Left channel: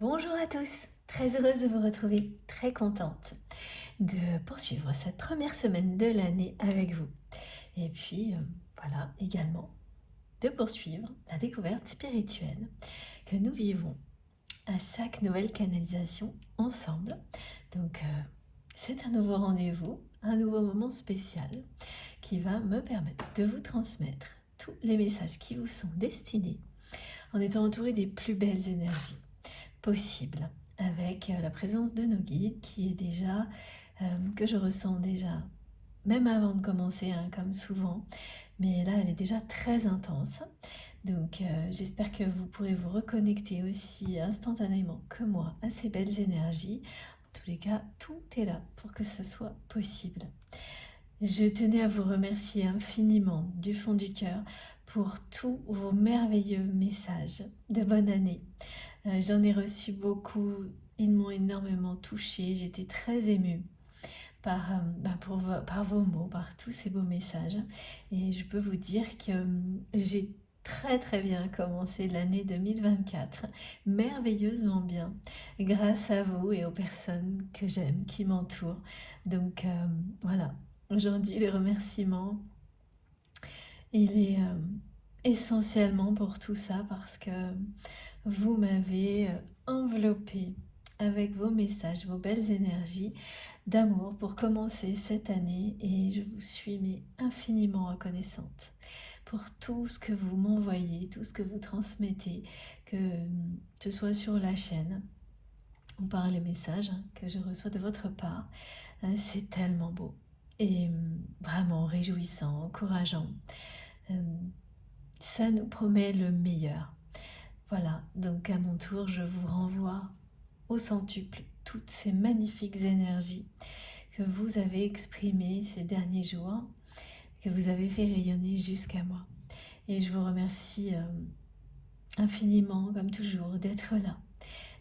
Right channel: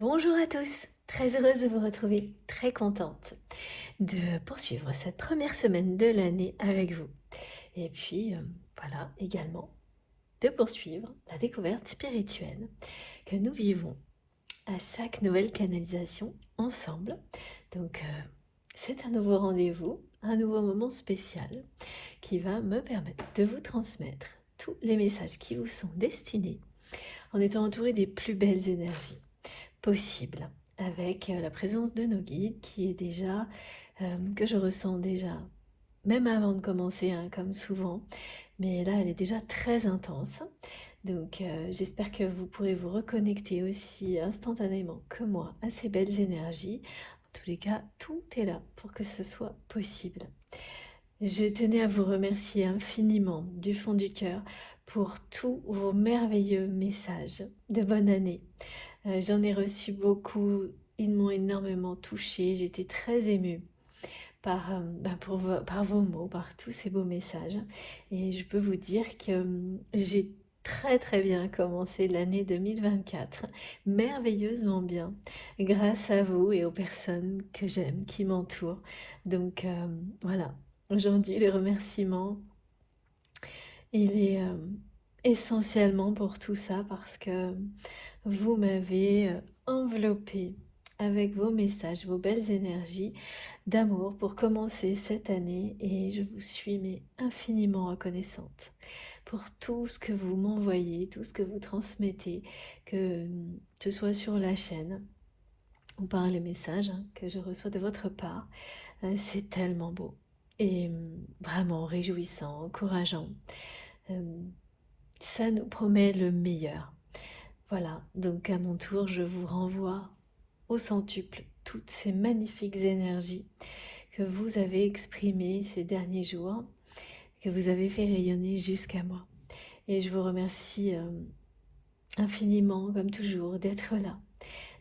Bonjour à tous, très heureuse de vous retrouver, très contente de poursuivre cette première semaine de l'année avec vous. Et puis, voilà, également de poursuivre la découverte spirituelle que nous vivons à chaque nouvelle canalisation ensemble. Donc, c'est un nouveau rendez-vous, un nouveau moment spécial qui va me permettre de vous transmettre tous les messages qui vous sont destinés en étant entouré des plus belles énergies possible avec la présence de nos guides qui est déjà, que je ressens déjà, même avant de commencer, hein, comme souvent, mais là elle est déjà très intense. Donc j'espère que vous pourrez vous reconnecter aussi instantanément que moi à ces belles énergies. En tous les cas, tout est là pour que ce soit possible. Je tenais à vous remercier infiniment du fond du cœur pour tous vos merveilleux messages de bonne année. J'en ai reçu beaucoup, ils m'ont énormément touchée, j'étais très émue par vos mots, par tous ces beaux messages. Et je peux vous dire que j'ai très très bien commencé l'année 2024, merveilleusement bien, grâce à vous et aux personnes que j'aime, qui m'entourent. Donc voilà, aujourd'hui le remerciement, il est essentiellement pour tout ça parce que vous m'avez enveloppé avec vos messages, vos belles énergies d'amour pour commencer cette année et je vous suis mais infiniment reconnaissante pour tout ce que vous m'envoyez, tout ce que vous transmettez, que ce soit sur la chaîne ou par les messages que je reçois de votre part. C'est tellement beau et vraiment réjouissant, encourageant. Euh, Ça nous promet le meilleur. Voilà, donc à mon tour, je vous renvoie au centuple toutes ces magnifiques énergies que vous avez exprimées ces derniers jours, que vous avez fait rayonner jusqu'à moi. Et je vous remercie infiniment, comme toujours, d'être là,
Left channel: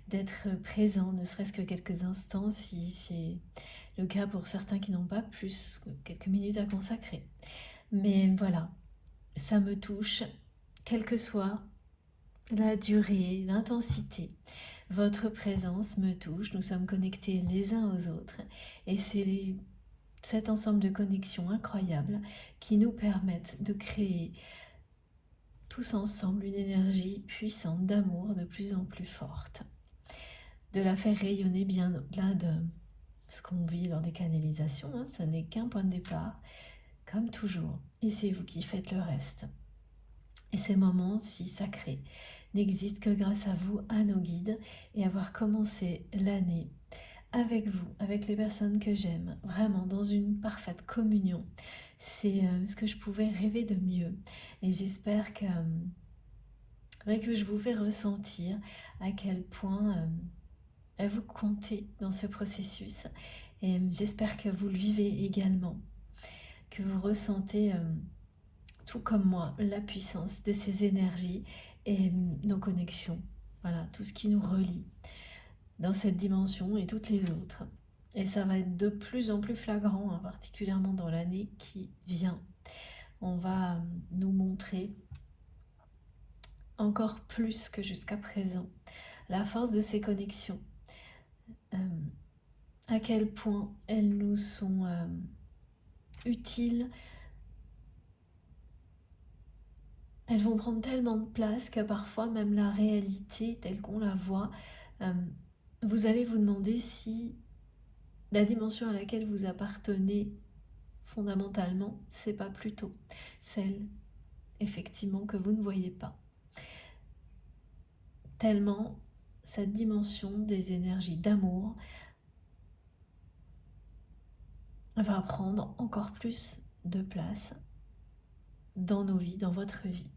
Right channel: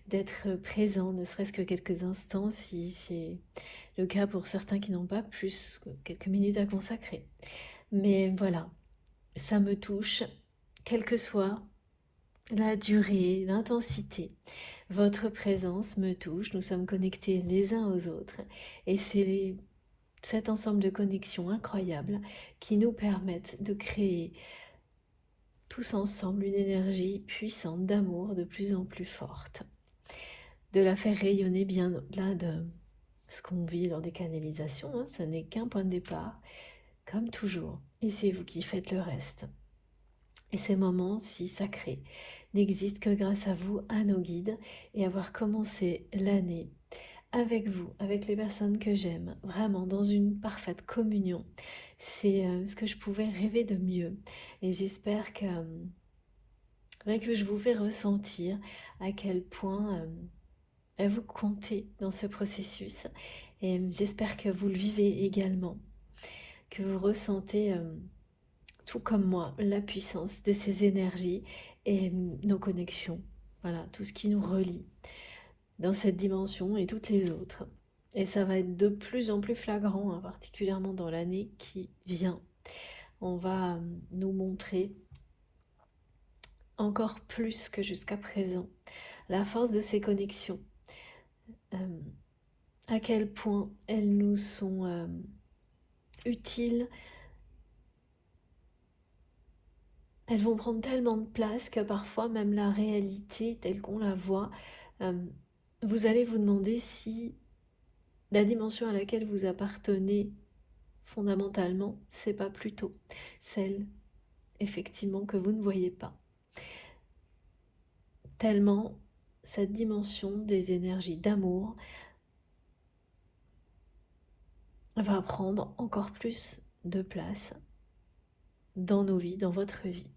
d'être présent, ne serait-ce que quelques instants, si c'est le cas pour certains qui n'ont pas plus, quelques minutes à consacrer. Mais voilà, ça me touche, quelle que soit la durée, l'intensité. Votre présence me touche, nous sommes connectés les uns aux autres et c'est cet ensemble de connexions incroyables qui nous permettent de créer tous ensemble une énergie puissante d'amour de plus en plus forte, de la faire rayonner bien au-delà de ce qu'on vit lors des canalisations, hein, ça n'est qu'un point de départ, comme toujours, et c'est vous qui faites le reste. Et ces moments si sacrés n'existent que grâce à vous, à nos guides, et avoir commencé l'année avec vous, avec les personnes que j'aime, vraiment dans une parfaite communion. C'est ce que je pouvais rêver de mieux. Et j'espère que je vous fais ressentir à quel point vous comptez dans ce processus. Et j'espère que vous le vivez également, que vous ressentez, tout comme moi, la puissance de ces énergies et nos connexions. Voilà, tout ce qui nous relie dans cette dimension et toutes les autres. Et ça va être de plus en plus flagrant, hein, particulièrement dans l'année qui vient. On va nous montrer encore plus que jusqu'à présent la force de ces connexions, euh, à quel point elles nous sont utiles. Elles vont prendre tellement de place que parfois même la réalité telle qu'on la voit, euh, vous allez vous demander si la dimension à laquelle vous appartenez fondamentalement, c'est pas plutôt celle effectivement que vous ne voyez pas. Tellement cette dimension des énergies d'amour va prendre encore plus de place dans nos vies, dans votre vie.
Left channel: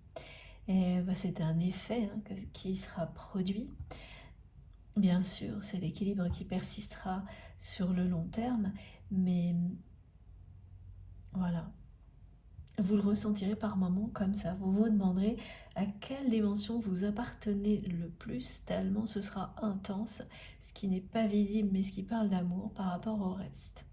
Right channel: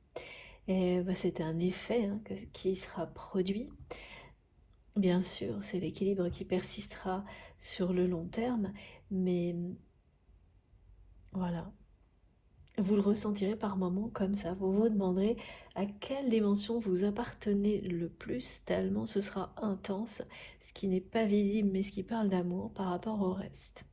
Et c'est un effet, hein, qui sera produit. Bien sûr, c'est l'équilibre qui persistera sur le long terme, mais voilà, vous le ressentirez par moments comme ça. Vous vous demanderez à quelle dimension vous appartenez le plus, tellement ce sera intense, ce qui n'est pas visible, mais ce qui parle d'amour par rapport au reste.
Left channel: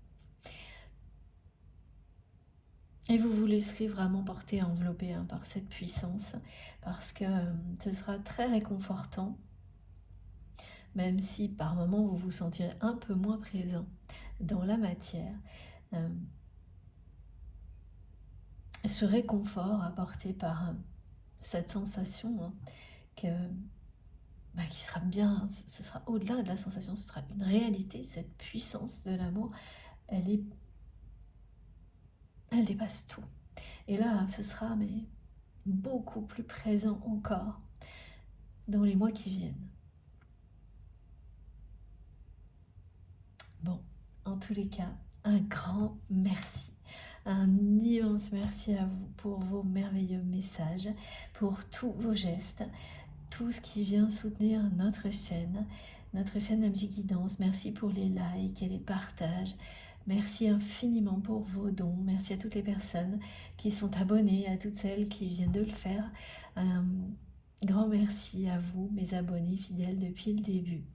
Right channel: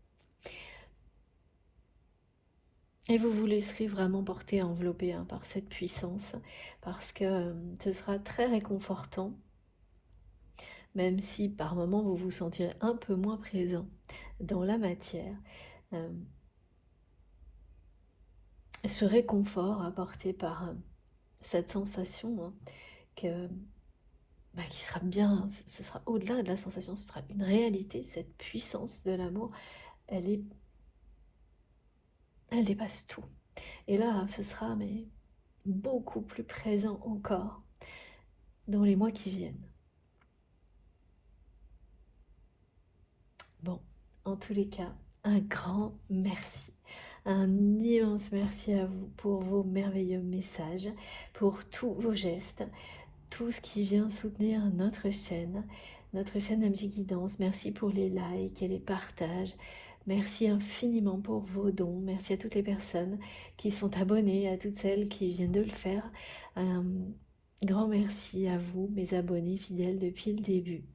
Et vous vous laisserez vraiment porter, envelopper, hein, par cette puissance, parce que ce sera très réconfortant même si par moments vous vous sentirez un peu moins présent dans la matière, euh, ce réconfort apporté par cette sensation, hein, que, qui sera bien, ce sera au-delà de la sensation, ce sera une réalité. Cette puissance de l'amour, elle est, elle dépasse tout. Et là, ce sera mais beaucoup plus présent encore dans les mois qui viennent. Bon, en tous les cas, un grand merci. Un immense merci à vous pour vos merveilleux messages, pour tous vos gestes, tout ce qui vient soutenir notre chaîne MJ Guidance. Merci pour les likes et les partages. Merci infiniment pour vos dons. Merci à toutes les personnes qui sont abonnées, à toutes celles qui viennent de le faire. Un grand merci à vous, mes abonnés fidèles depuis le début.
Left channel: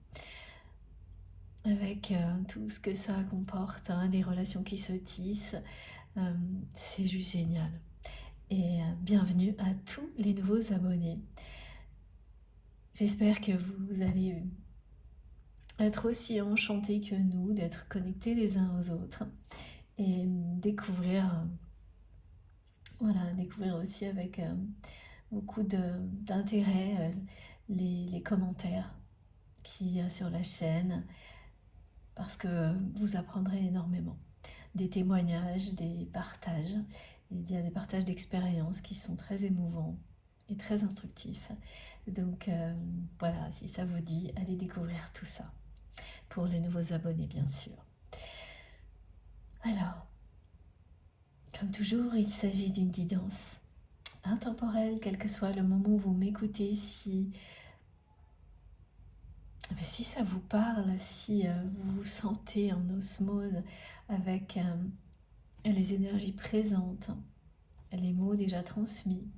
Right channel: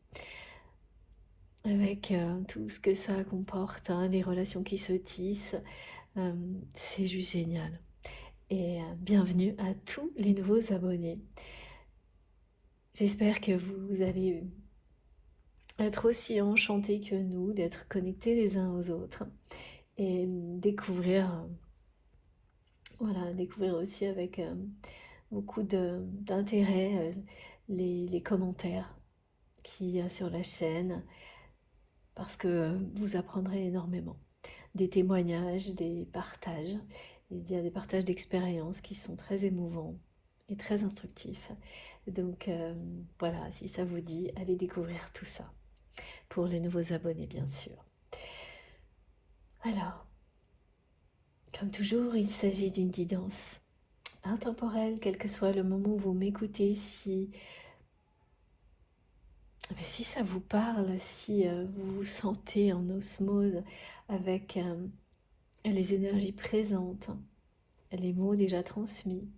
Avec tout ce que ça comporte, hein, les relations qui se tissent, c'est juste génial. Et bienvenue à tous les nouveaux abonnés. J'espère que vous allez être aussi enchantés que nous d'être connectés les uns aux autres et découvrir, découvrir aussi avec beaucoup d'intérêt les commentaires qu'il y a sur la chaîne, parce que vous apprendrez énormément. Des témoignages, des partages. Il y a des partages d'expériences qui sont très émouvants et très instructifs. Donc voilà, si ça vous dit, allez découvrir tout ça. Pour les nouveaux abonnés, bien sûr. Alors, comme toujours, il s'agit d'une guidance intemporelle, quel que soit le moment où vous m'écoutez. Si ça vous parle, si vous vous sentez en osmose avec les énergies présentes, les mots déjà transmis,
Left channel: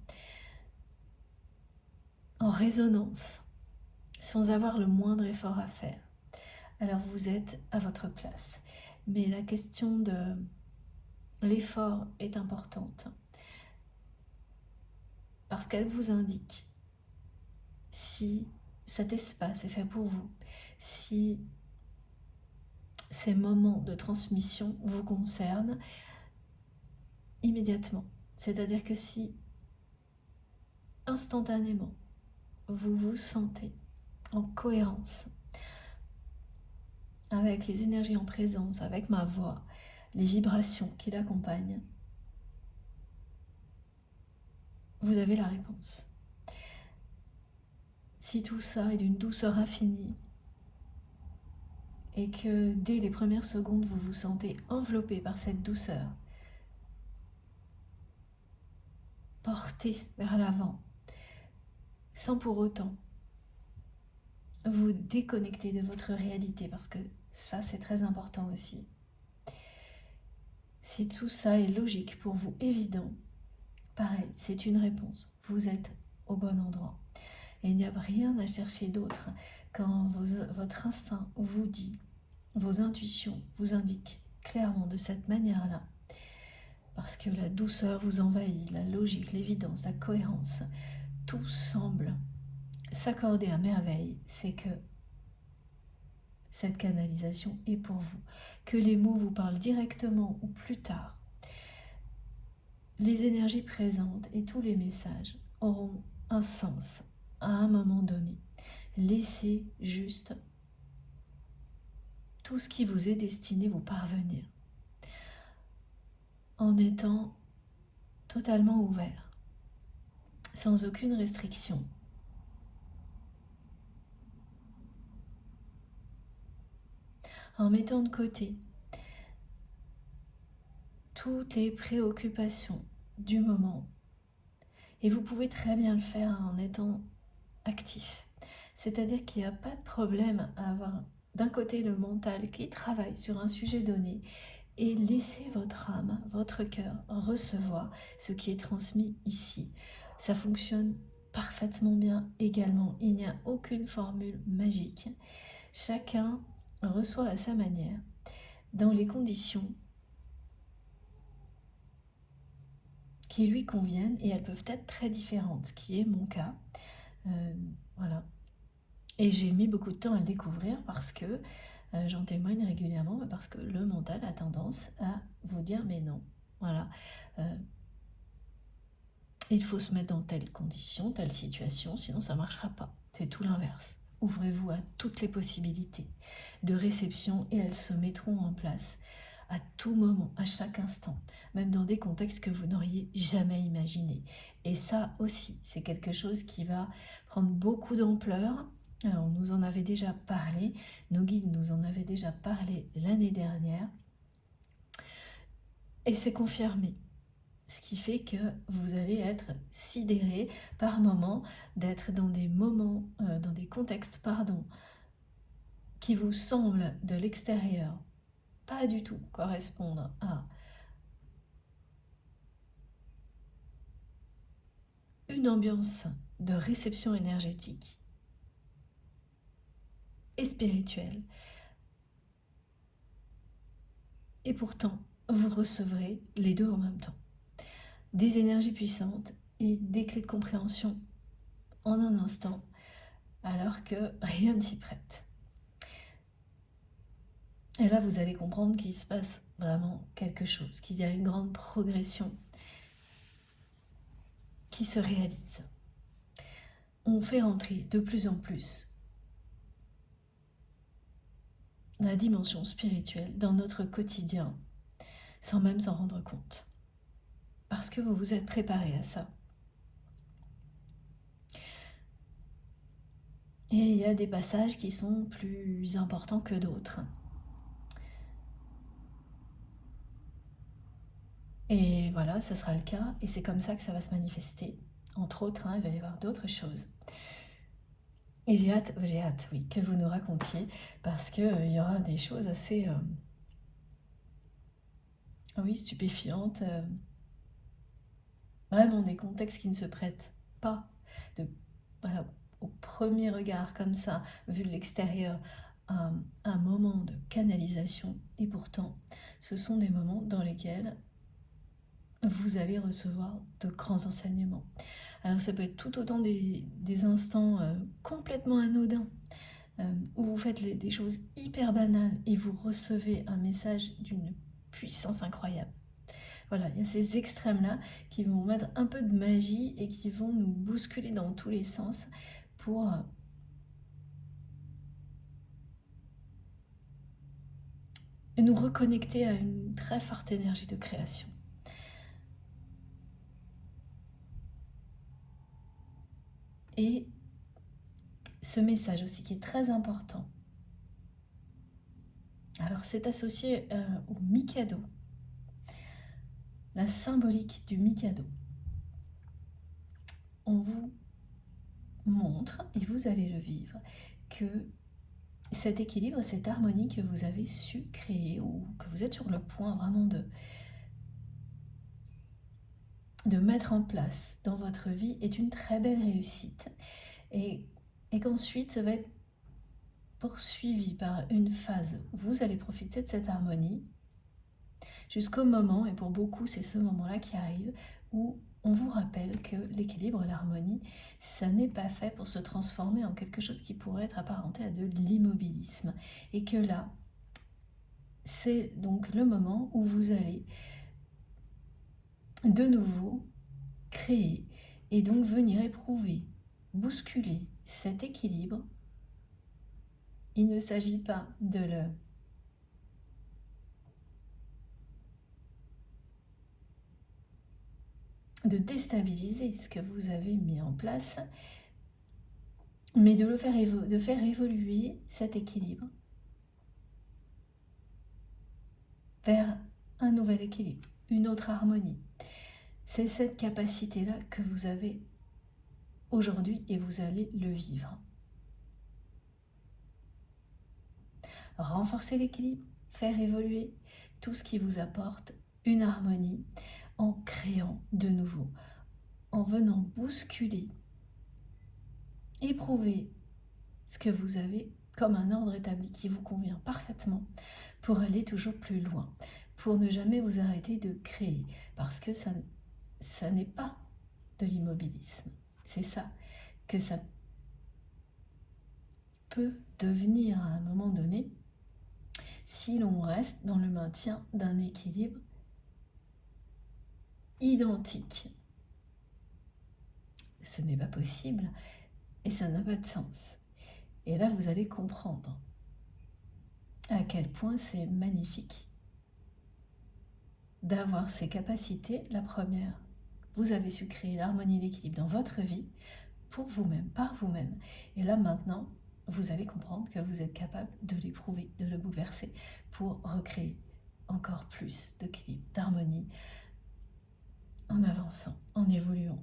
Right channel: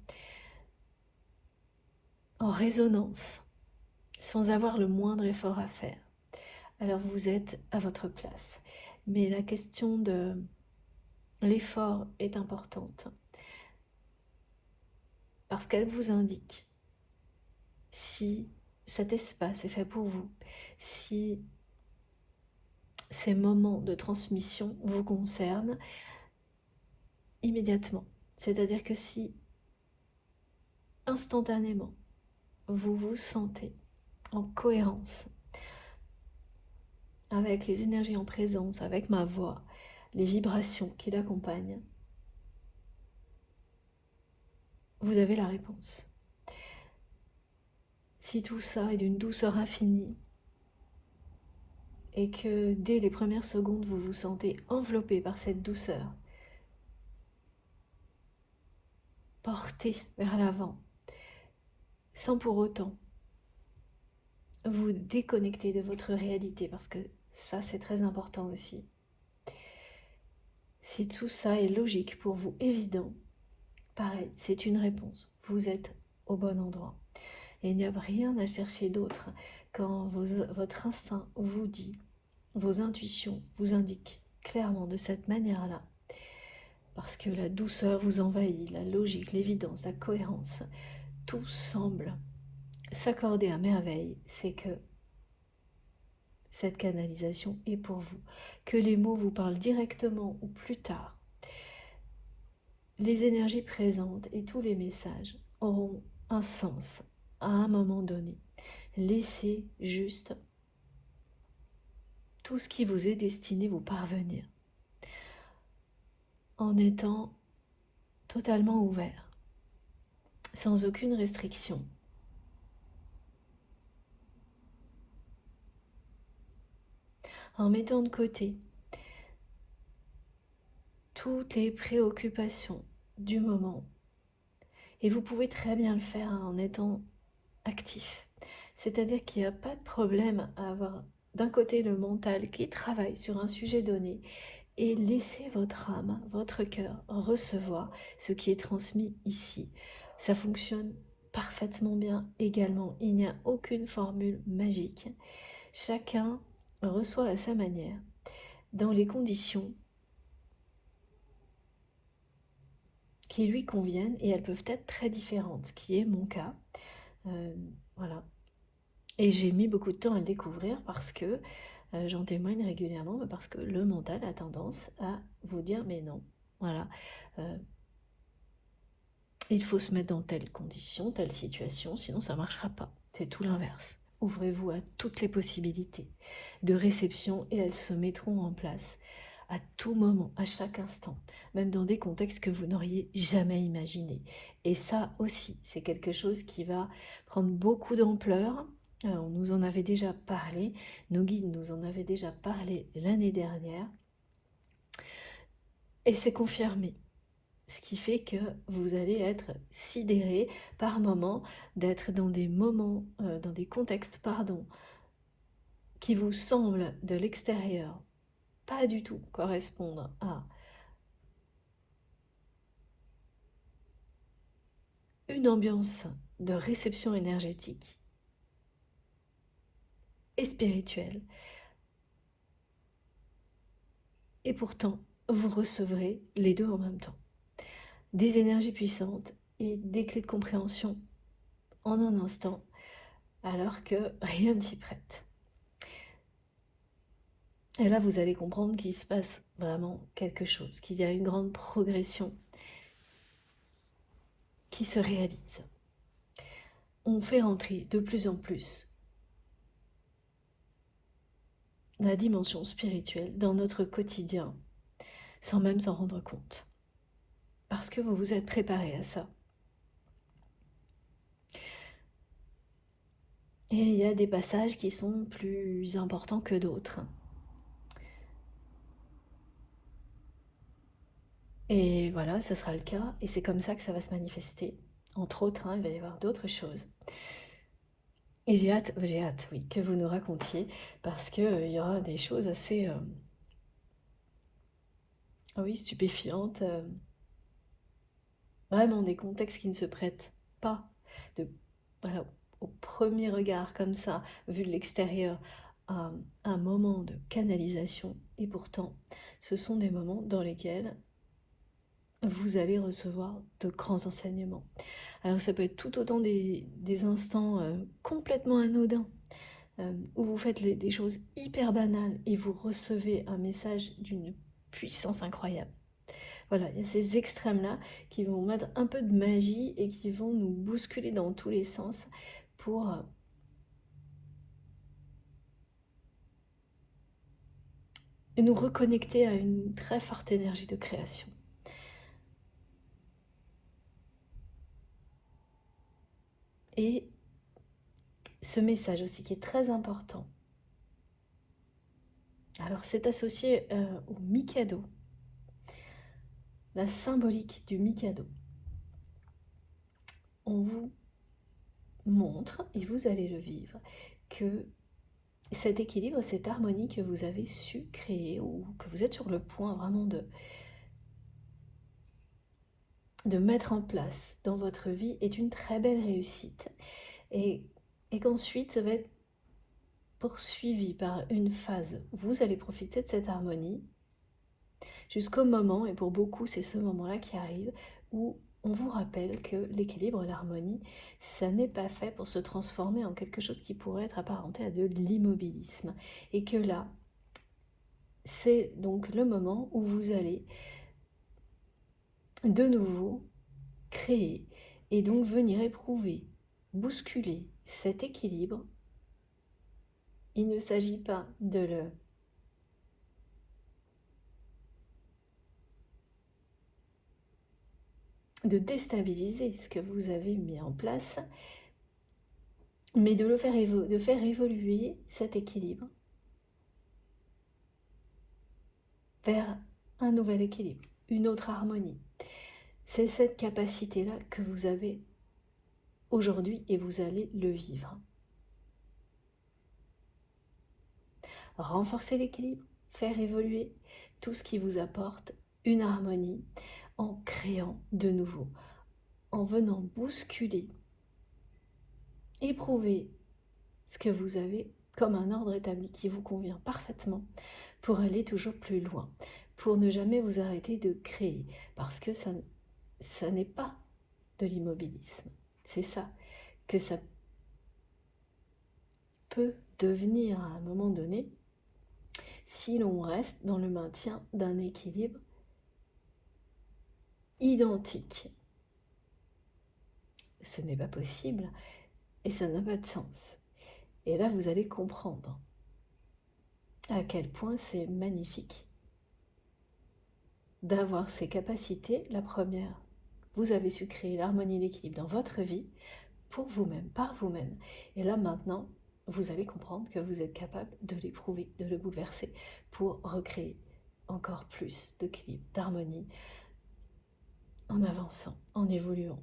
en résonance, sans avoir le moindre effort à faire, alors vous êtes à votre place. Mais la question de l'effort est importante, parce qu'elle vous indique si cet espace est fait pour vous, si ces moments de transmission vous concernent immédiatement. C'est-à-dire que si instantanément vous vous sentez en cohérence avec les énergies en présence, avec ma voix, les vibrations qui l'accompagnent, vous avez la réponse. Si tout ça est d'une douceur infinie et que dès les premières secondes vous vous sentez enveloppé par cette douceur, porté vers l'avant, sans pour autant vous déconnecter de votre réalité, parce que ça c'est très important aussi. Si tout ça est logique pour vous, évident, pareil, c'est une réponse. Vous êtes au bon endroit. Et il n'y a rien à chercher d'autre quand votre instinct vous dit, vos intuitions vous indiquent clairement de cette manière-là. Parce que la douceur vous envahit, la logique, l'évidence, la cohérence, tout semble s'accorder à merveille. C'est que cette canalisation est pour vous. Que les mots vous parlent directement ou plus tard, les énergies présentes et tous les messages auront un sens à un moment donné. Laissez juste tout ce qui vous est destiné vous parvenir en étant totalement ouvert, sans aucune restriction. En mettant de côté toutes les préoccupations du moment. Et vous pouvez très bien le faire en étant actif. C'est-à-dire qu'il n'y a pas de problème à avoir d'un côté le mental qui travaille sur un sujet donné et laisser votre âme, votre cœur recevoir ce qui est transmis ici. Ça fonctionne parfaitement bien également. Il n'y a aucune formule magique. Chacun reçoit à sa manière, dans les conditions qui lui conviennent, et elles peuvent être très différentes, ce qui est mon cas. Voilà. Et j'ai mis beaucoup de temps à le découvrir parce que j'en témoigne régulièrement, parce que le mental a tendance à vous dire mais non, voilà, euh, il faut se mettre dans telle condition, telle situation, sinon ça ne marchera pas. C'est tout l'inverse. Ouvrez-vous à toutes les possibilités de réception et elles se mettront en place à tout moment, à chaque instant, même dans des contextes que vous n'auriez jamais imaginés. Et ça aussi, c'est quelque chose qui va prendre beaucoup d'ampleur. On nous en avait déjà parlé, nos guides nous en avaient déjà parlé l'année dernière, et c'est confirmé. Ce qui fait que vous allez être sidéré par moments d'être dans des moments, dans des contextes, pardon, qui vous semblent de l'extérieur pas du tout correspondre à une ambiance de réception énergétique et spirituelle. Et pourtant, vous recevrez les deux en même temps. Des énergies puissantes et des clés de compréhension en un instant, alors que rien ne s'y prête. Et là, vous allez comprendre qu'il se passe vraiment quelque chose, qu'il y a une grande progression qui se réalise. On fait rentrer de plus en plus la dimension spirituelle dans notre quotidien, sans même s'en rendre compte. Parce que vous vous êtes préparé à ça. Et il y a des passages qui sont plus importants que d'autres. Et voilà, ça sera le cas, et c'est comme ça que ça va se manifester. Entre autres, il va y avoir d'autres choses. Et j'ai hâte, oui, que vous nous racontiez, parce qu'il y aura des choses assez, oui, stupéfiantes, vraiment des contextes qui ne se prêtent pas de, voilà, au premier regard comme ça, vu de l'extérieur, à un moment de canalisation. Et pourtant, ce sont des moments dans lesquels vous allez recevoir de grands enseignements. Alors ça peut être tout autant des instants complètement anodins, où vous faites des choses hyper banales et vous recevez un message d'une puissance incroyable. Voilà, il y a ces extrêmes-là qui vont mettre un peu de magie et qui vont nous bousculer dans tous les sens pour nous reconnecter à une très forte énergie de création. Et ce message aussi qui est très important, alors c'est associé au Mikado, la symbolique du Mikado. On vous montre, et vous allez le vivre, que cet équilibre, cette harmonie que vous avez su créer, ou que vous êtes sur le point vraiment de mettre en place dans votre vie, est une très belle réussite. Et, et qu'ensuite, ça va être poursuivi par une phase où vous allez profiter de cette harmonie jusqu'au moment, et pour beaucoup c'est ce moment-là qui arrive, où on vous rappelle que l'équilibre, l'harmonie, ça n'est pas fait pour se transformer en quelque chose qui pourrait être apparenté à de l'immobilisme. Et que là, c'est donc le moment où vous allez de nouveau créer et donc venir éprouver, bousculer cet équilibre. Il ne s'agit pas de déstabiliser ce que vous avez mis en place, mais de faire évoluer cet équilibre vers un nouvel équilibre, une autre harmonie. C'est cette capacité-là que vous avez aujourd'hui et vous allez le vivre. Renforcer l'équilibre, faire évoluer tout ce qui vous apporte une harmonie en créant de nouveau, en venant bousculer, éprouver ce que vous avez comme un ordre établi qui vous convient parfaitement pour aller toujours plus loin, pour ne jamais vous arrêter de créer, parce que ça n'est pas de l'immobilisme. C'est ça que ça peut devenir à un moment donné si l'on reste dans le maintien d'un équilibre identique. Ce n'est pas possible et ça n'a pas de sens. Et là, vous allez comprendre à quel point c'est magnifique d'avoir ces capacités. La première, vous avez su créer l'harmonie et l'équilibre dans votre vie, pour vous-même, par vous-même. Et là, maintenant, vous allez comprendre que vous êtes capable de l'éprouver, de le bouleverser, pour recréer encore plus d'équilibre, d'harmonie, en avançant, en évoluant,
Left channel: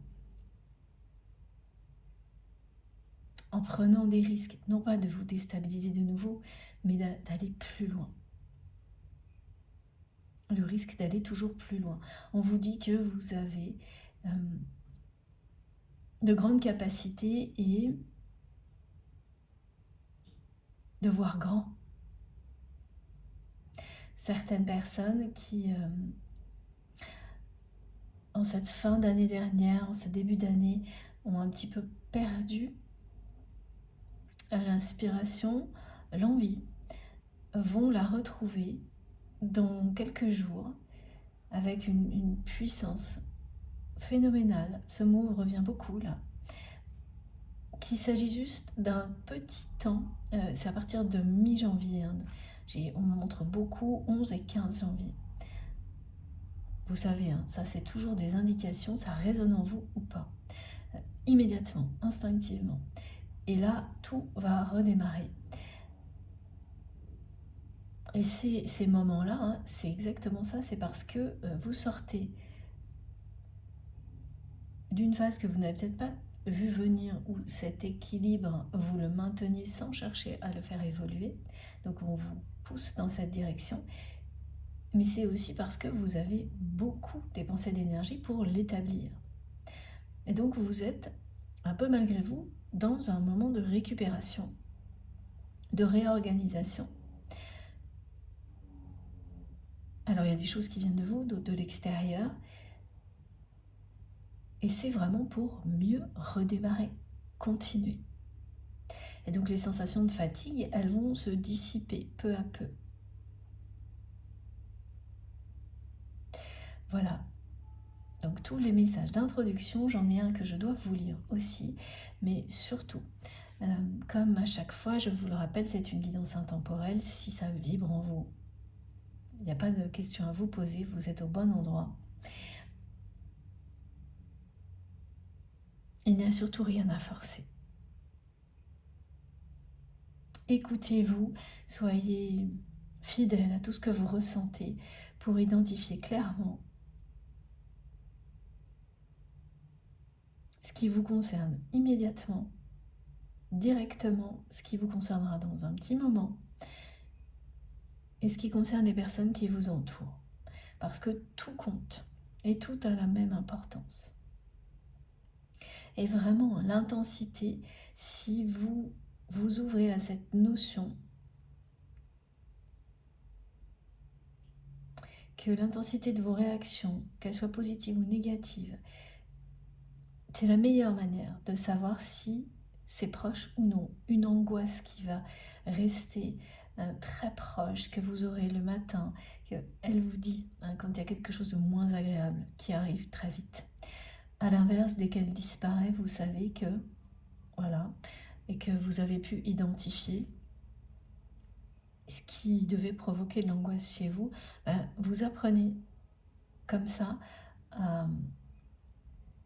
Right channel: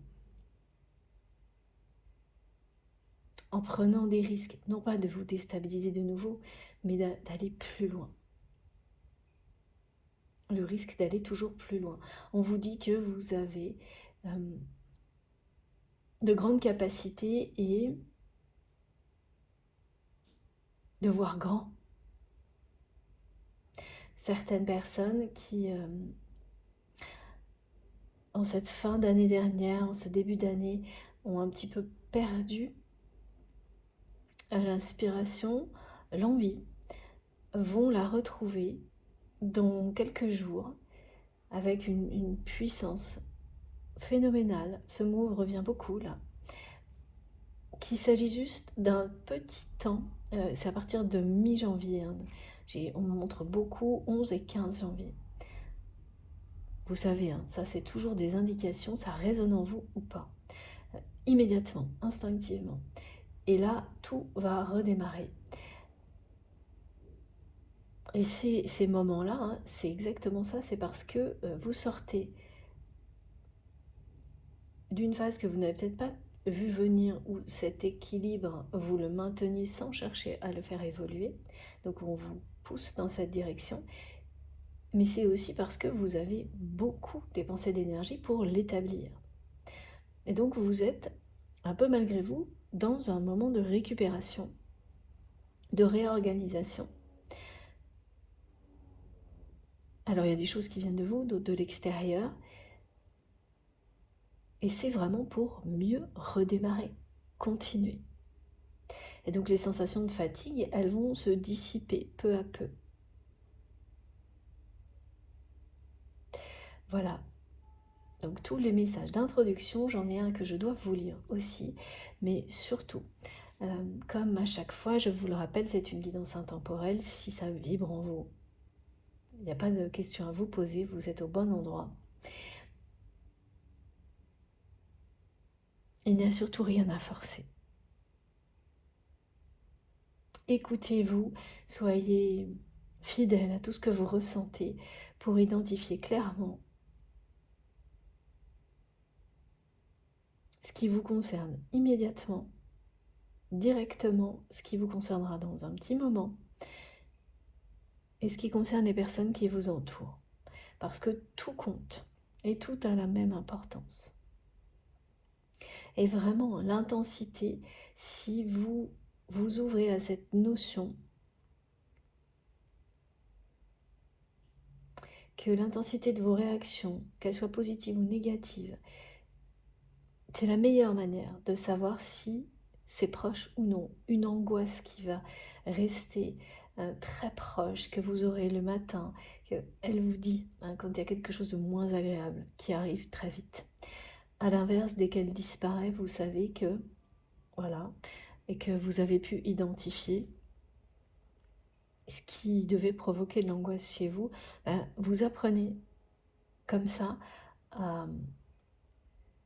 en prenant des risques, non pas de vous déstabiliser de nouveau, mais d'aller plus loin. Le risque d'aller toujours plus loin. On vous dit que vous avez de grandes capacités et de voir grand. Certaines personnes qui, en cette fin d'année dernière, en ce début d'année, ont un petit peu perdu l'inspiration, l'envie, vont la retrouver dans quelques jours avec une puissance phénoménale. Ce mot revient beaucoup là. Qu'il s'agit juste d'un petit temps, c'est à partir de mi-janvier, hein. On me montre beaucoup 11 et 15 janvier. Vous savez, hein, ça c'est toujours des indications, ça résonne en vous ou pas. Immédiatement, instinctivement. Et là, tout va redémarrer. Et ces moments-là, hein, c'est exactement ça, c'est parce que vous sortez d'une phase que vous n'avez peut-être pas vu venir, où cet équilibre, vous le maintenez sans chercher à le faire évoluer. Donc on vous pousse dans cette direction. Mais c'est aussi parce que vous avez beaucoup dépensé d'énergie pour l'établir. Et donc vous êtes, un peu malgré vous, dans un moment de récupération, de réorganisation. Alors il y a des choses qui viennent de vous, d'autres de l'extérieur. Et c'est vraiment pour mieux redémarrer, continuer. Et donc les sensations de fatigue, elles vont se dissiper peu à peu. Voilà. Donc tous les messages d'introduction, j'en ai un que je dois vous lire aussi, mais surtout, comme à chaque fois, je vous le rappelle, c'est une guidance intemporelle. Si ça vibre en vous, il n'y a pas de question à vous poser, vous êtes au bon endroit. Il n'y a surtout rien à forcer. Écoutez-vous, soyez fidèle à tout ce que vous ressentez pour identifier clairement ce qui vous concerne immédiatement, directement, ce qui vous concernera dans un petit moment, et ce qui concerne les personnes qui vous entourent. Parce que tout compte et tout a la même importance. Et vraiment, l'intensité, si vous vous ouvrez à cette notion que l'intensité de vos réactions, qu'elles soient positives ou négatives, c'est la meilleure manière de savoir si c'est proche ou non. Une angoisse qui va rester très proche, que vous aurez le matin, qu'elle vous dit quand il y a quelque chose de moins agréable qui arrive très vite. À l'inverse, dès qu'elle disparaît, vous savez que, voilà, et que vous avez pu identifier ce qui devait provoquer de l'angoisse chez vous, vous apprenez comme ça à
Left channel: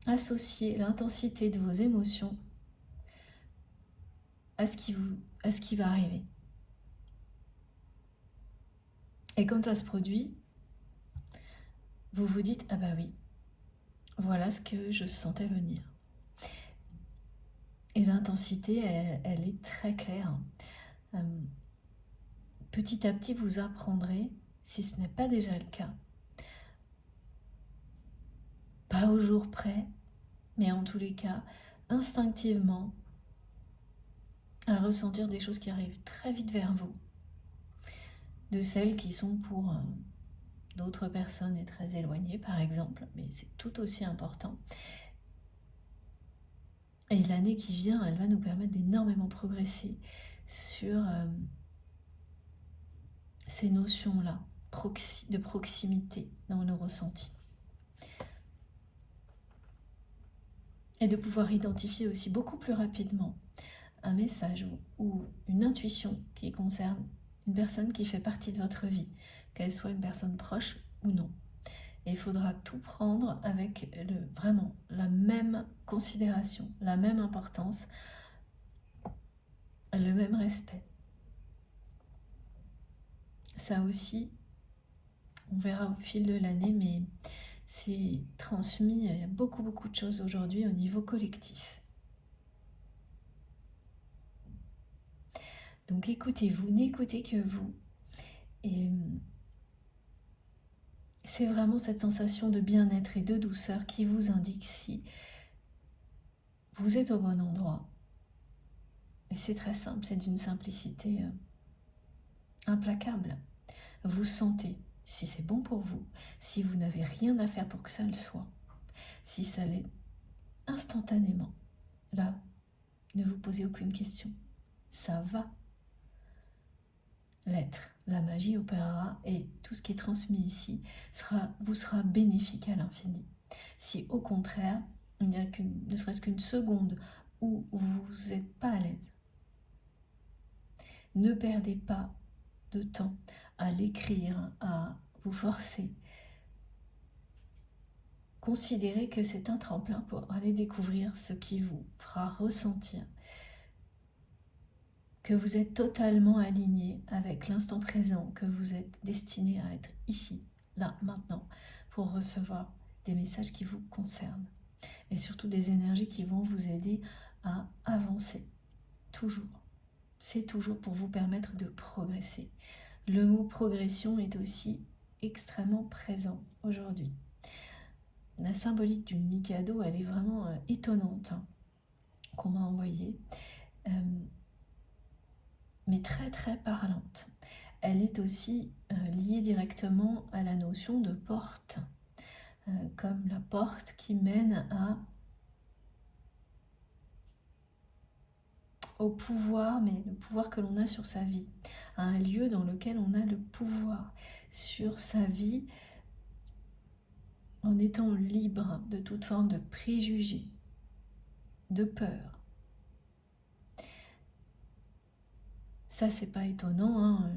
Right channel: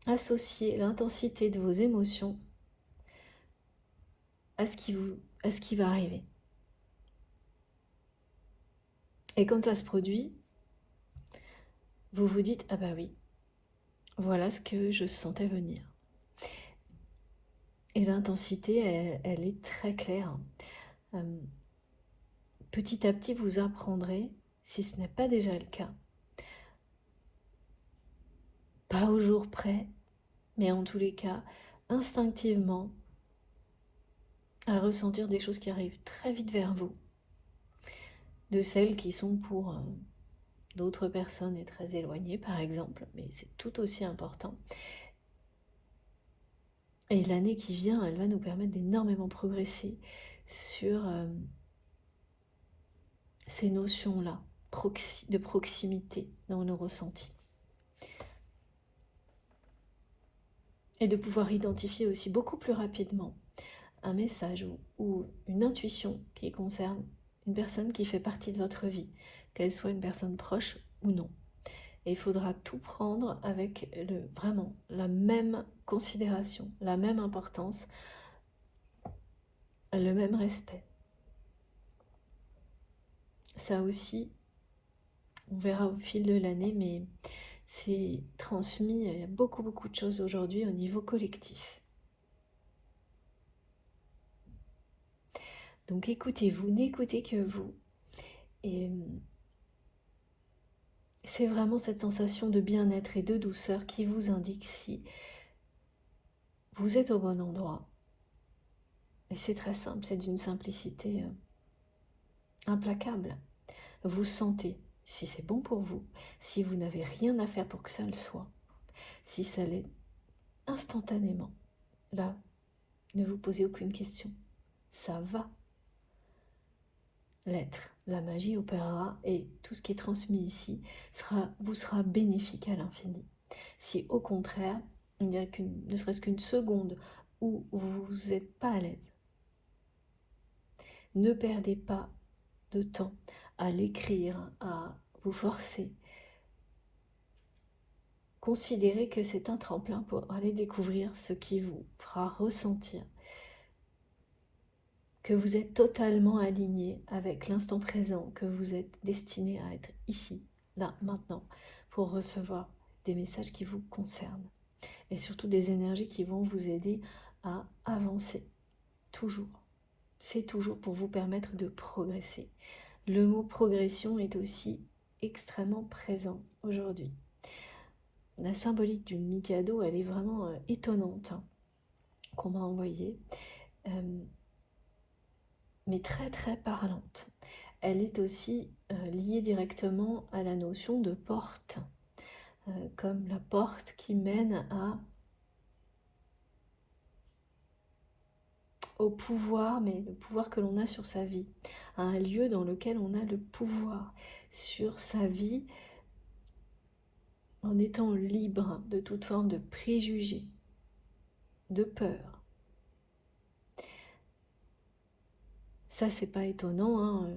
associer l'intensité de vos émotions à ce qui va arriver. Et quand ça se produit, vous vous dites, ah bah oui, voilà ce que je sentais venir. Et l'intensité, elle est très claire. Petit à petit, vous apprendrez, si ce n'est pas déjà le cas, pas au jour près, mais en tous les cas, instinctivement, à ressentir des choses qui arrivent très vite vers vous, de celles qui sont pour d'autres personnes et très éloignées, par exemple, mais c'est tout aussi important. Et l'année qui vient, elle va nous permettre d'énormément progresser sur ces notions-là de proximité dans nos ressentis. Et de pouvoir identifier aussi beaucoup plus rapidement un message ou une intuition qui concerne une personne qui fait partie de votre vie, qu'elle soit une personne proche ou non. Et il faudra tout prendre avec vraiment la même considération, la même importance, le même respect. Ça aussi, on verra au fil de l'année, mais c'est transmis, il y a beaucoup de choses aujourd'hui au niveau collectif. Donc écoutez-vous, n'écoutez que vous. Et c'est vraiment cette sensation de bien-être et de douceur qui vous indique si vous êtes au bon endroit. Et c'est très simple, c'est d'une simplicité implacable. Vous sentez si c'est bon pour vous, si vous n'avez rien à faire pour que ça le soit, si ça l'est instantanément. Là, ne vous posez aucune question. Ça va l'être. La magie opérera et tout ce qui est transmis ici vous sera bénéfique à l'infini. Si au contraire, il n'y a ne serait-ce qu'une seconde où vous n'êtes pas à l'aise, ne perdez pas de temps à l'écrire, à vous forcer. Considérez que c'est un tremplin pour aller découvrir ce qui vous fera ressentir que vous êtes totalement aligné avec l'instant présent, que vous êtes destiné à être ici, là, maintenant, pour recevoir des messages qui vous concernent et surtout des énergies qui vont vous aider à avancer, toujours. C'est toujours pour vous permettre de progresser. Le mot progression est aussi extrêmement présent aujourd'hui. La symbolique du Mikado, elle est vraiment étonnante, qu'on m'a envoyée, mais très parlante. Elle est aussi liée directement à la notion de porte, comme la porte qui mène au pouvoir, mais le pouvoir que l'on a sur sa vie, à un lieu dans lequel on a le pouvoir sur sa vie en étant libre de toute forme de préjugés, de peur. Ça, c'est pas étonnant, hein.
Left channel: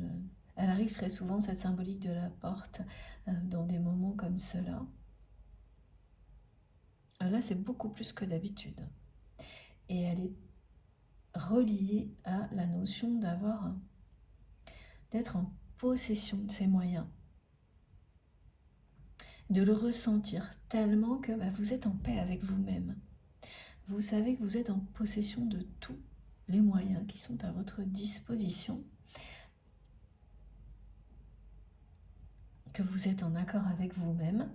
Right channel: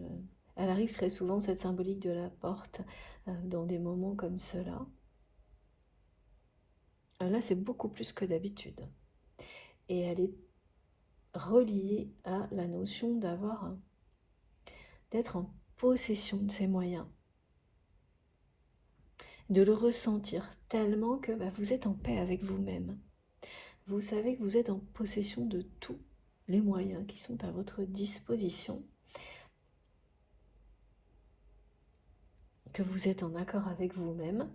Elle arrive très souvent, cette symbolique de la porte, dans des moments comme cela. Là, c'est beaucoup plus que d'habitude. Et elle est reliée à la notion d'être en possession de ses moyens, de le ressentir tellement que vous êtes en paix avec vous-même. Vous savez que vous êtes en possession de tous les moyens qui sont à votre disposition, que vous êtes en accord avec vous-même,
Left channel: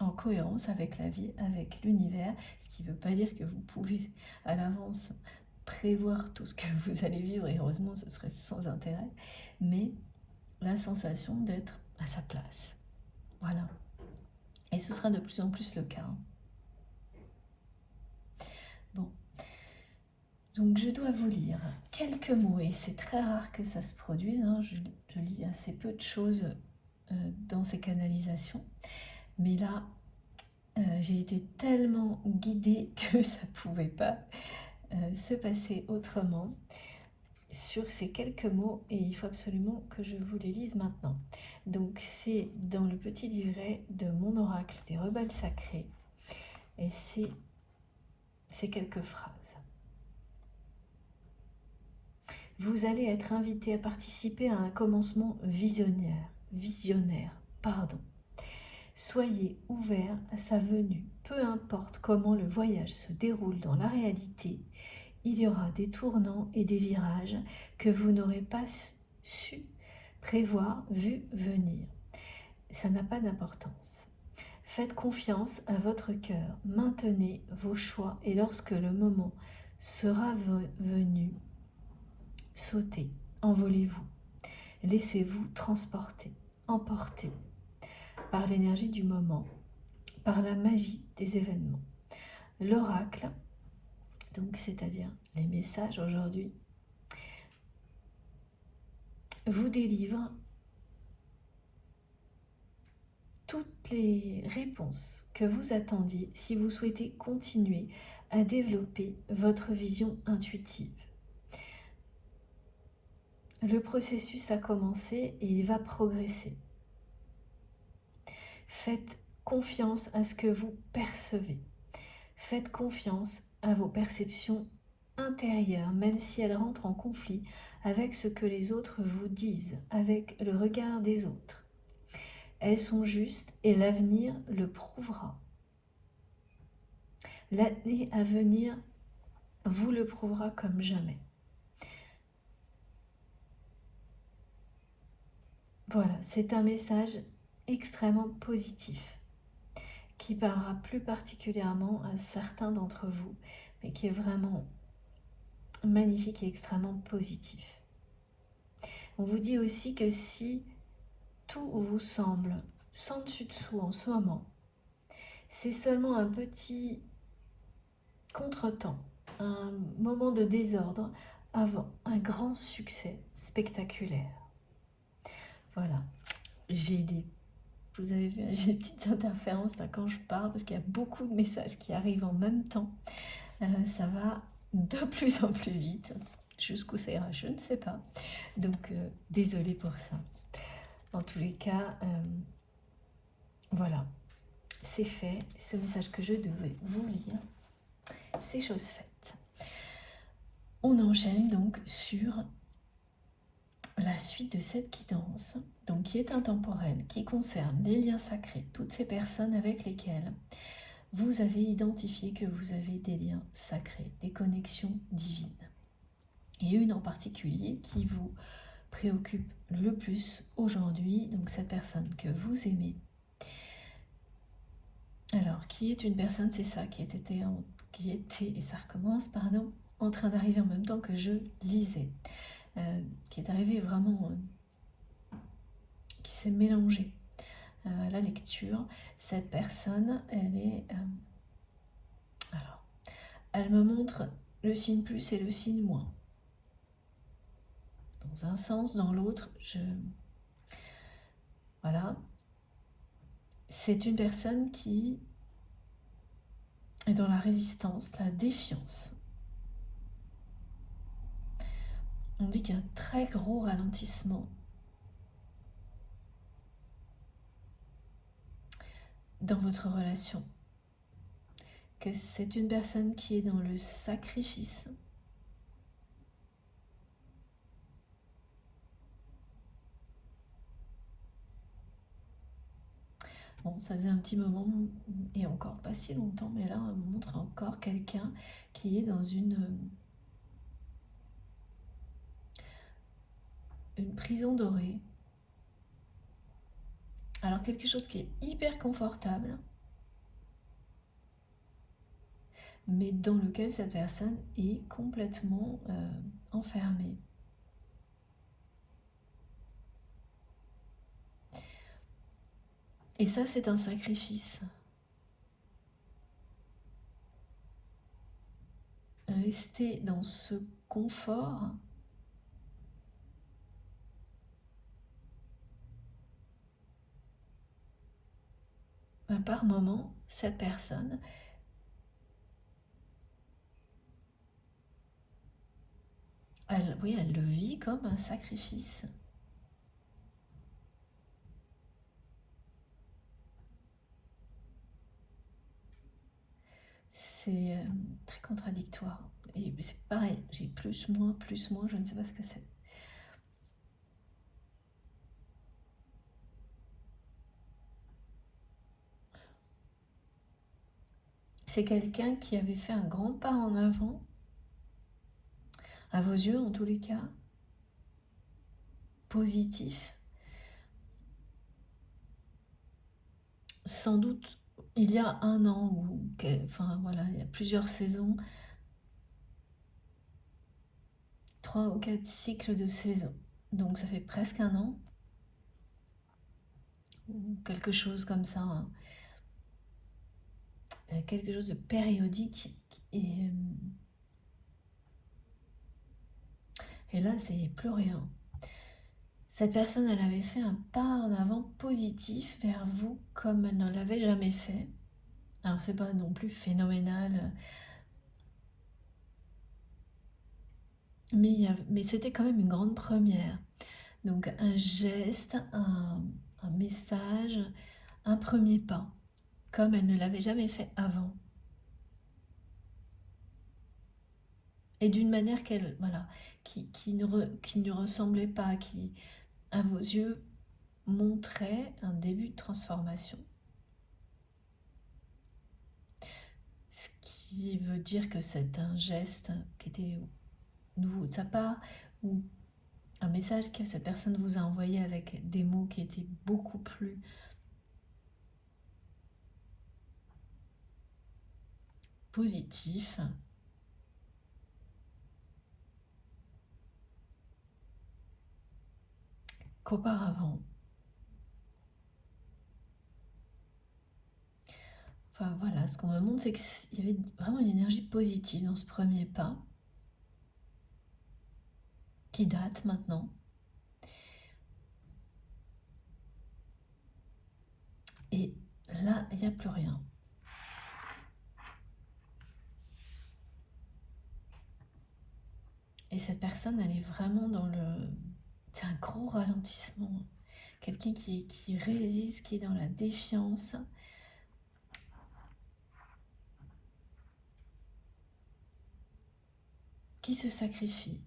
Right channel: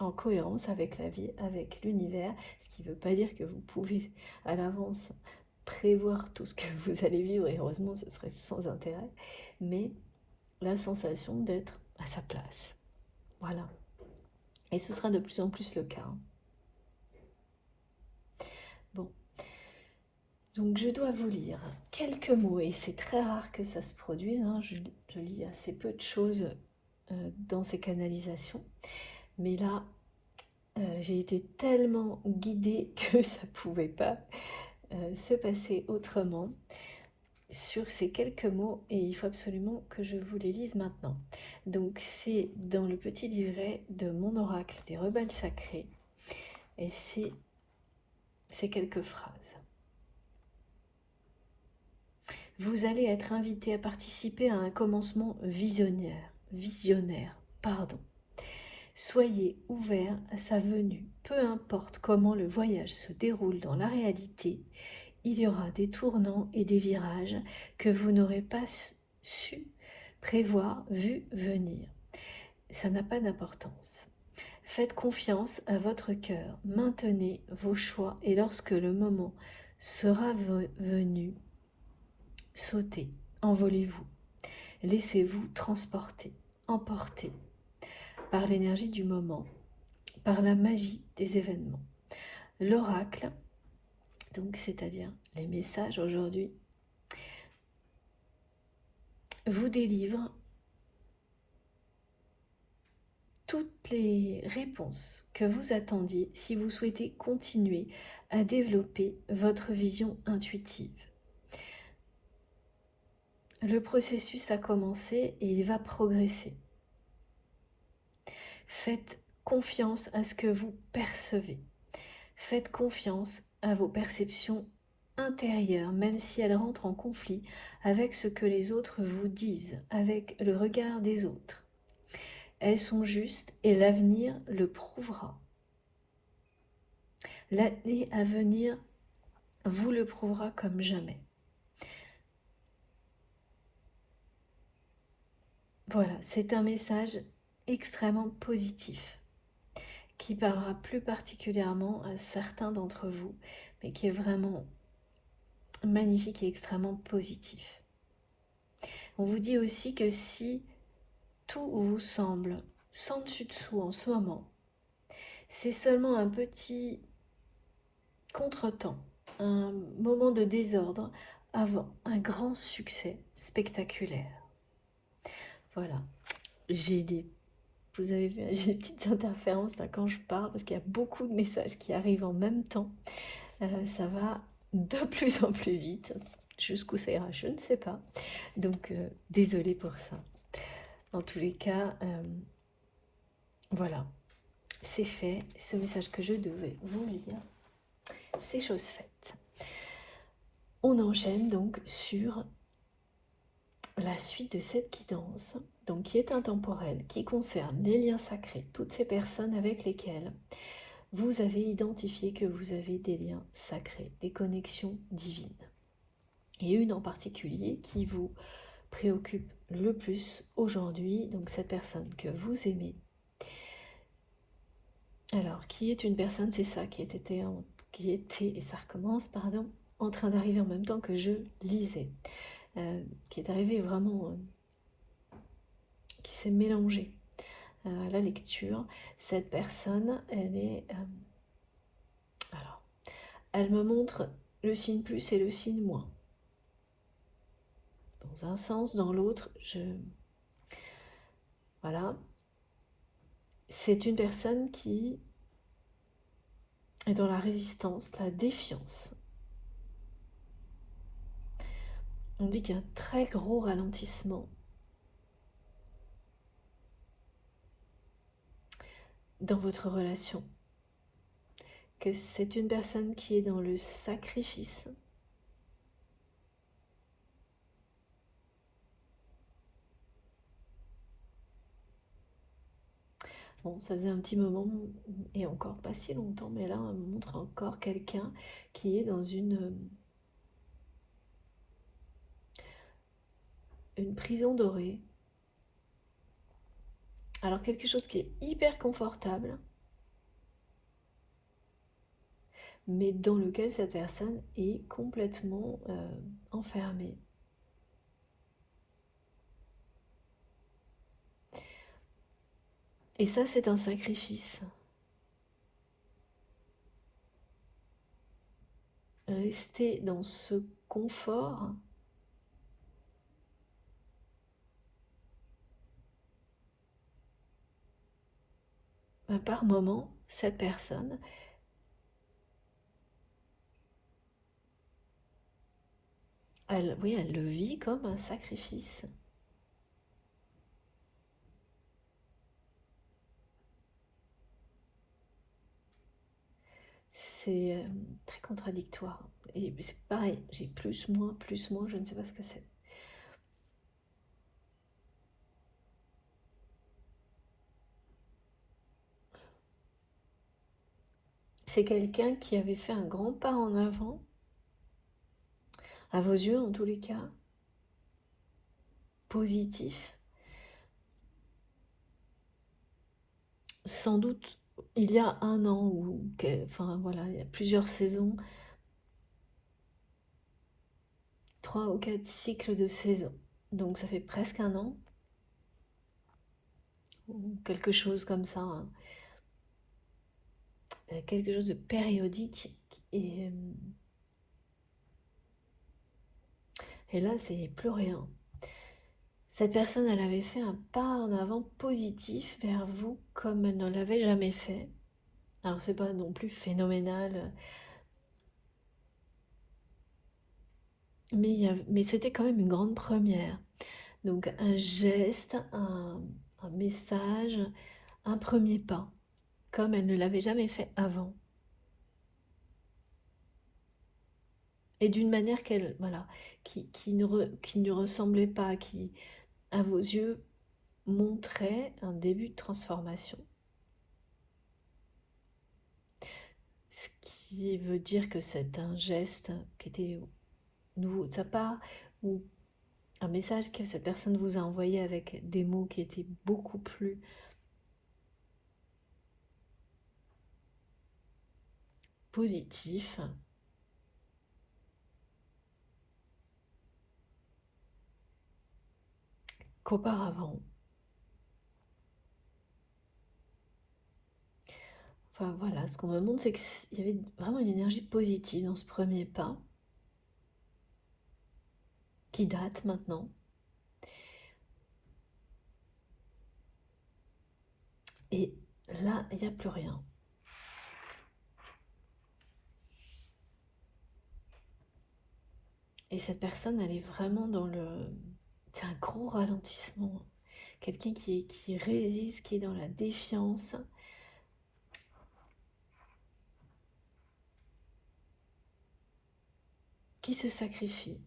en cohérence avec la vie, avec l'univers, ce qui ne veut pas dire que vous pouvez à l'avance prévoir tout ce que vous allez vivre, et heureusement ce serait sans intérêt, mais la sensation d'être à sa place. Voilà. Et ce sera de plus en plus le cas. Bon. Donc je dois vous lire quelques mots, et c'est très rare que ça se produise, hein. Je lis assez peu de choses dans ces canalisations. Mais là, j'ai été tellement guidée que ça ne pouvait pas se passer autrement sur ces quelques mots, et il faut absolument que je vous les lise maintenant. Donc c'est dans le petit livret de mon oracle des rebelles sacrés, et c'est ces quelques phrases. Vous allez être invité à participer à un commencement visionnaire, Soyez ouvert à sa venue. Peu importe comment le voyage se déroule dans la réalité, il y aura des tournants et des virages que vous n'aurez pas su prévoir, vu venir. Ça n'a pas d'importance. Faites confiance à votre cœur, maintenez vos choix, et lorsque le moment sera venu, sautez, envolez-vous, laissez-vous transporter, emporter par l'énergie du moment, par la magie des événements. L'oracle, donc c'est-à-dire les messages aujourd'hui, vous délivre toutes les réponses que vous attendiez si vous souhaitez continuer à développer votre vision intuitive. Le processus a commencé et il va progresser. Faites confiance à ce que vous percevez. Faites confiance à vos perceptions intérieures, même si elles rentrent en conflit avec ce que les autres vous disent, avec le regard des autres. Elles sont justes et l'avenir le prouvera. L'année à venir vous le prouvera comme jamais. Voilà, c'est un message extrêmement positif qui parlera plus particulièrement à certains d'entre vous, mais qui est vraiment magnifique et extrêmement positif. On vous dit aussi que si tout vous semble sans dessus-dessous en ce moment, c'est seulement un petit contretemps, un moment de désordre avant un grand succès spectaculaire. Voilà, vous avez vu, j'ai des petites interférences là quand je parle parce qu'il y a beaucoup de messages qui arrivent en même temps. Ça va de plus en plus vite. Jusqu'où ça ira, je ne sais pas. Donc, désolée pour ça. En tous les cas, voilà, c'est fait. Ce message que je devais vous lire, c'est chose faite. On enchaîne donc sur la suite de cette guidance, donc qui est intemporelle, qui concerne les liens sacrés, toutes ces personnes avec lesquelles vous avez identifié que vous avez des liens sacrés, des connexions divines. Et une en particulier qui vous préoccupe le plus aujourd'hui, donc cette personne que vous aimez. Alors, qui est une personne, c'est ça, qui était, et ça recommence, pardon, en train d'arriver en même temps que je lisais, qui est arrivé vraiment, qui s'est mélangé à la lecture. Cette personne, elle est, alors, elle me montre le signe plus et le signe moins. Dans un sens, dans l'autre, voilà, c'est une personne qui est dans la résistance, la défiance. On dit qu'il y a un très gros ralentissement dans votre relation, que c'est une personne qui est dans le sacrifice. Bon, ça faisait un petit moment, et encore pas si longtemps, mais là, on me montre encore quelqu'un qui est dans une prison dorée. Alors, quelque chose qui est hyper confortable, mais dans lequel cette personne est complètement enfermée. Et ça, c'est un sacrifice. Rester dans ce confort, par moment, cette personne, elle le vit comme un sacrifice. C'est très contradictoire. Et c'est pareil, j'ai plus, moins, je ne sais pas ce que c'est. C'est quelqu'un qui avait fait un grand pas en avant, à vos yeux en tous les cas, positif. Sans doute, il y a un an, enfin voilà, il y a plusieurs saisons, 3 ou 4 cycles de saison. Donc ça fait presque un an, ou quelque chose comme ça, hein. Quelque chose de périodique. Et là, c'est plus rien. Cette personne, elle avait fait un pas en avant positif vers vous comme elle ne l'avait jamais fait. Alors c'est pas non plus phénoménal, mais c'était quand même une grande première. Donc un geste, un message, un premier pas, comme elle ne l'avait jamais fait avant. Et d'une manière qu'elle, voilà, qui ne ressemblait pas, qui, à vos yeux, montrait un début de transformation. Ce qui veut dire que c'est un geste qui était nouveau de sa part, ou un message que cette personne vous a envoyé avec des mots qui étaient beaucoup plus positifs qu'auparavant. Enfin voilà, ce qu'on me montre, c'est qu'il y avait vraiment une énergie positive dans ce premier pas, qui date maintenant. Et là, il n'y a plus rien. Et cette personne, elle est vraiment dans le... C'est un gros ralentissement. Quelqu'un qui résiste, qui est dans la défiance, qui se sacrifie.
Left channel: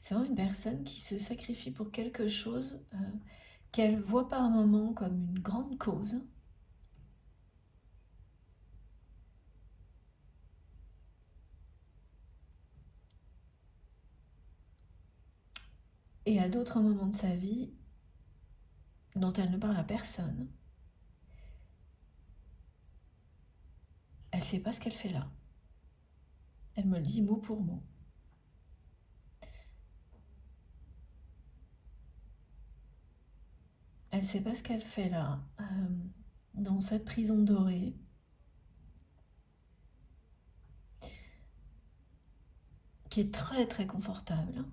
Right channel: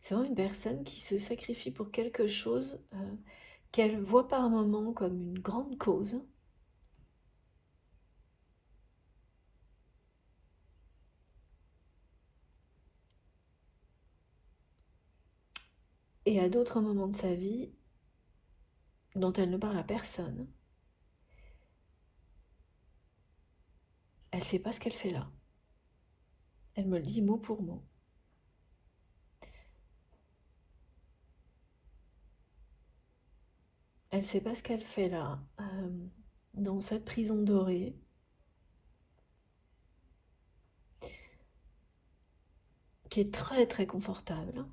C'est vraiment une personne qui se sacrifie pour quelque chose qu'elle voit par moment comme une grande cause. Et à d'autres moments de sa vie, dont elle ne parle à personne, elle ne sait pas ce qu'elle fait là. Elle me le dit mot pour mot. Elle ne sait pas ce qu'elle fait là, dans cette prison dorée. Qui est très très confortable,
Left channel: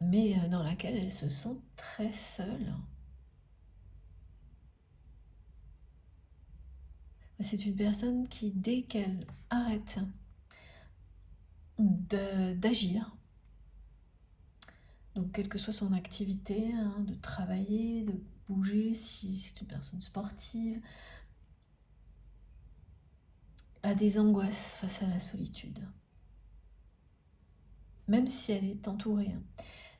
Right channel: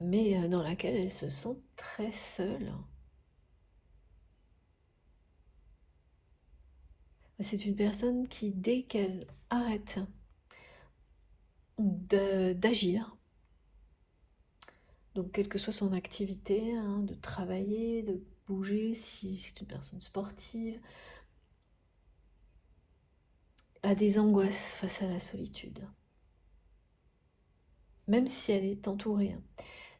mais dans laquelle elle se sent très seule. C'est une personne qui, dès qu'elle arrête d'agir, donc quelle que soit son activité, hein, de travailler, de bouger, si c'est une personne sportive, a des angoisses face à la solitude. Même si elle est entourée.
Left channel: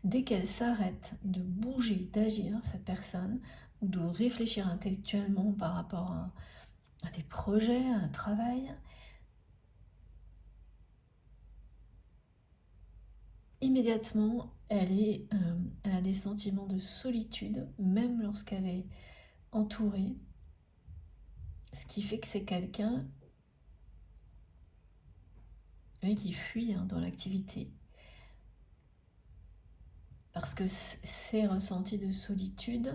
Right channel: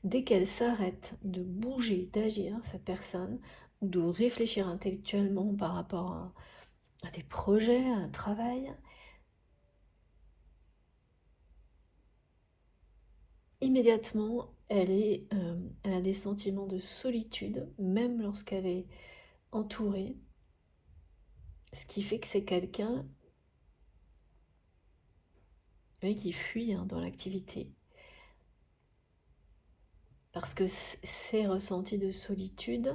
Dès qu'elle s'arrête de bouger, d'agir, cette personne, ou de réfléchir intellectuellement par rapport à des projets, à un travail, immédiatement, elle a des sentiments de solitude, même lorsqu'elle est entourée. Ce qui fait que c'est quelqu'un, oui, qui fuit, hein, dans l'activité. Parce que ces ressentis de solitude,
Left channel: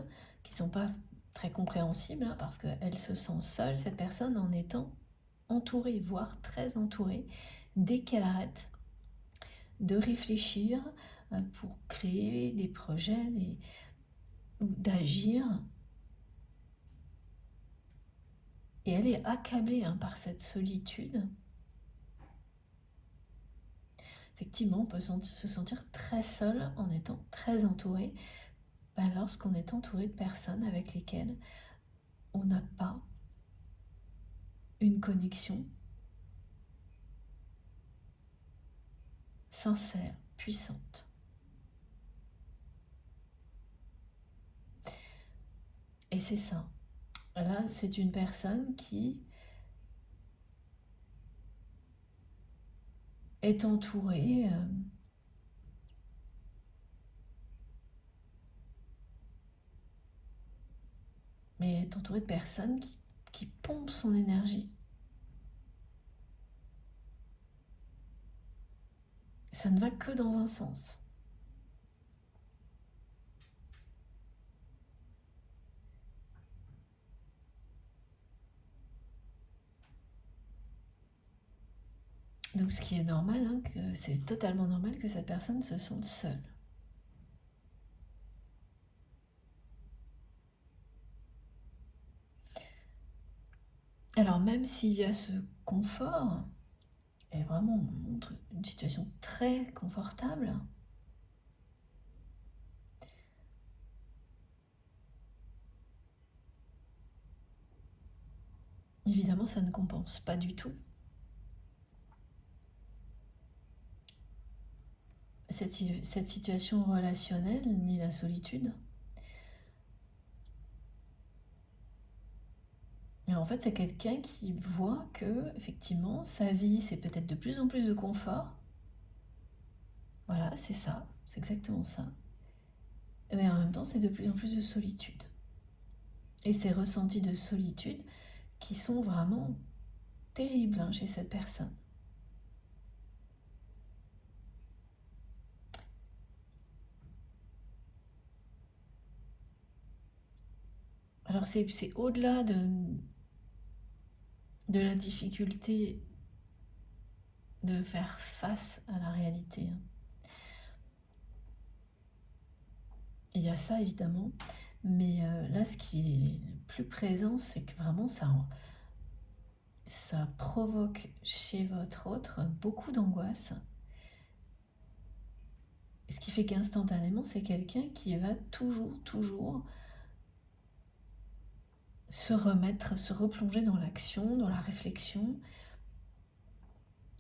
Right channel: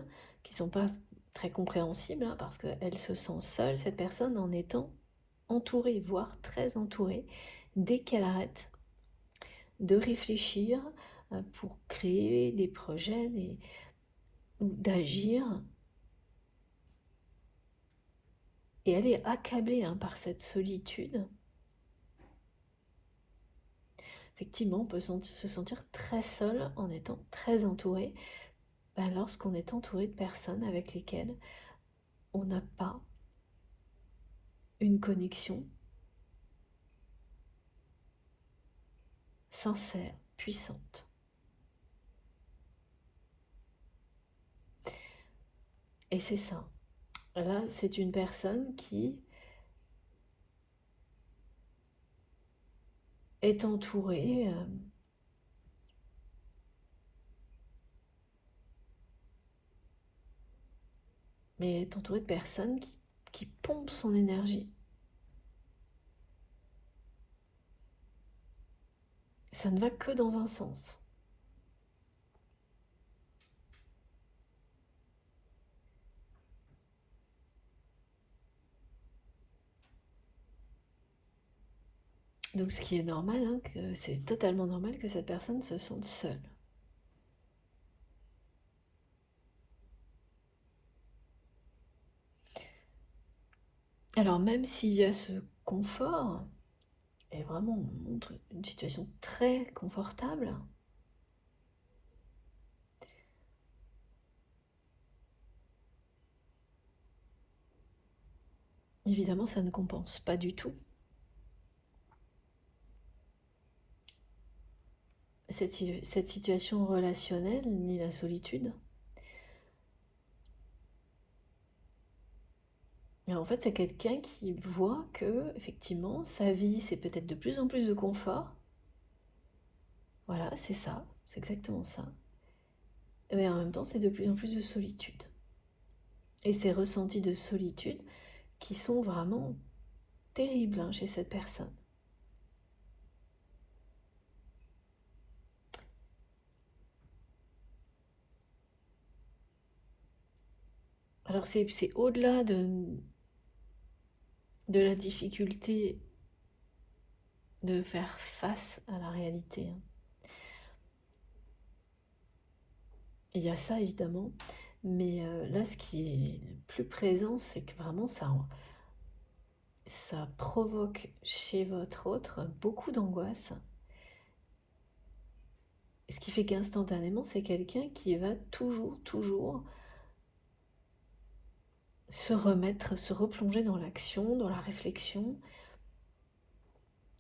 qui ne sont pas très compréhensibles, hein, parce qu'elle se sent seule, cette personne, en étant entourée, voire très entourée, dès qu'elle arrête de réfléchir pour créer des projets ou d'agir, et elle est accablée, hein, par cette solitude. Effectivement, on peut se sentir très seul en étant très entouré, lorsqu'on est entouré de personnes avec lesquelles on n'a pas une connexion sincère, puissante. Et c'est ça. Là, c'est une personne qui est entourée, mais est entourée de personnes qui pompent son énergie. Ça ne va que dans un sens. Donc ce qui est normal, hein, que c'est totalement normal que cette personne se sente seule. Alors même s'il y a ce confort, et vraiment on montre une situation très confortable, évidemment ça ne compense pas du tout cette situation relationnelle ni la solitude. Et en fait, c'est quelqu'un qui voit que, effectivement, sa vie, c'est peut-être de plus en plus de confort. Voilà, c'est ça, c'est exactement ça. Mais en même temps, c'est de plus en plus de solitude. Et ces ressentis de solitude qui sont vraiment terribles, hein, chez cette personne. Alors, c'est au-delà de la difficulté de faire face à la réalité, hein. Il y a ça, évidemment. Mais là, ce qui est le plus présent, c'est que vraiment, ça provoque chez votre autre beaucoup d'angoisse. Ce qui fait qu'instantanément, c'est quelqu'un qui va toujours se remettre, se replonger dans l'action, dans la réflexion,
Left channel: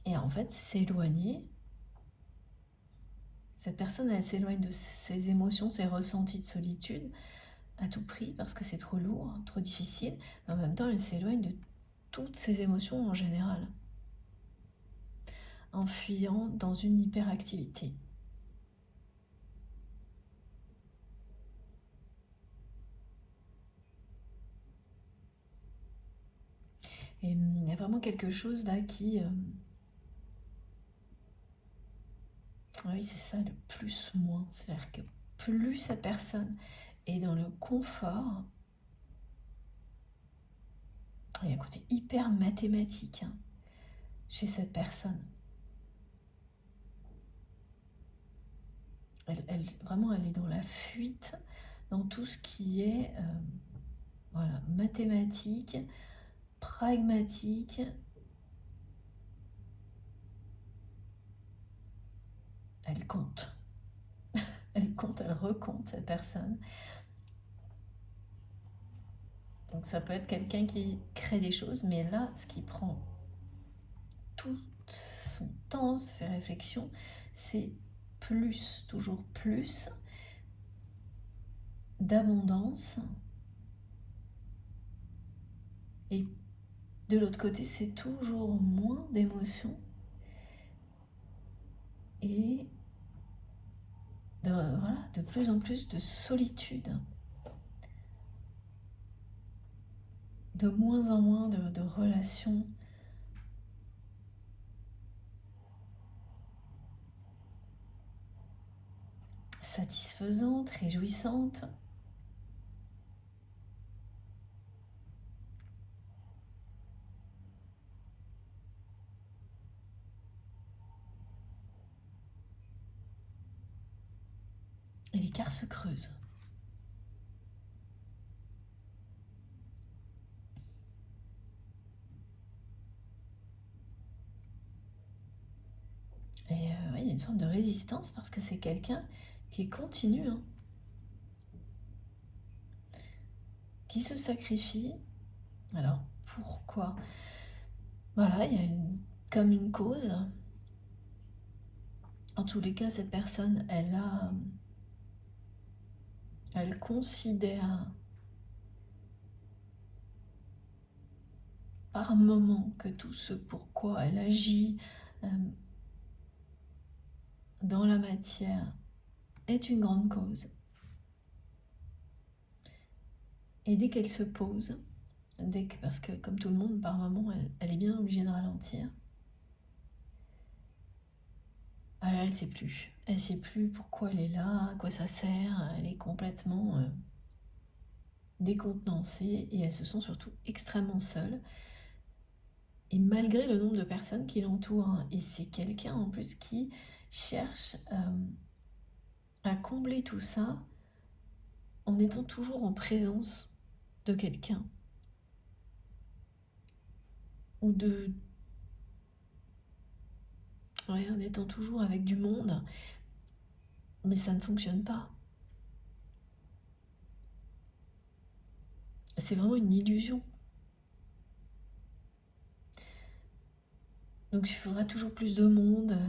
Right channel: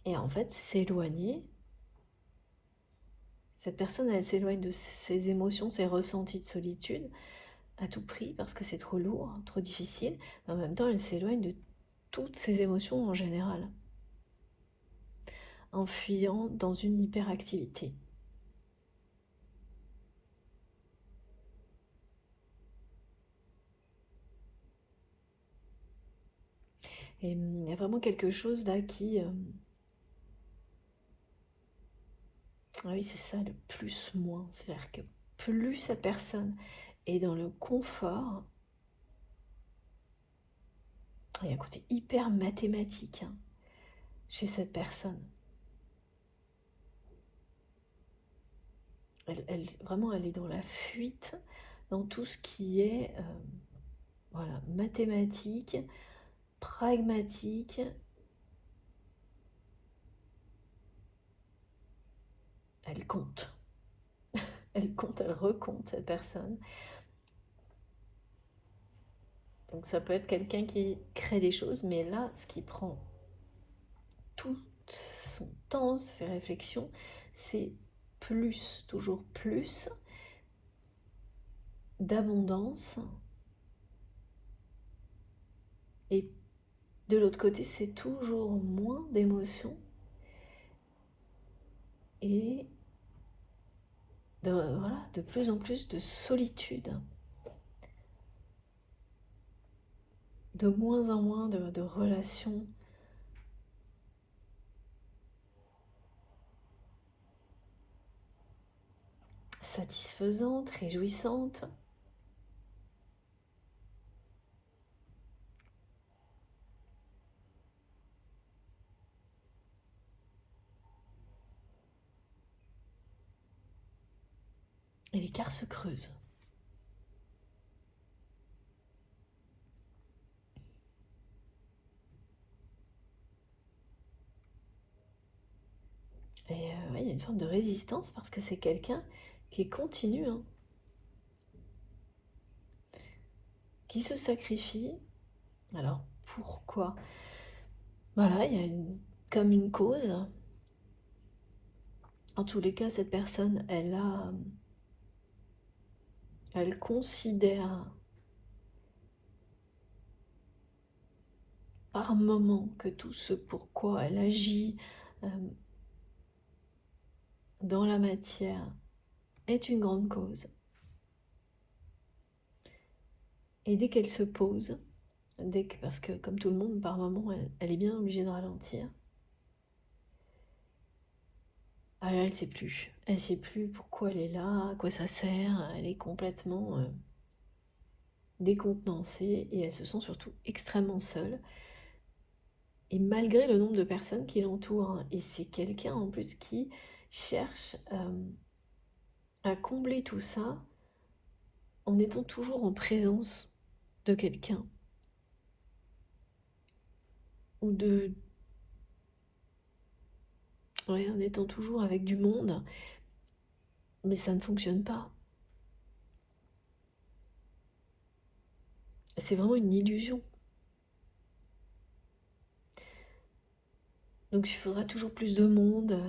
et en fait s'éloigner. Cette personne, elle s'éloigne de ses émotions, ses ressentis de solitude à tout prix parce que c'est trop lourd, trop difficile. Mais en même temps, elle s'éloigne de toutes ses émotions en général, en fuyant dans une hyperactivité. Et il y a vraiment quelque chose là qui... ah oui, c'est ça, le plus-moins. C'est-à-dire que plus cette personne est dans le confort, il y a un côté hyper mathématique, hein, chez cette personne. Vraiment, elle est dans la fuite, dans tout ce qui est voilà, mathématique, pragmatique. Elle compte. Elle compte, elle recompte cette personne. Donc ça peut être quelqu'un qui crée des choses, mais là, ce qui prend tout son temps, ses réflexions, c'est plus, toujours plus d'abondance. Et de l'autre côté, c'est toujours moins d'émotions et voilà, de plus en plus de solitude, de moins en moins de relations satisfaisantes, réjouissantes. Et l'écart se creuse. Et ouais, il y a une forme de résistance parce que c'est quelqu'un qui continue, hein, qui se sacrifie. Alors pourquoi? Voilà, il y a comme une cause. En tous les cas, cette personne, elle considère par moment que tout ce pourquoi elle agit euh, dans la matière est une grande cause. Et dès qu'elle se pose, parce que comme tout le monde, par moment, elle est bien obligée de ralentir, alors elle ne sait plus. Elle ne sait plus pourquoi elle est là, à quoi ça sert. Elle est complètement décontenancée et elle se sent surtout extrêmement seule. Et malgré le nombre de personnes qui l'entourent, hein. Et c'est quelqu'un en plus qui cherche à combler tout ça en étant toujours en présence de quelqu'un ou ouais, en étant toujours avec du monde, mais ça ne fonctionne pas. C'est vraiment une illusion. Donc il faudra toujours plus de monde.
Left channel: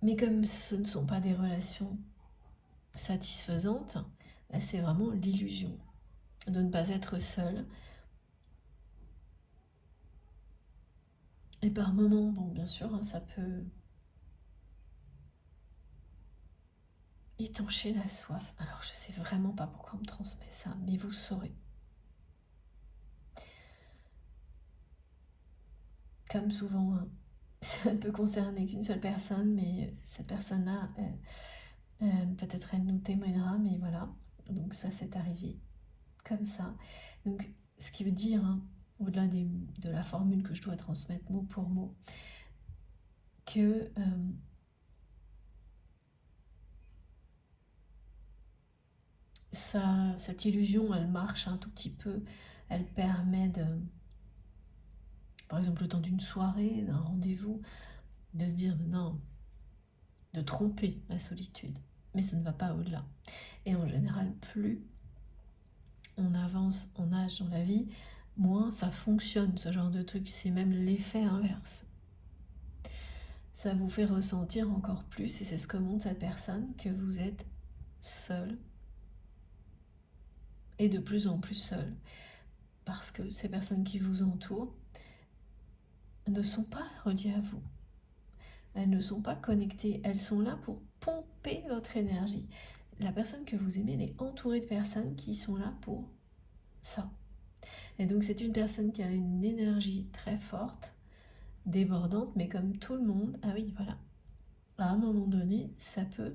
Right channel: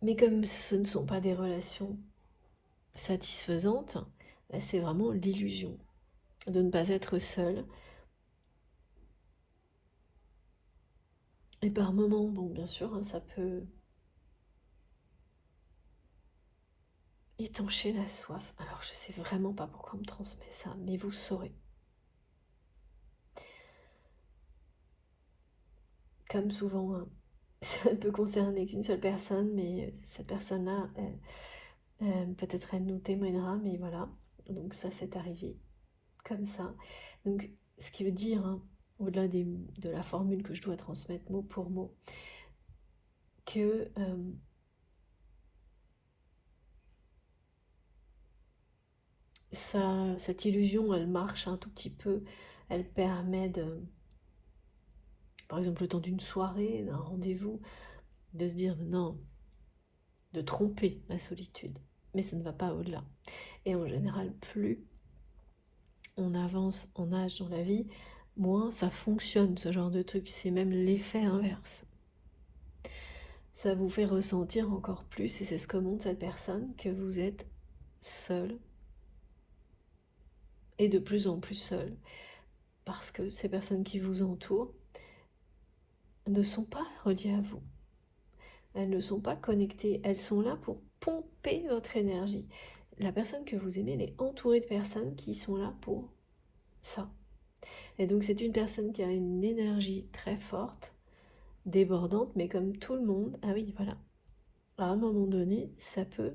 Mais comme ce ne sont pas des relations satisfaisantes, bah, c'est vraiment l'illusion de ne pas être seul. Et par moments, bon, bien sûr, hein, ça peut étancher la soif. Alors je sais vraiment pas pourquoi on me transmet ça, mais vous saurez. Comme souvent, hein, ça ne peut concerner qu'une seule personne, mais cette personne-là, peut-être elle nous témoignera, mais voilà. Donc ça, c'est arrivé comme ça. Donc ce qui veut dire, hein, au-delà de la formule que je dois transmettre mot pour mot, que cette illusion, elle marche un tout petit peu. Elle permet de, par exemple, le temps d'une soirée, d'un rendez-vous, de se dire non, de tromper la solitude. Mais ça ne va pas au-delà. Et en général, plus on avance en âge dans la vie, moins ça fonctionne, ce genre de truc. C'est même l'effet inverse. Ça vous fait ressentir encore plus, et c'est ce que montre cette personne, que vous êtes seul, et de plus en plus seul. Parce que ces personnes qui vous entourent ne sont pas reliées à vous. Elles ne sont pas connectées. Elles sont là pour pomper votre énergie. La personne que vous aimez, elle est entourée de personnes qui sont là pour ça. Et donc c'est une personne qui a une énergie très forte, débordante, mais comme tout le monde, ah oui, voilà, à un moment donné, ça peut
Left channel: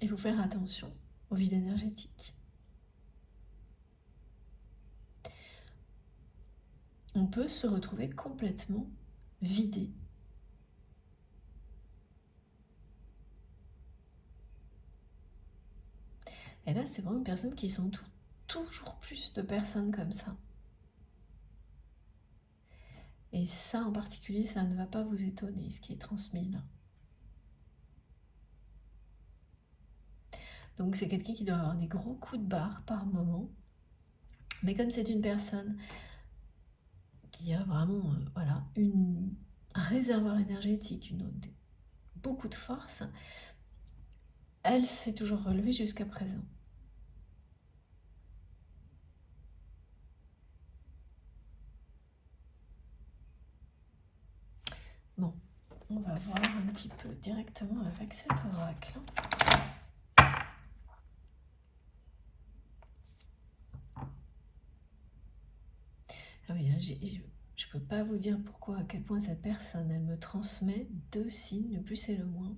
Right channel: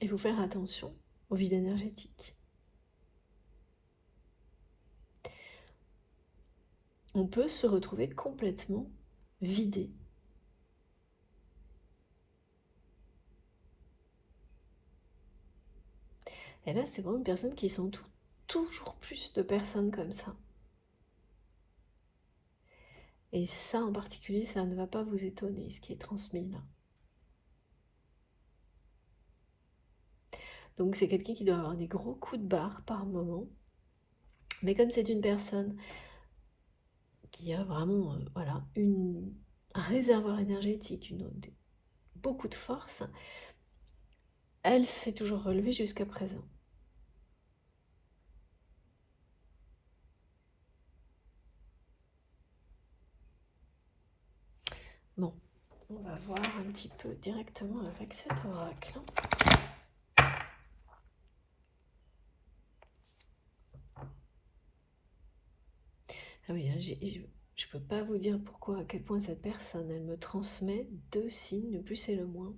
il faut faire attention au vide énergétique. On peut se retrouver complètement vidé. Et là, c'est vraiment une personne qui s'entoure toujours plus de personnes comme ça. Et ça en particulier, ça ne va pas vous étonner, ce qui est transmis là. Donc c'est quelqu'un qui doit avoir des gros coups de barre par moment. Mais comme c'est une personne qui a vraiment voilà, un réservoir énergétique, beaucoup de force, elle s'est toujours relevée jusqu'à présent. Bon, on va voir un petit peu directement avec cet oracle. Ah oui, je peux pas vous dire pourquoi, à quel point cette personne, elle me transmet 2 signes, le plus et le moins.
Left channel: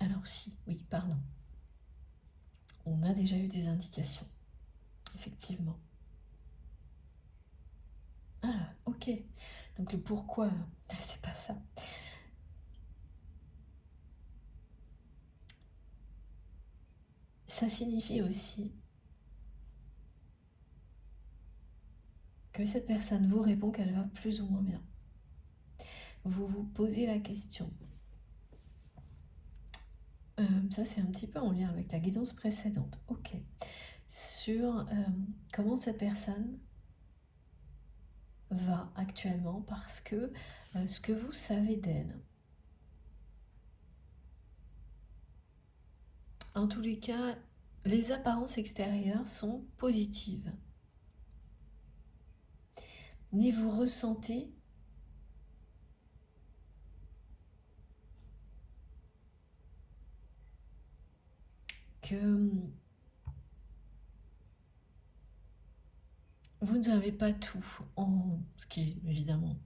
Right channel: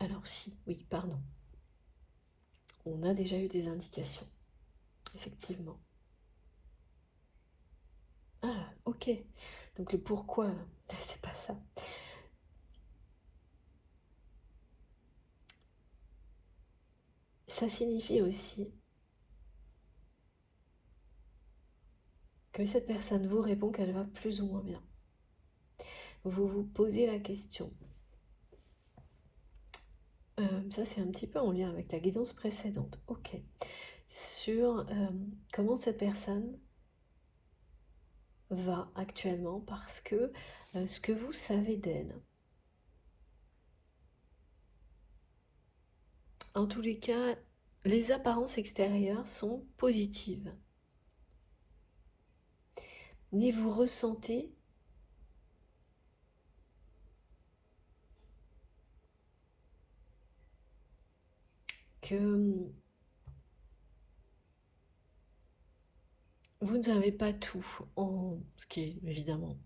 Alors si, oui, pardon. On a déjà eu des indications, effectivement. Ah, ok. Donc le pourquoi, là, c'est pas ça. Ça signifie aussi que cette personne vous répond qu'elle va plus ou moins bien. Vous vous posez la question. Ça, c'est un petit peu en lien avec la guidance précédente. Ok. Sur comment cette personne va actuellement, parce que ce que vous savez d'elle, en tous les cas, les apparences extérieures sont positives. Mais vous ressentez que vous ne savez pas tout, ce qui est évidemment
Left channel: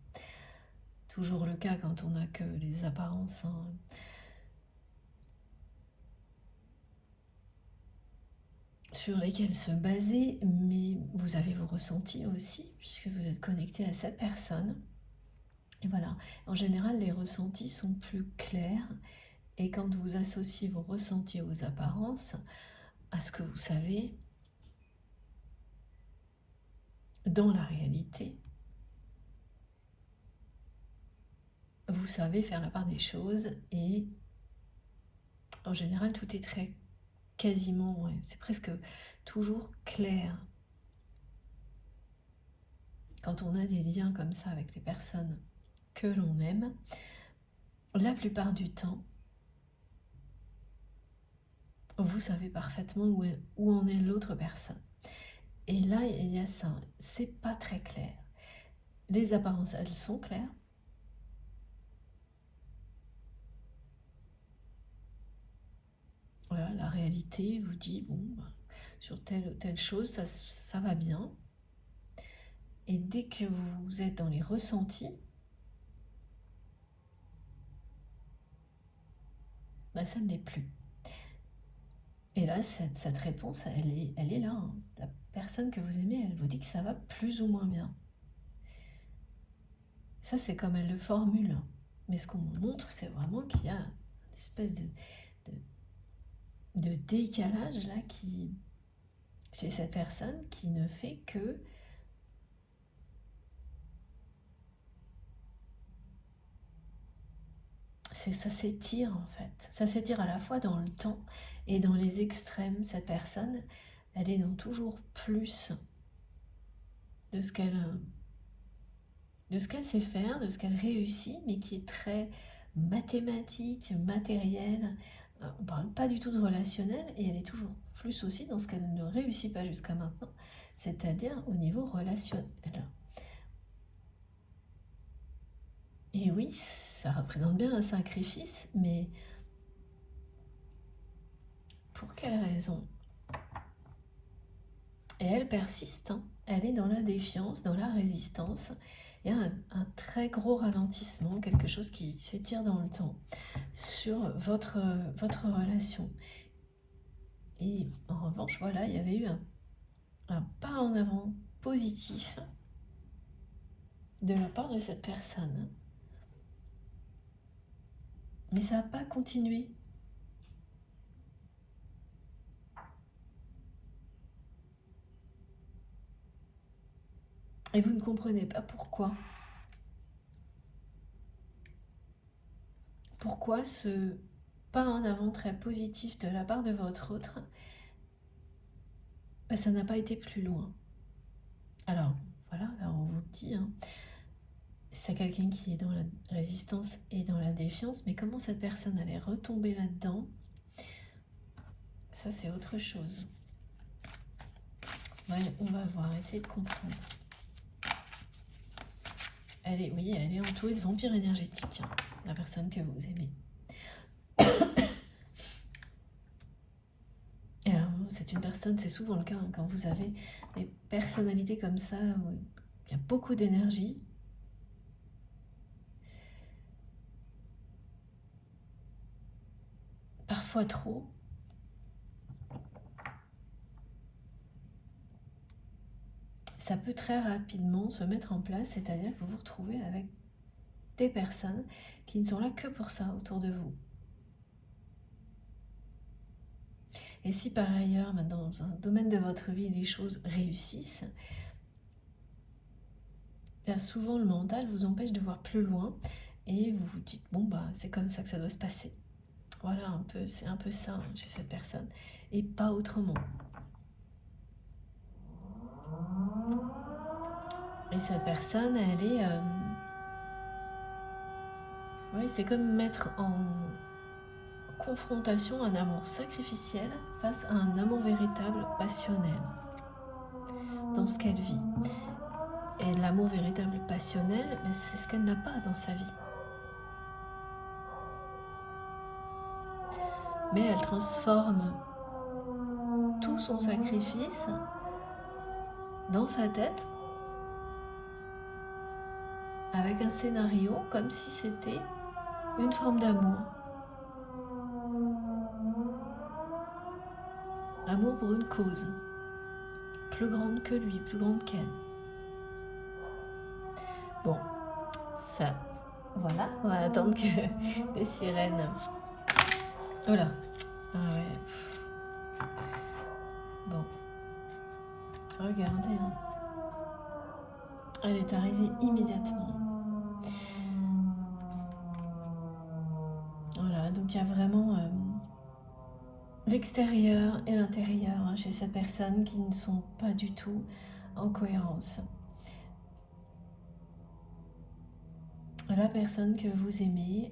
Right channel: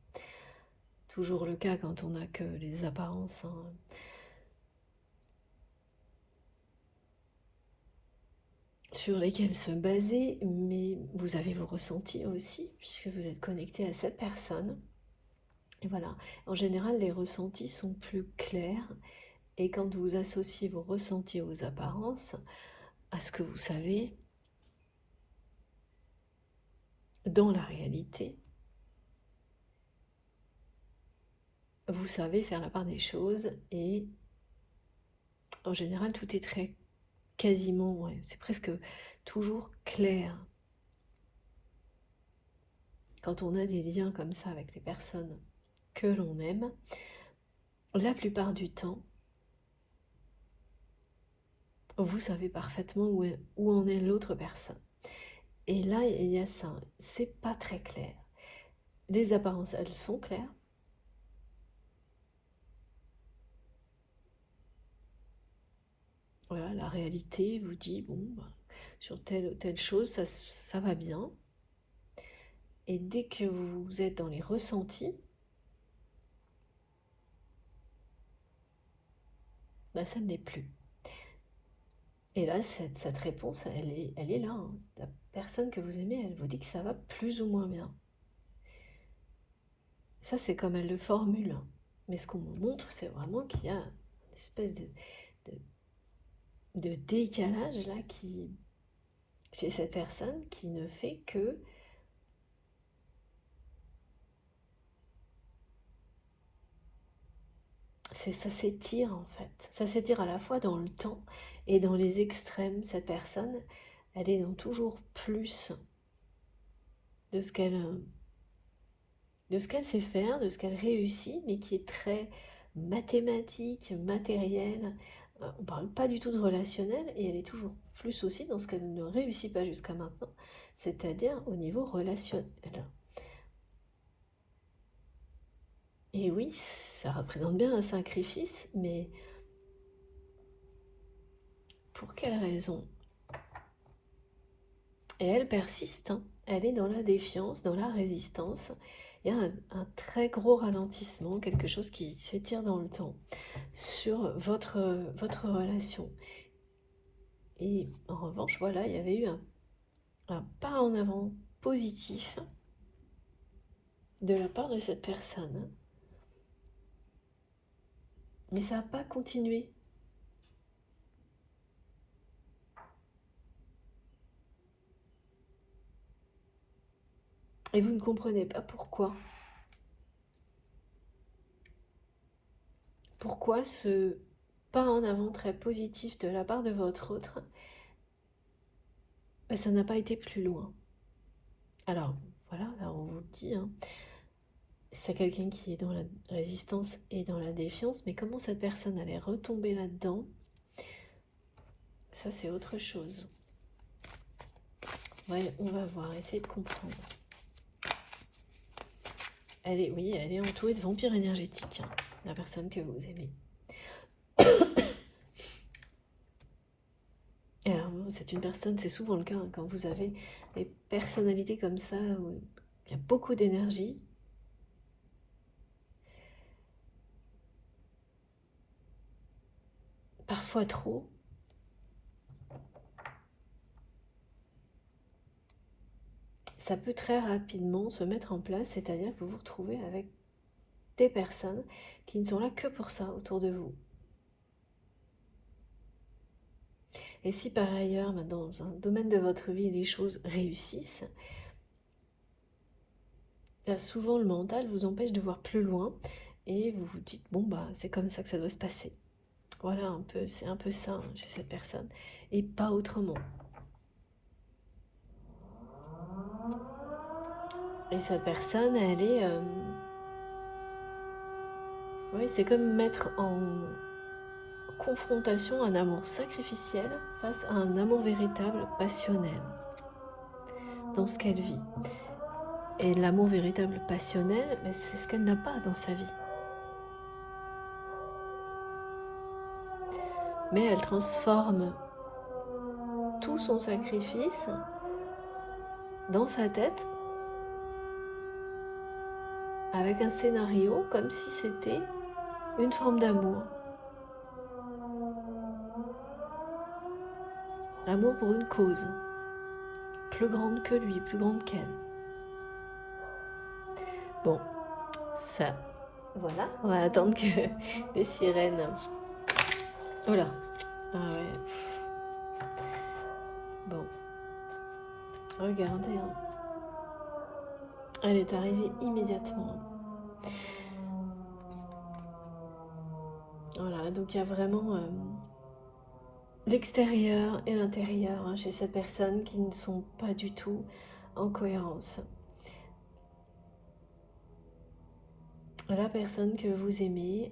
toujours le cas quand on n'a que les apparences, hein. sur lesquels se baser, mais vous avez vos ressentis aussi, puisque vous êtes connecté à cette personne. Et voilà, en général, les ressentis sont plus clairs, et quand vous associez vos ressentis aux apparences, à ce que vous savez dans la réalité, vous savez faire la part des choses, et en général, tout est très quasiment, ouais, c'est presque toujours clair. Quand on a des liens comme ça avec les personnes que l'on aime, la plupart du temps, vous savez parfaitement où en est l'autre personne. Et là, il y a ça, c'est pas très clair. Les apparences, elles sont claires. Voilà, la réalité vous dit, bon, bah, sur telle ou telle chose, ça va bien. Et dès que vous êtes dans les ressentis, bah, ça ne l'est plus. Et là, cette réponse, elle est là, hein. La personne que vous aimez, elle vous dit que ça va plus ou moins bien. Ça, c'est comme elle le formule. Mais ce qu'on me montre, c'est vraiment qu'il y a une espèce de décalage là chez cette personne qui ne fait que ça s'étire en fait. Ça s'étire à la fois dans le temps et dans les extrêmes. Cette personne, elle est dans toujours plus de ce qu'elle sait faire, de ce qu'elle réussit, mais qui est très mathématique, matériel. On ne parle pas du tout de relationnel, et elle est toujours plus aussi dans ce qu'elle ne réussit pas jusqu'à maintenant, c'est-à-dire au niveau relationnel. Et oui, ça représente bien un sacrifice, mais pour quelle raison? Et elle persiste, hein. Elle est dans la défiance, dans la résistance. Il y a un très gros ralentissement, quelque chose qui s'étire dans le temps sur votre relation. Et en revanche, voilà, il y avait eu un pas en avant positif de la part de cette personne. Mais ça n'a pas continué. Et vous ne comprenez pas pourquoi. Pourquoi ce pas en avant très positif de la part de votre autre, ben, ça n'a pas été plus loin. Alors, voilà, là on vous le dit, hein, c'est quelqu'un qui est dans la résistance et dans la défiance, mais comment cette personne allait retomber là-dedans, ça c'est autre chose. Ouais, on va voir, essayer de comprendre. Oui, elle est entourée de vampires énergétiques, hein, la personne que vous aimez. Et alors, c'est une personne, c'est souvent le cas, hein, quand vous avez des personnalités comme ça, où il y a beaucoup d'énergie, parfois trop. Ça peut très rapidement se mettre en place, c'est-à-dire que vous vous retrouvez avec des personnes qui ne sont là que pour ça autour de vous. Et si par ailleurs, dans un domaine de votre vie, les choses réussissent, bien souvent le mental vous empêche de voir plus loin et vous vous dites, bon, bah, c'est comme ça que ça doit se passer. Voilà, un peu, c'est un peu ça, hein, chez cette personne, et pas autrement. Et cette personne, elle est... oui, c'est comme mettre en confrontation un amour sacrificiel face à un amour véritable, passionnel, dans ce qu'elle vit. Et l'amour véritable, passionnel, ben, c'est ce qu'elle n'a pas dans sa vie. Mais elle transforme tout son sacrifice dans sa tête avec un scénario comme si c'était une forme d'amour. L'amour pour une cause, plus grande que lui, plus grande qu'elle. Bon, ça, voilà, on va attendre que les sirènes... Oh là, ah ouais, bon, regardez, hein. Elle est arrivée immédiatement. Voilà, donc il y a vraiment l'extérieur et l'intérieur hein, chez ces personnes qui ne sont pas du tout en cohérence. La personne que vous aimez,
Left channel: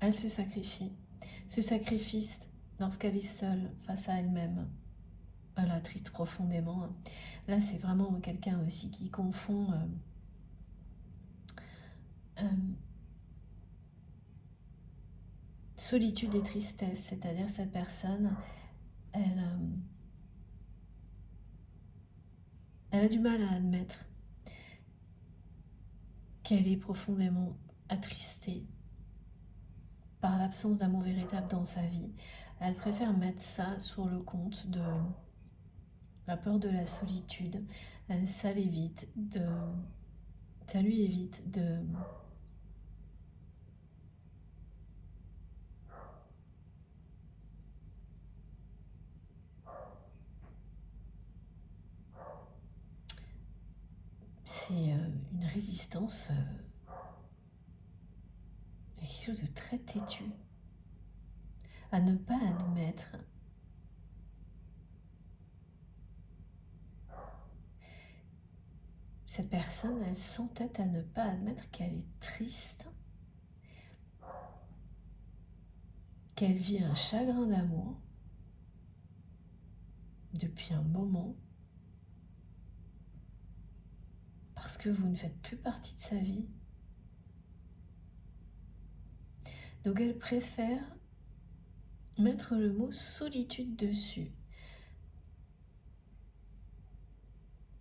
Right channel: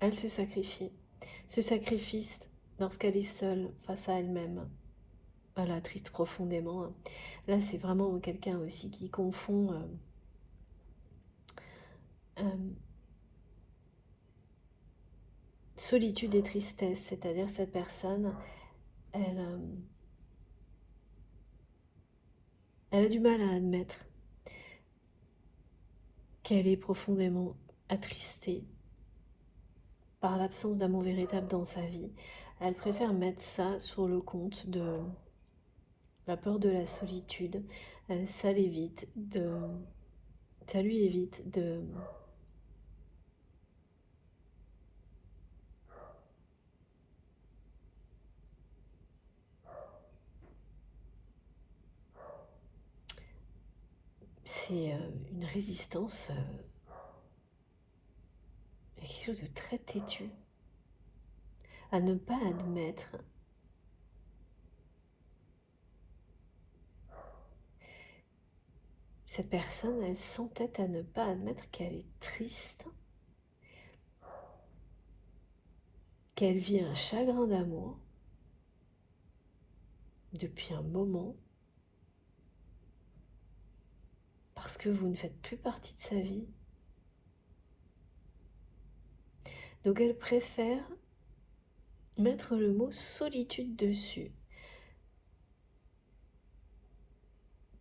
elle se sacrifie. Se sacrifice lorsqu'elle est seule face à elle-même. Voilà, triste profondément. Là, c'est vraiment quelqu'un aussi qui confond euh, solitude et tristesse. C'est-à-dire cette personne, elle, elle a du mal à admettre qu'elle est profondément attristée par l'absence d'amour véritable dans sa vie. Elle préfère mettre ça sur le compte de la peur de la solitude. Ça l'évite de... Ça lui évite de... C'est une résistance, il y a quelque chose de très têtu, à ne pas admettre cette personne, elle s'entête à ne pas admettre qu'elle est triste, qu'elle vit un chagrin d'amour depuis un moment, parce que vous ne faites plus partie de sa vie. Donc elle préfère mettre le mot solitude dessus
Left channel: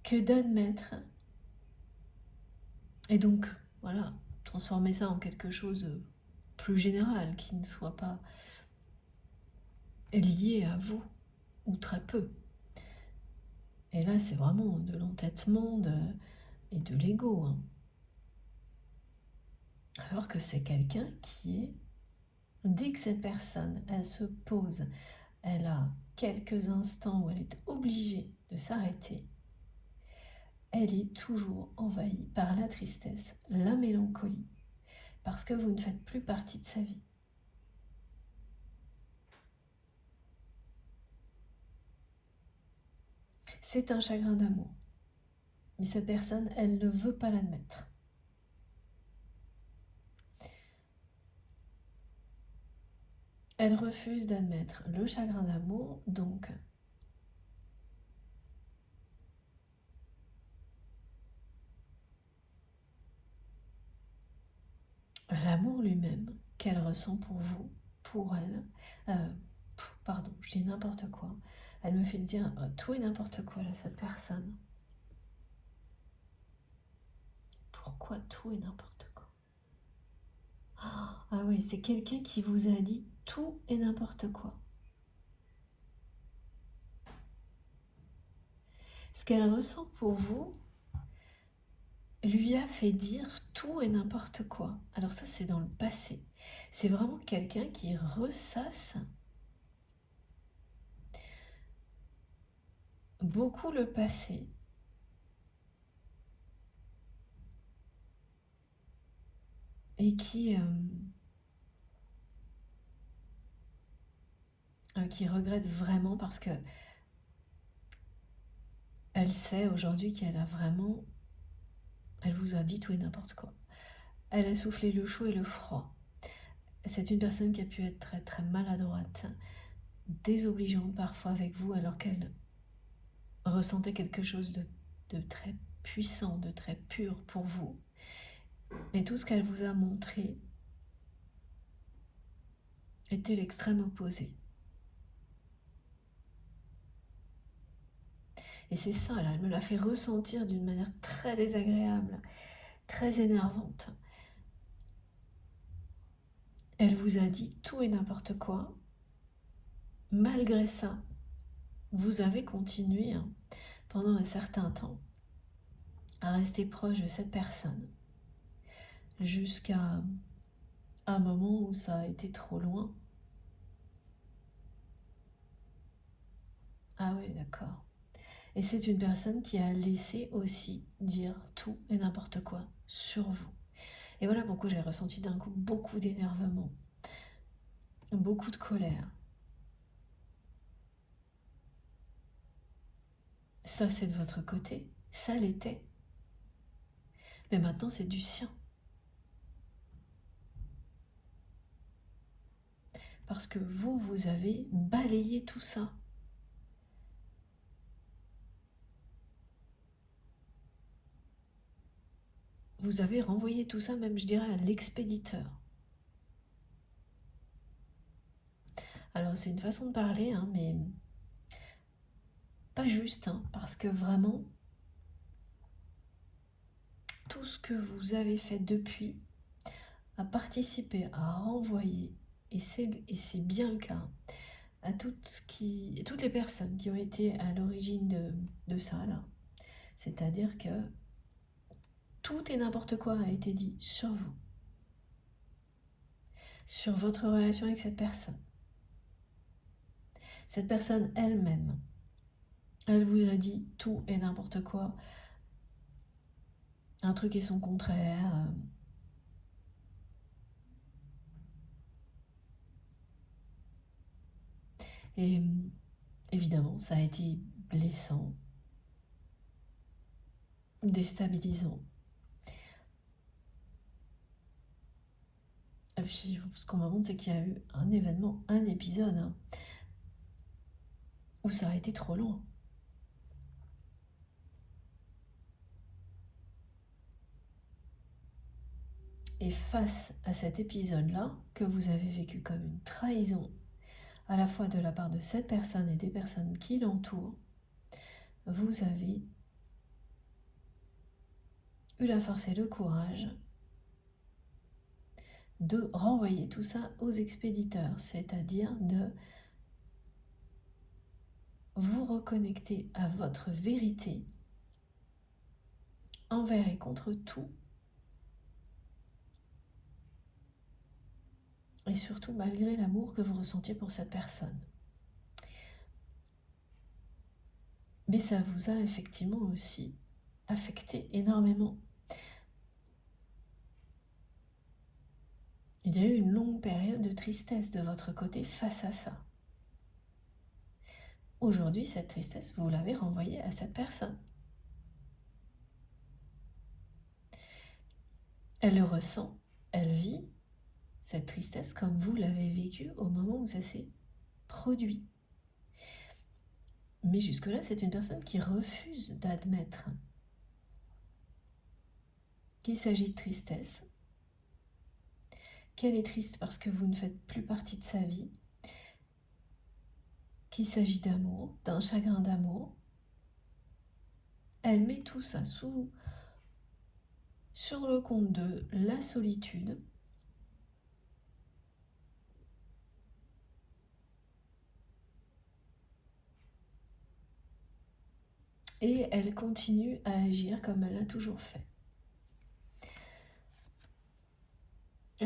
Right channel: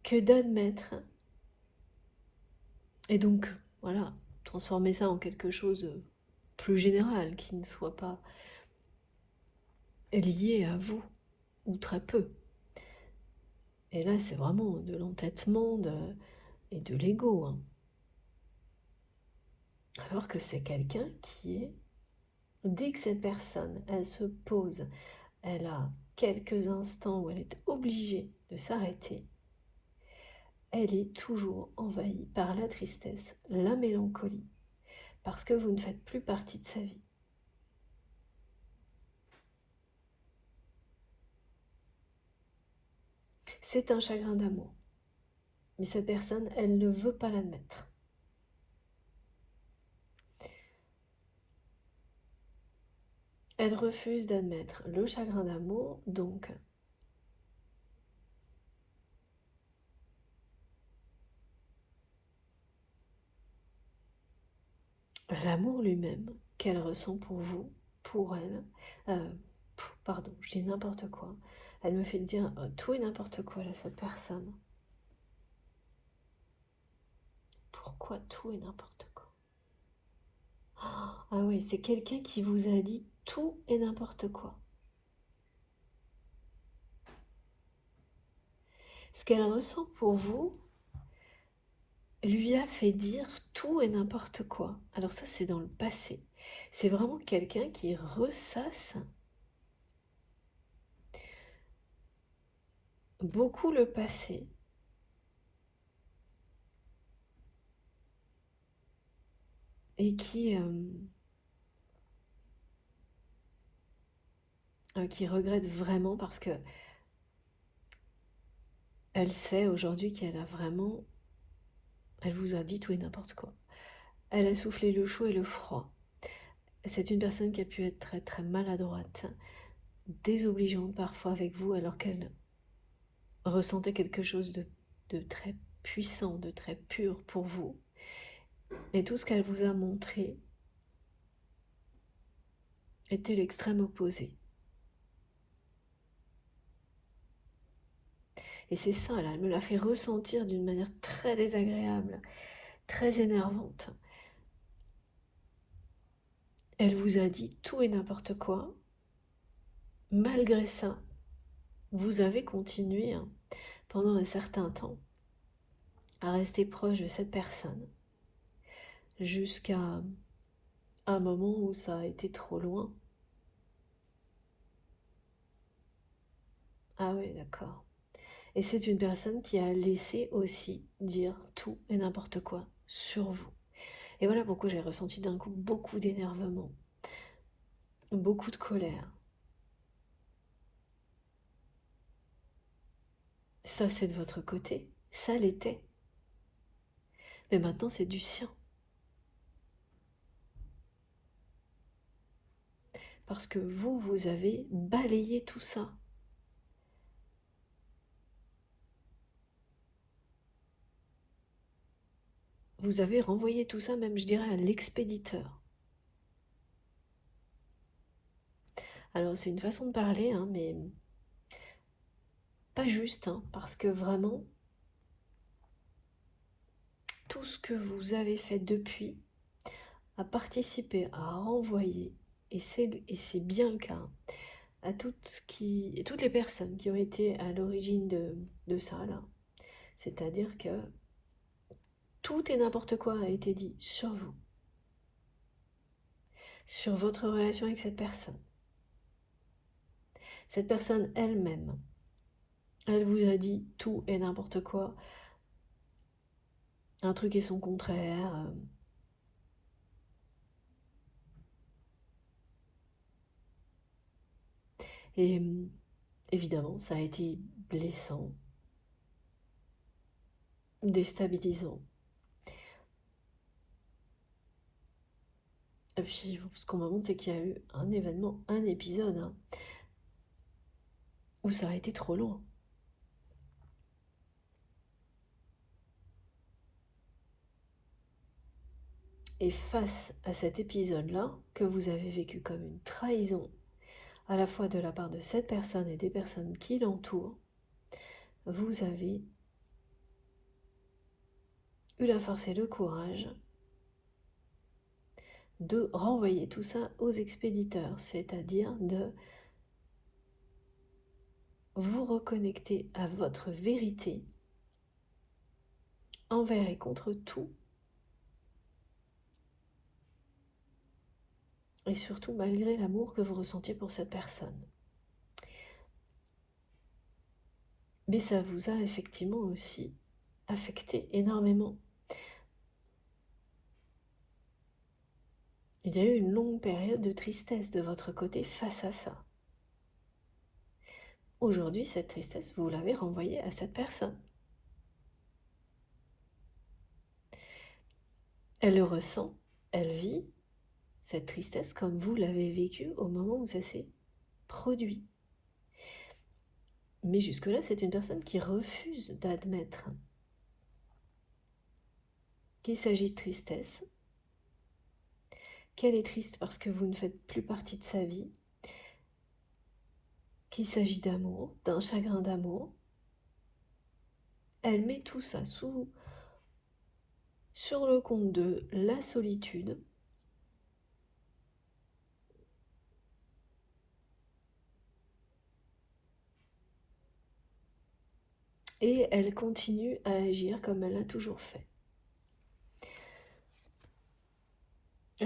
que d'admettre. Et donc, voilà, transformer ça en quelque chose de plus général, qui ne soit pas lié à vous, ou très peu. Et là, c'est vraiment de l'entêtement et de l'ego. Hein. Alors que c'est quelqu'un qui est... Dès que cette personne, elle se pose, elle a quelques instants où elle est obligée de s'arrêter, elle est toujours envahie par la tristesse, la mélancolie, parce que vous ne faites plus partie de sa vie. C'est un chagrin d'amour. Mais cette personne, elle ne veut pas l'admettre. Elle refuse d'admettre le chagrin d'amour, donc l'amour lui-même qu'elle ressent pour vous, pour elle, pardon, je dis n'importe quoi. Elle me fait dire tout et n'importe quoi là, cette personne. Pourquoi tout et n'importe quoi? Ah oui, c'est quelqu'un qui vous a dit tout et n'importe quoi. Ce qu'elle ressent pour vous lui a fait dire tout et n'importe quoi. Alors ça, c'est dans le passé. C'est vraiment quelqu'un qui ressasse beaucoup le passé. Et qui regrette vraiment parce que elle sait aujourd'hui qu'elle a vraiment... Elle vous a dit tout et n'importe quoi. Elle a soufflé le chaud et le froid. C'est une personne qui a pu être très très maladroite, désobligeante parfois avec vous alors qu'elle ressentait quelque chose de très puissant, de très pur pour vous. Et tout ce qu'elle vous a montré était l'extrême opposé. Et c'est ça, là, elle me l'a fait ressentir d'une manière très désagréable, très énervante. Elle vous a dit tout et n'importe quoi. malgré ça, vous avez continué pendant un certain temps à rester proche de cette personne jusqu'à un moment où ça a été trop loin. Ah oui, d'accord. Et c'est une personne qui a laissé aussi dire tout et n'importe quoi sur vous. Et voilà pourquoi j'ai ressenti d'un coup beaucoup d'énervement, beaucoup de colère. Ça, c'est de votre côté. Ça l'était. Mais maintenant, c'est du sien. Parce que vous, vous avez balayé tout ça. Vous avez renvoyé tout ça, même je dirais, à l'expéditeur. Alors, c'est une façon de parler, mais pas juste, parce que vraiment, tout ce que vous avez fait depuis a participé à renvoyer, et c'est bien le cas, à toutes les personnes qui ont été à l'origine de ça, là. C'est-à-dire que tout et n'importe quoi a été dit sur vous, sur votre relation avec cette personne. Cette personne elle-même, elle vous a dit tout et n'importe quoi, un truc et son contraire. Et évidemment, ça a été blessant, déstabilisant. Et puis, ce qu'on m'a montré, c'est qu'il y a eu un événement, un épisode, où ça a été trop loin. Et face à cet épisode-là, que vous avez vécu comme une trahison, à la fois de la part de cette personne et des personnes qui l'entourent, vous avez eu la force et le courage de renvoyer tout ça aux expéditeurs, c'est-à-dire de vous reconnecter à votre vérité envers et contre tout, et surtout malgré l'amour que vous ressentiez pour cette personne. Mais ça vous a effectivement aussi affecté énormément. Il y a eu une longue période de tristesse de votre côté face à ça. Aujourd'hui, cette tristesse, vous l'avez renvoyée à cette personne. Elle le ressent, elle vit cette tristesse comme vous l'avez vécue au moment où ça s'est produit. Mais jusque-là, c'est une personne qui refuse d'admettre qu'il s'agit de tristesse, qu'elle est triste parce que vous ne faites plus partie de sa vie, qu'il s'agit d'amour, d'un chagrin d'amour. Elle met tout ça sur le compte de la solitude. Et elle continue à agir comme elle l'a toujours fait.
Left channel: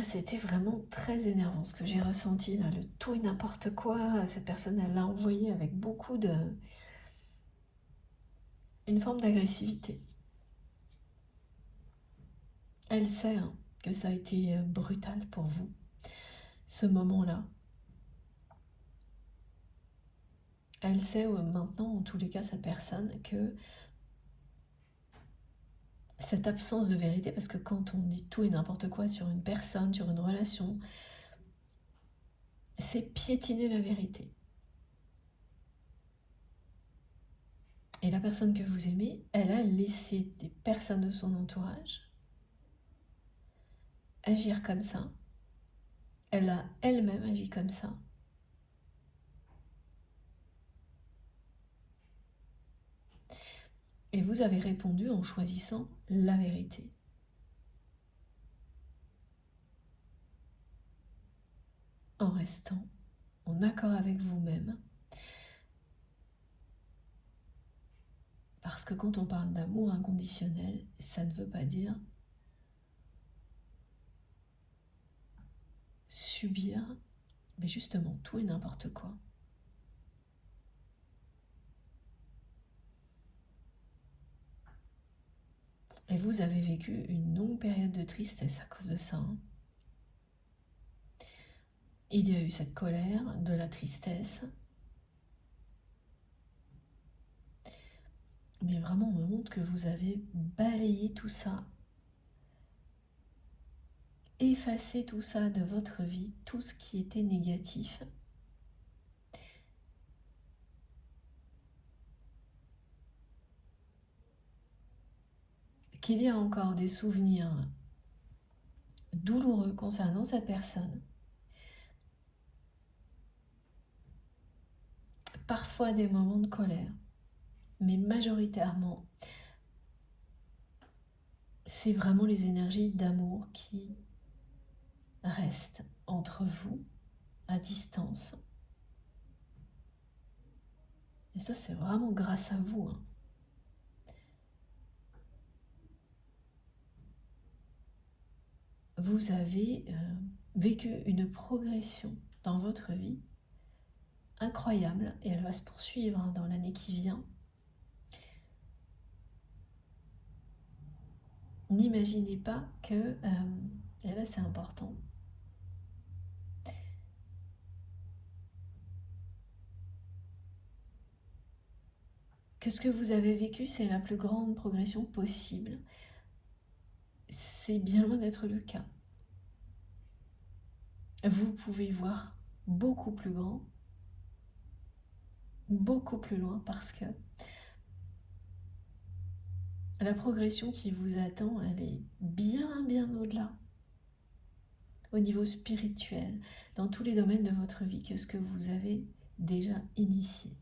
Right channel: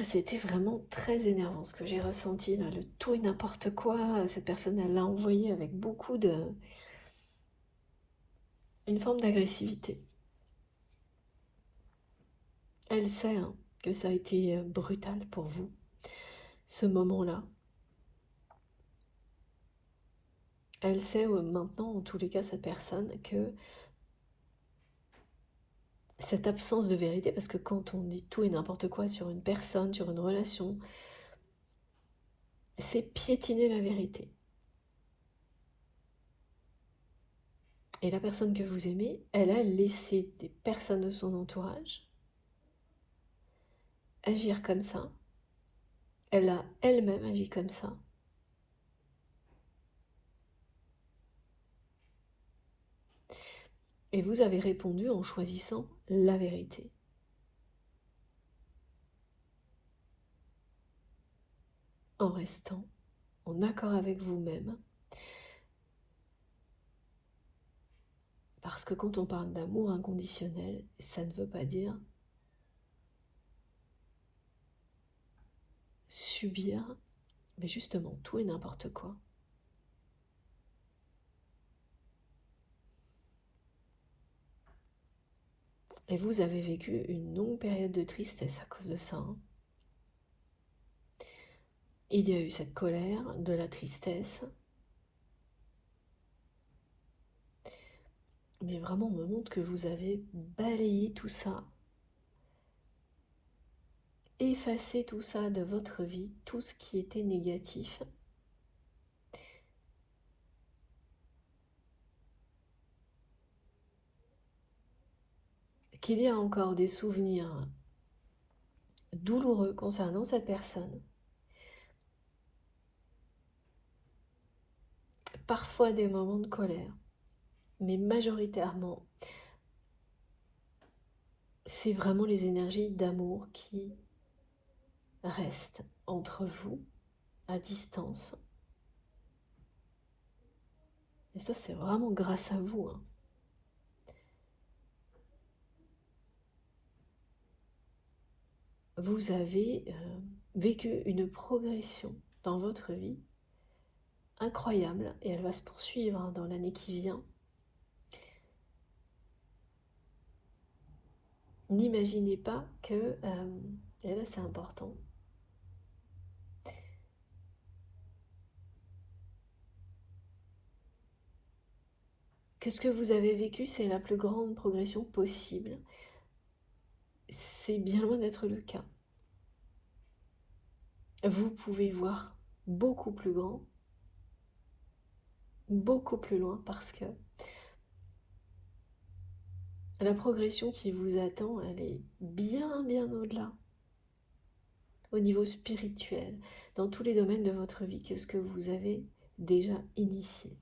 C'était vraiment très énervant ce que j'ai ressenti là, le tout et n'importe quoi. Cette personne, elle l'a envoyé avec beaucoup une forme d'agressivité. Elle sait que ça a été brutal pour vous, ce moment-là. Elle sait maintenant, en tous les cas, cette personne, que cette absence de vérité, parce que quand on dit tout et n'importe quoi sur une personne, sur une relation, c'est piétiner la vérité. Et la personne que vous aimez, elle a laissé des personnes de son entourage agir comme ça. Elle a elle-même agi comme ça. Et vous avez répondu en choisissant la vérité. En restant en accord avec vous-même. Parce que quand on parle d'amour inconditionnel, ça ne veut pas dire subir, mais justement tout et n'importe quoi. Et vous avez vécu une longue période de tristesse à cause de ça. Il y a eu cette colère, de la tristesse. Mais vraiment, on me montre que vous avez balayé tout ça, effacé tout ça de votre vie, tout ce qui était négatif. Qu'il y a encore des souvenirs douloureux concernant cette personne. Parfois des moments de colère, mais majoritairement, c'est vraiment les énergies d'amour qui restent entre vous, à distance. Et ça, c'est vraiment grâce à vous. Vous avez vécu une progression dans votre vie incroyable et elle va se poursuivre dans l'année qui vient. N'imaginez pas que, et là c'est important, que ce que vous avez vécu, c'est la plus grande progression possible. C'est bien loin d'être le cas. Vous pouvez voir beaucoup plus grand, beaucoup plus loin, parce que la progression qui vous attend, elle est bien, bien au-delà, au niveau spirituel, dans tous les domaines de votre vie, que ce que vous avez déjà initié.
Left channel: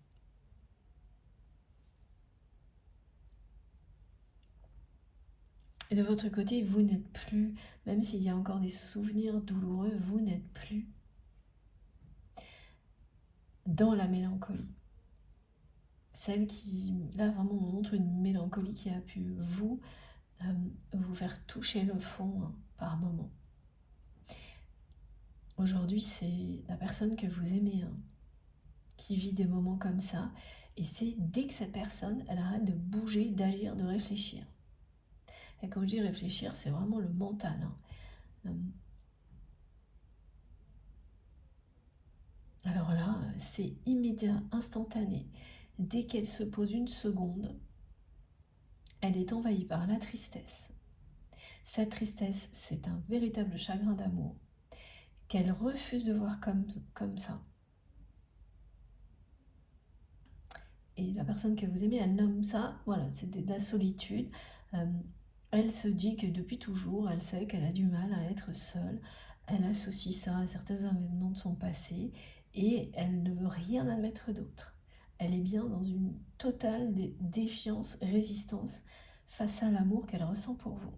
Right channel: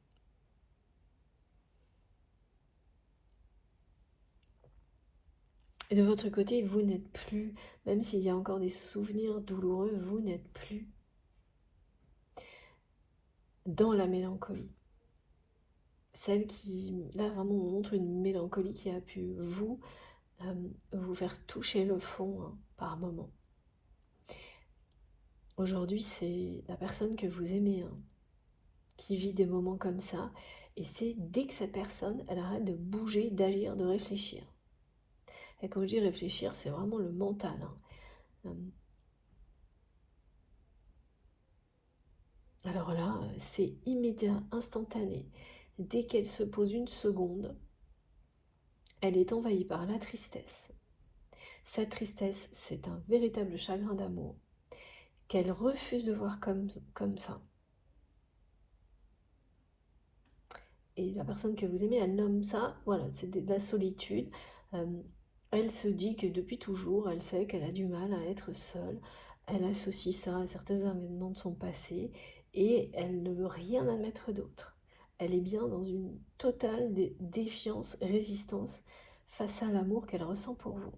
Et de votre côté, vous n'êtes plus, même s'il y a encore des souvenirs douloureux, vous n'êtes plus dans la mélancolie. Celle qui, là vraiment, on montre une mélancolie qui a pu vous faire toucher le fond par moment. Aujourd'hui, c'est la personne que vous aimez qui vit des moments comme ça. Et c'est dès que cette personne, elle arrête de bouger, d'agir, de réfléchir. Et quand je dis réfléchir, c'est vraiment le mental. Alors là, c'est immédiat, instantané. Dès qu'elle se pose une seconde, elle est envahie par la tristesse. Cette tristesse, c'est un véritable chagrin d'amour qu'elle refuse de voir comme ça. Et la personne que vous aimez, elle nomme ça, voilà, c'est de la solitude. Elle se dit que depuis toujours, elle sait qu'elle a du mal à être seule. Elle associe ça à certains événements de son passé et elle ne veut rien admettre d'autre. Elle est bien dans une totale défiance, résistance face à l'amour qu'elle ressent pour vous.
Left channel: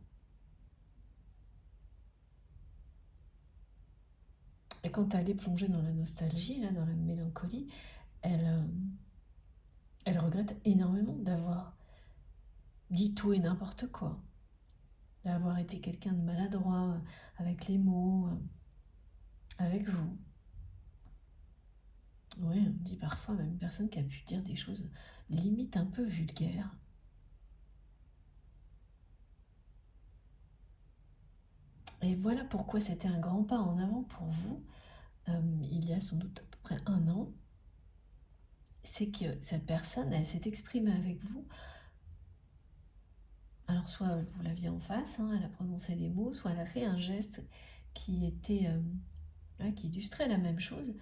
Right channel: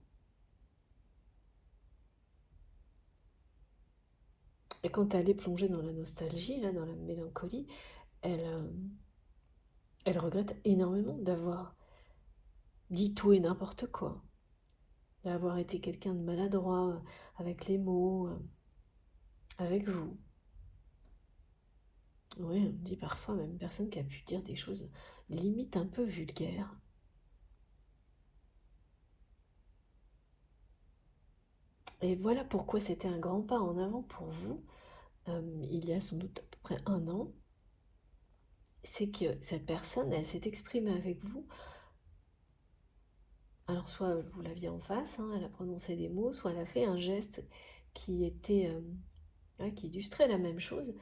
Et quand elle est plongée dans la nostalgie, là, dans la mélancolie, elle regrette énormément d'avoir dit tout et n'importe quoi, d'avoir été quelqu'un de maladroit avec les mots, avec vous. Oui, on dit parfois même personne qui a pu dire des choses limite un peu vulgaires. Et voilà pourquoi c'était un grand pas en avant pour vous, il y a sans doute à peu près 1 an. C'est que cette personne, elle s'est exprimée avec vous. Alors soit vous l'aviez en face, elle a prononcé des mots, soit elle a fait un geste qui était, qui illustrait la même chose.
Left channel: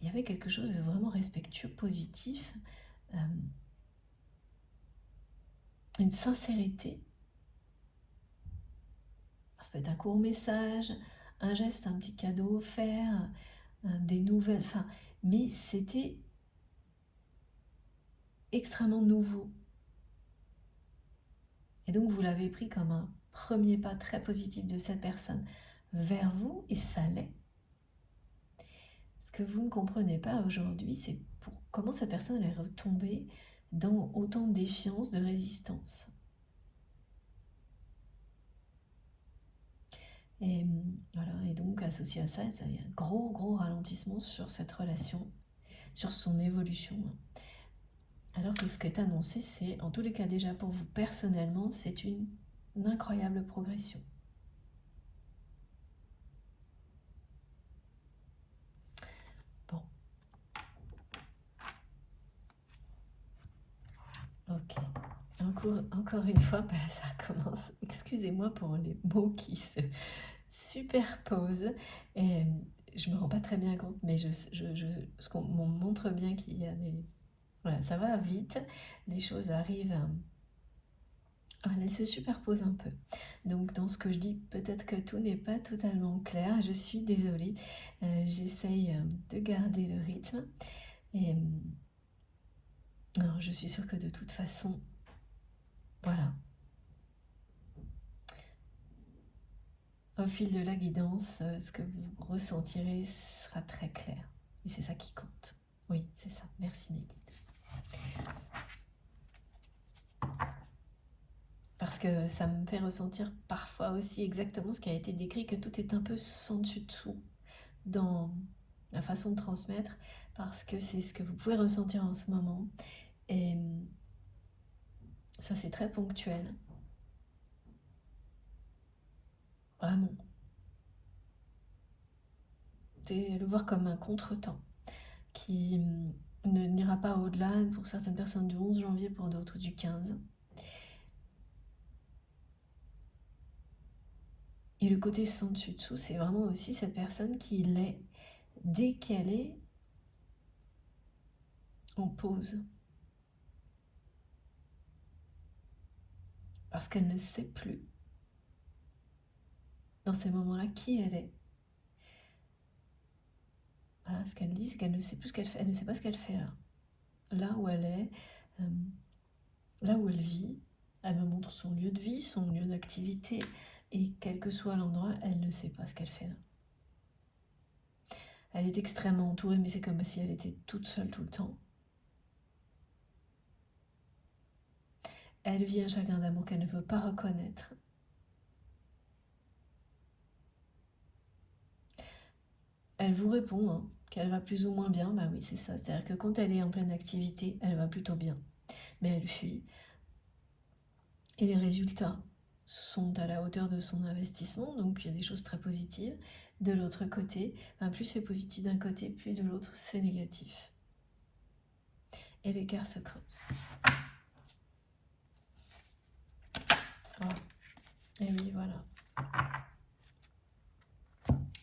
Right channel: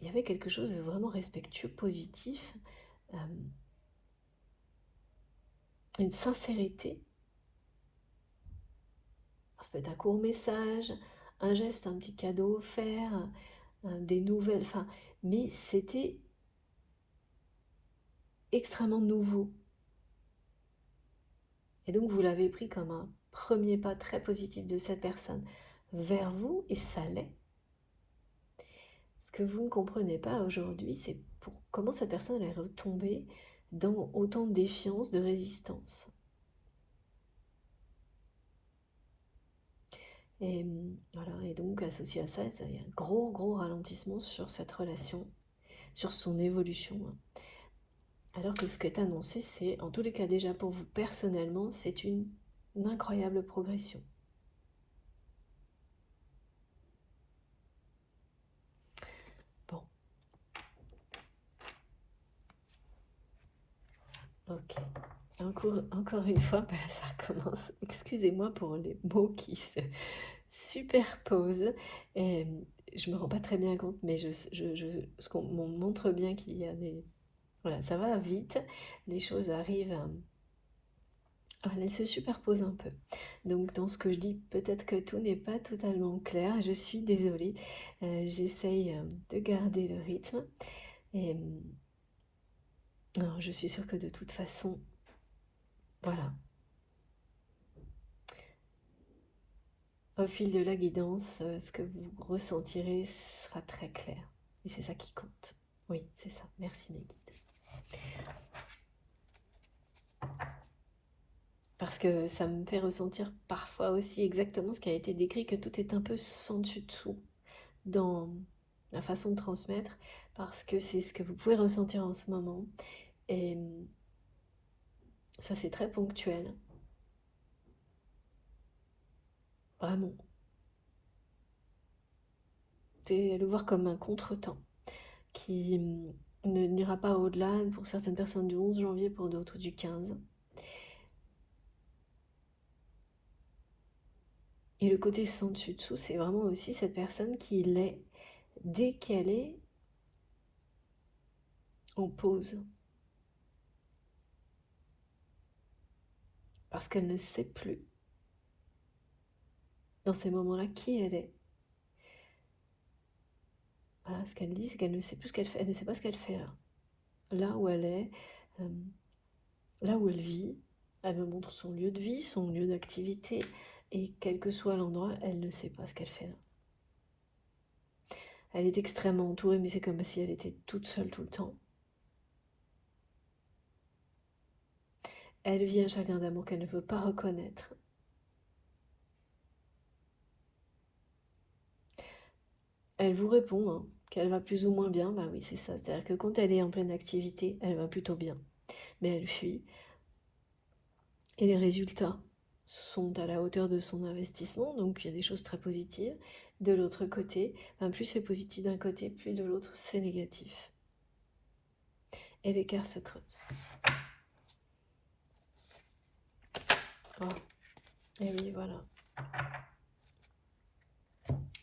Il y avait quelque chose de vraiment respectueux, positif, une sincérité. Ça peut être un court message, un geste, un petit cadeau offert, des nouvelles, enfin, mais c'était extrêmement nouveau. Et donc vous l'avez pris comme un premier pas très positif de cette personne vers vous, et ça l'est. Parce que vous ne comprenez pas aujourd'hui, c'est comment cette personne est retombée dans autant de défiance, de résistance. Et voilà, et donc associé à ça, il y a un gros ralentissement sur cette relation, sur son évolution. Alors que ce qui est annoncé, c'est, en tous les cas déjà pour vous personnellement, c'est une incroyable progression. Bon, ok. Encore une fois, ben là, ça recommence. Excusez-moi pour les mots qui se superposent. Et je me rends pas très bien compte, mais ce qu'on m'on montre bien qu'il y a des... Voilà, ça va vite, les choses arrivent... elles se superposent un peu. Donc dans ce que je dis, peut-être que tout n'est pas totalement clair. Je suis désolée. J'essaye de garder le rythme. Et alors, je suis sûre que de toute façon, voilà, au fil de la guidance, ce que vous ressentirez sera très clair. Et c'est ça qui compte. Oui, c'est ça. Merci mes guides. Parce que ça me fait ressentir parfois aussi exactement ce qui a été décrit, que tout est un peu sans dessus-dessous dans la façon de transmettre, parce que c'est ce que vous pouvez ressentir en ce moment. Et ça, c'est très ponctuel. Vraiment. C'est le voir comme un contretemps qui ne n'ira pas au-delà, pour certaines personnes du 11 janvier, pour d'autres du 15. Et le côté sans dessus-dessous, c'est vraiment aussi cette personne qui l'est dès qu'elle est en pause. Parce qu'elle ne sait plus, dans ces moments-là, qui elle est. Voilà, ce qu'elle dit, c'est qu'elle ne sait plus ce qu'elle fait. Elle ne sait pas ce qu'elle fait là. Là où elle est, euh, là où elle vit. Elle me montre son lieu de vie, son lieu d'activité. Et quel que soit l'endroit, elle ne sait pas ce qu'elle fait là. Elle est extrêmement entourée, mais c'est comme si elle était toute seule tout le temps. Elle vit un chagrin d'amour qu'elle ne veut pas reconnaître. Elle vous répond hein, qu'elle va plus ou moins bien. Bah oui, c'est ça. C'est-à-dire que quand elle est en pleine activité, elle va plutôt bien. Mais elle fuit. Et les résultats sont à la hauteur de son investissement. Donc il y a des choses très positives. De l'autre côté, plus c'est positif d'un côté, plus de l'autre c'est négatif. Et l'écart se creuse. Voilà. Et oui, voilà.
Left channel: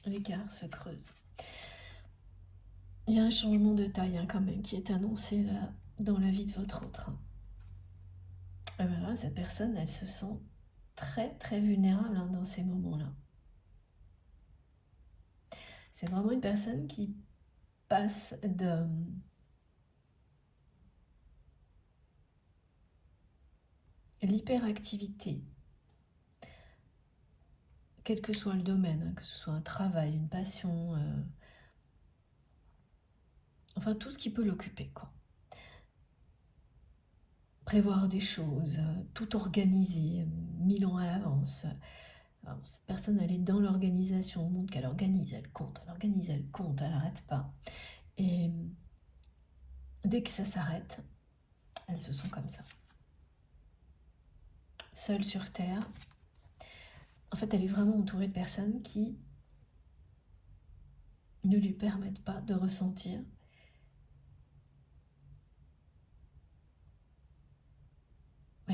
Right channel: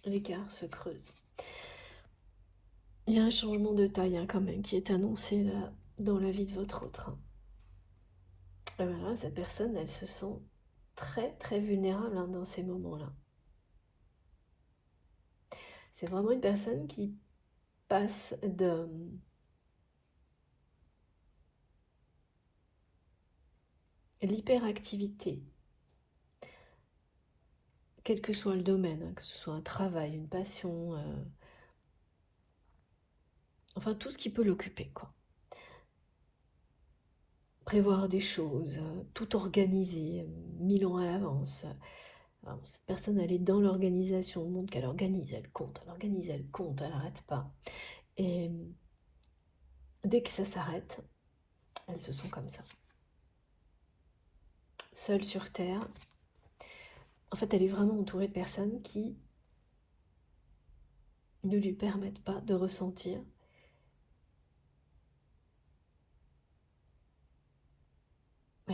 L'écart se creuse. Il y a un changement de taille hein, quand même qui est annoncé là dans la vie de votre autre. Et voilà, cette personne, elle se sent très vulnérable hein, dans ces moments-là. C'est vraiment une personne qui passe de l'hyperactivité, quel que soit le domaine, hein, que ce soit un travail, une passion, enfin tout ce qui peut l'occuper, quoi. Prévoir des choses, tout organiser, 1000 ans à l'avance. Alors, cette personne, elle est dans l'organisation, on montre qu'elle organise, elle compte, elle n'arrête pas. Et dès que ça s'arrête, elle se sent comme ça. Seule sur Terre. En fait, elle est vraiment entourée de personnes qui ne lui permettent pas de ressentir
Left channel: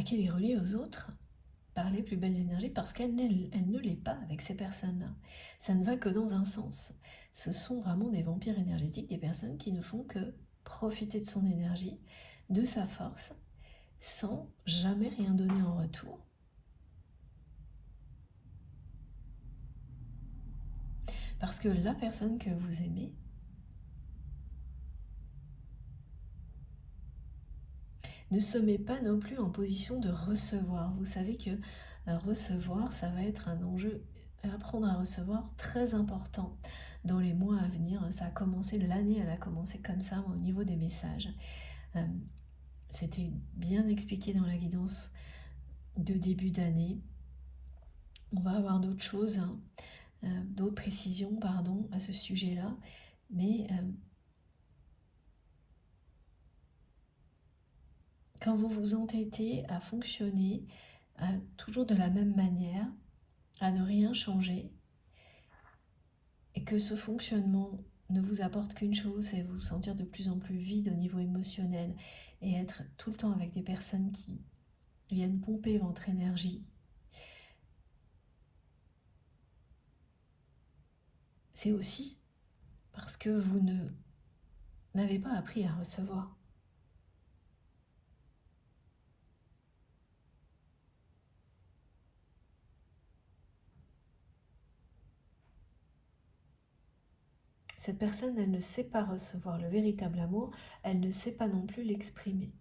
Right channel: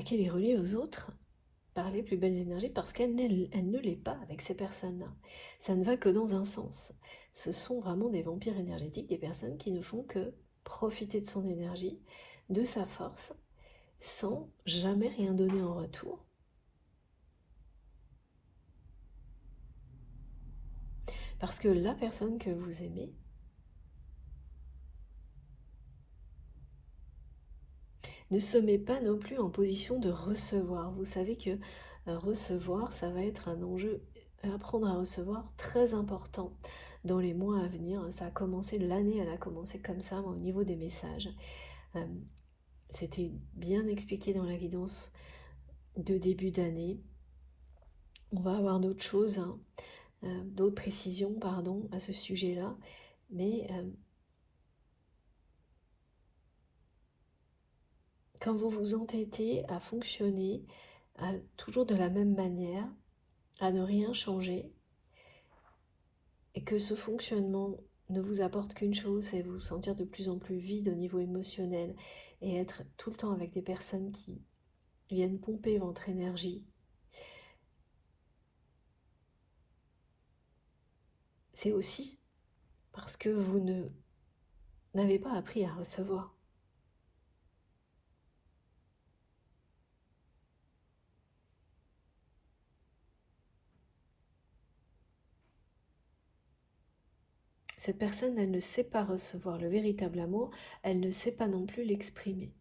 qu'elle est reliée aux autres par les plus belles énergies parce qu'elle ne l'est pas avec ces personnes-là. Ça ne va que dans un sens. Ce sont vraiment des vampires énergétiques, des personnes qui ne font que profiter de son énergie, de sa force, sans jamais rien donner en retour. Parce que la personne que vous aimez ne se met pas non plus en position de recevoir. Vous savez que recevoir, ça va être un enjeu, apprendre à recevoir très important dans les mois à venir. Ça a commencé, l'année elle a commencé comme ça au niveau des messages. Euh, C'était bien expliqué dans la guidance de début d'année. On va avoir d'autres choses, hein, d'autres précisions, pardon, à ce sujet-là. Mais quand vous vous entêtez à fonctionner toujours de la même manière, à ne rien changer, et que ce fonctionnement ne vous apporte qu'une chose, c'est vous sentir de plus en plus vide au niveau émotionnel et être tout le temps avec des personnes qui viennent pomper votre énergie, c'est aussi parce que vous n'avez pas appris à recevoir. Cette personne, elle ne sait pas recevoir le véritable amour, elle ne sait pas non plus l'exprimer.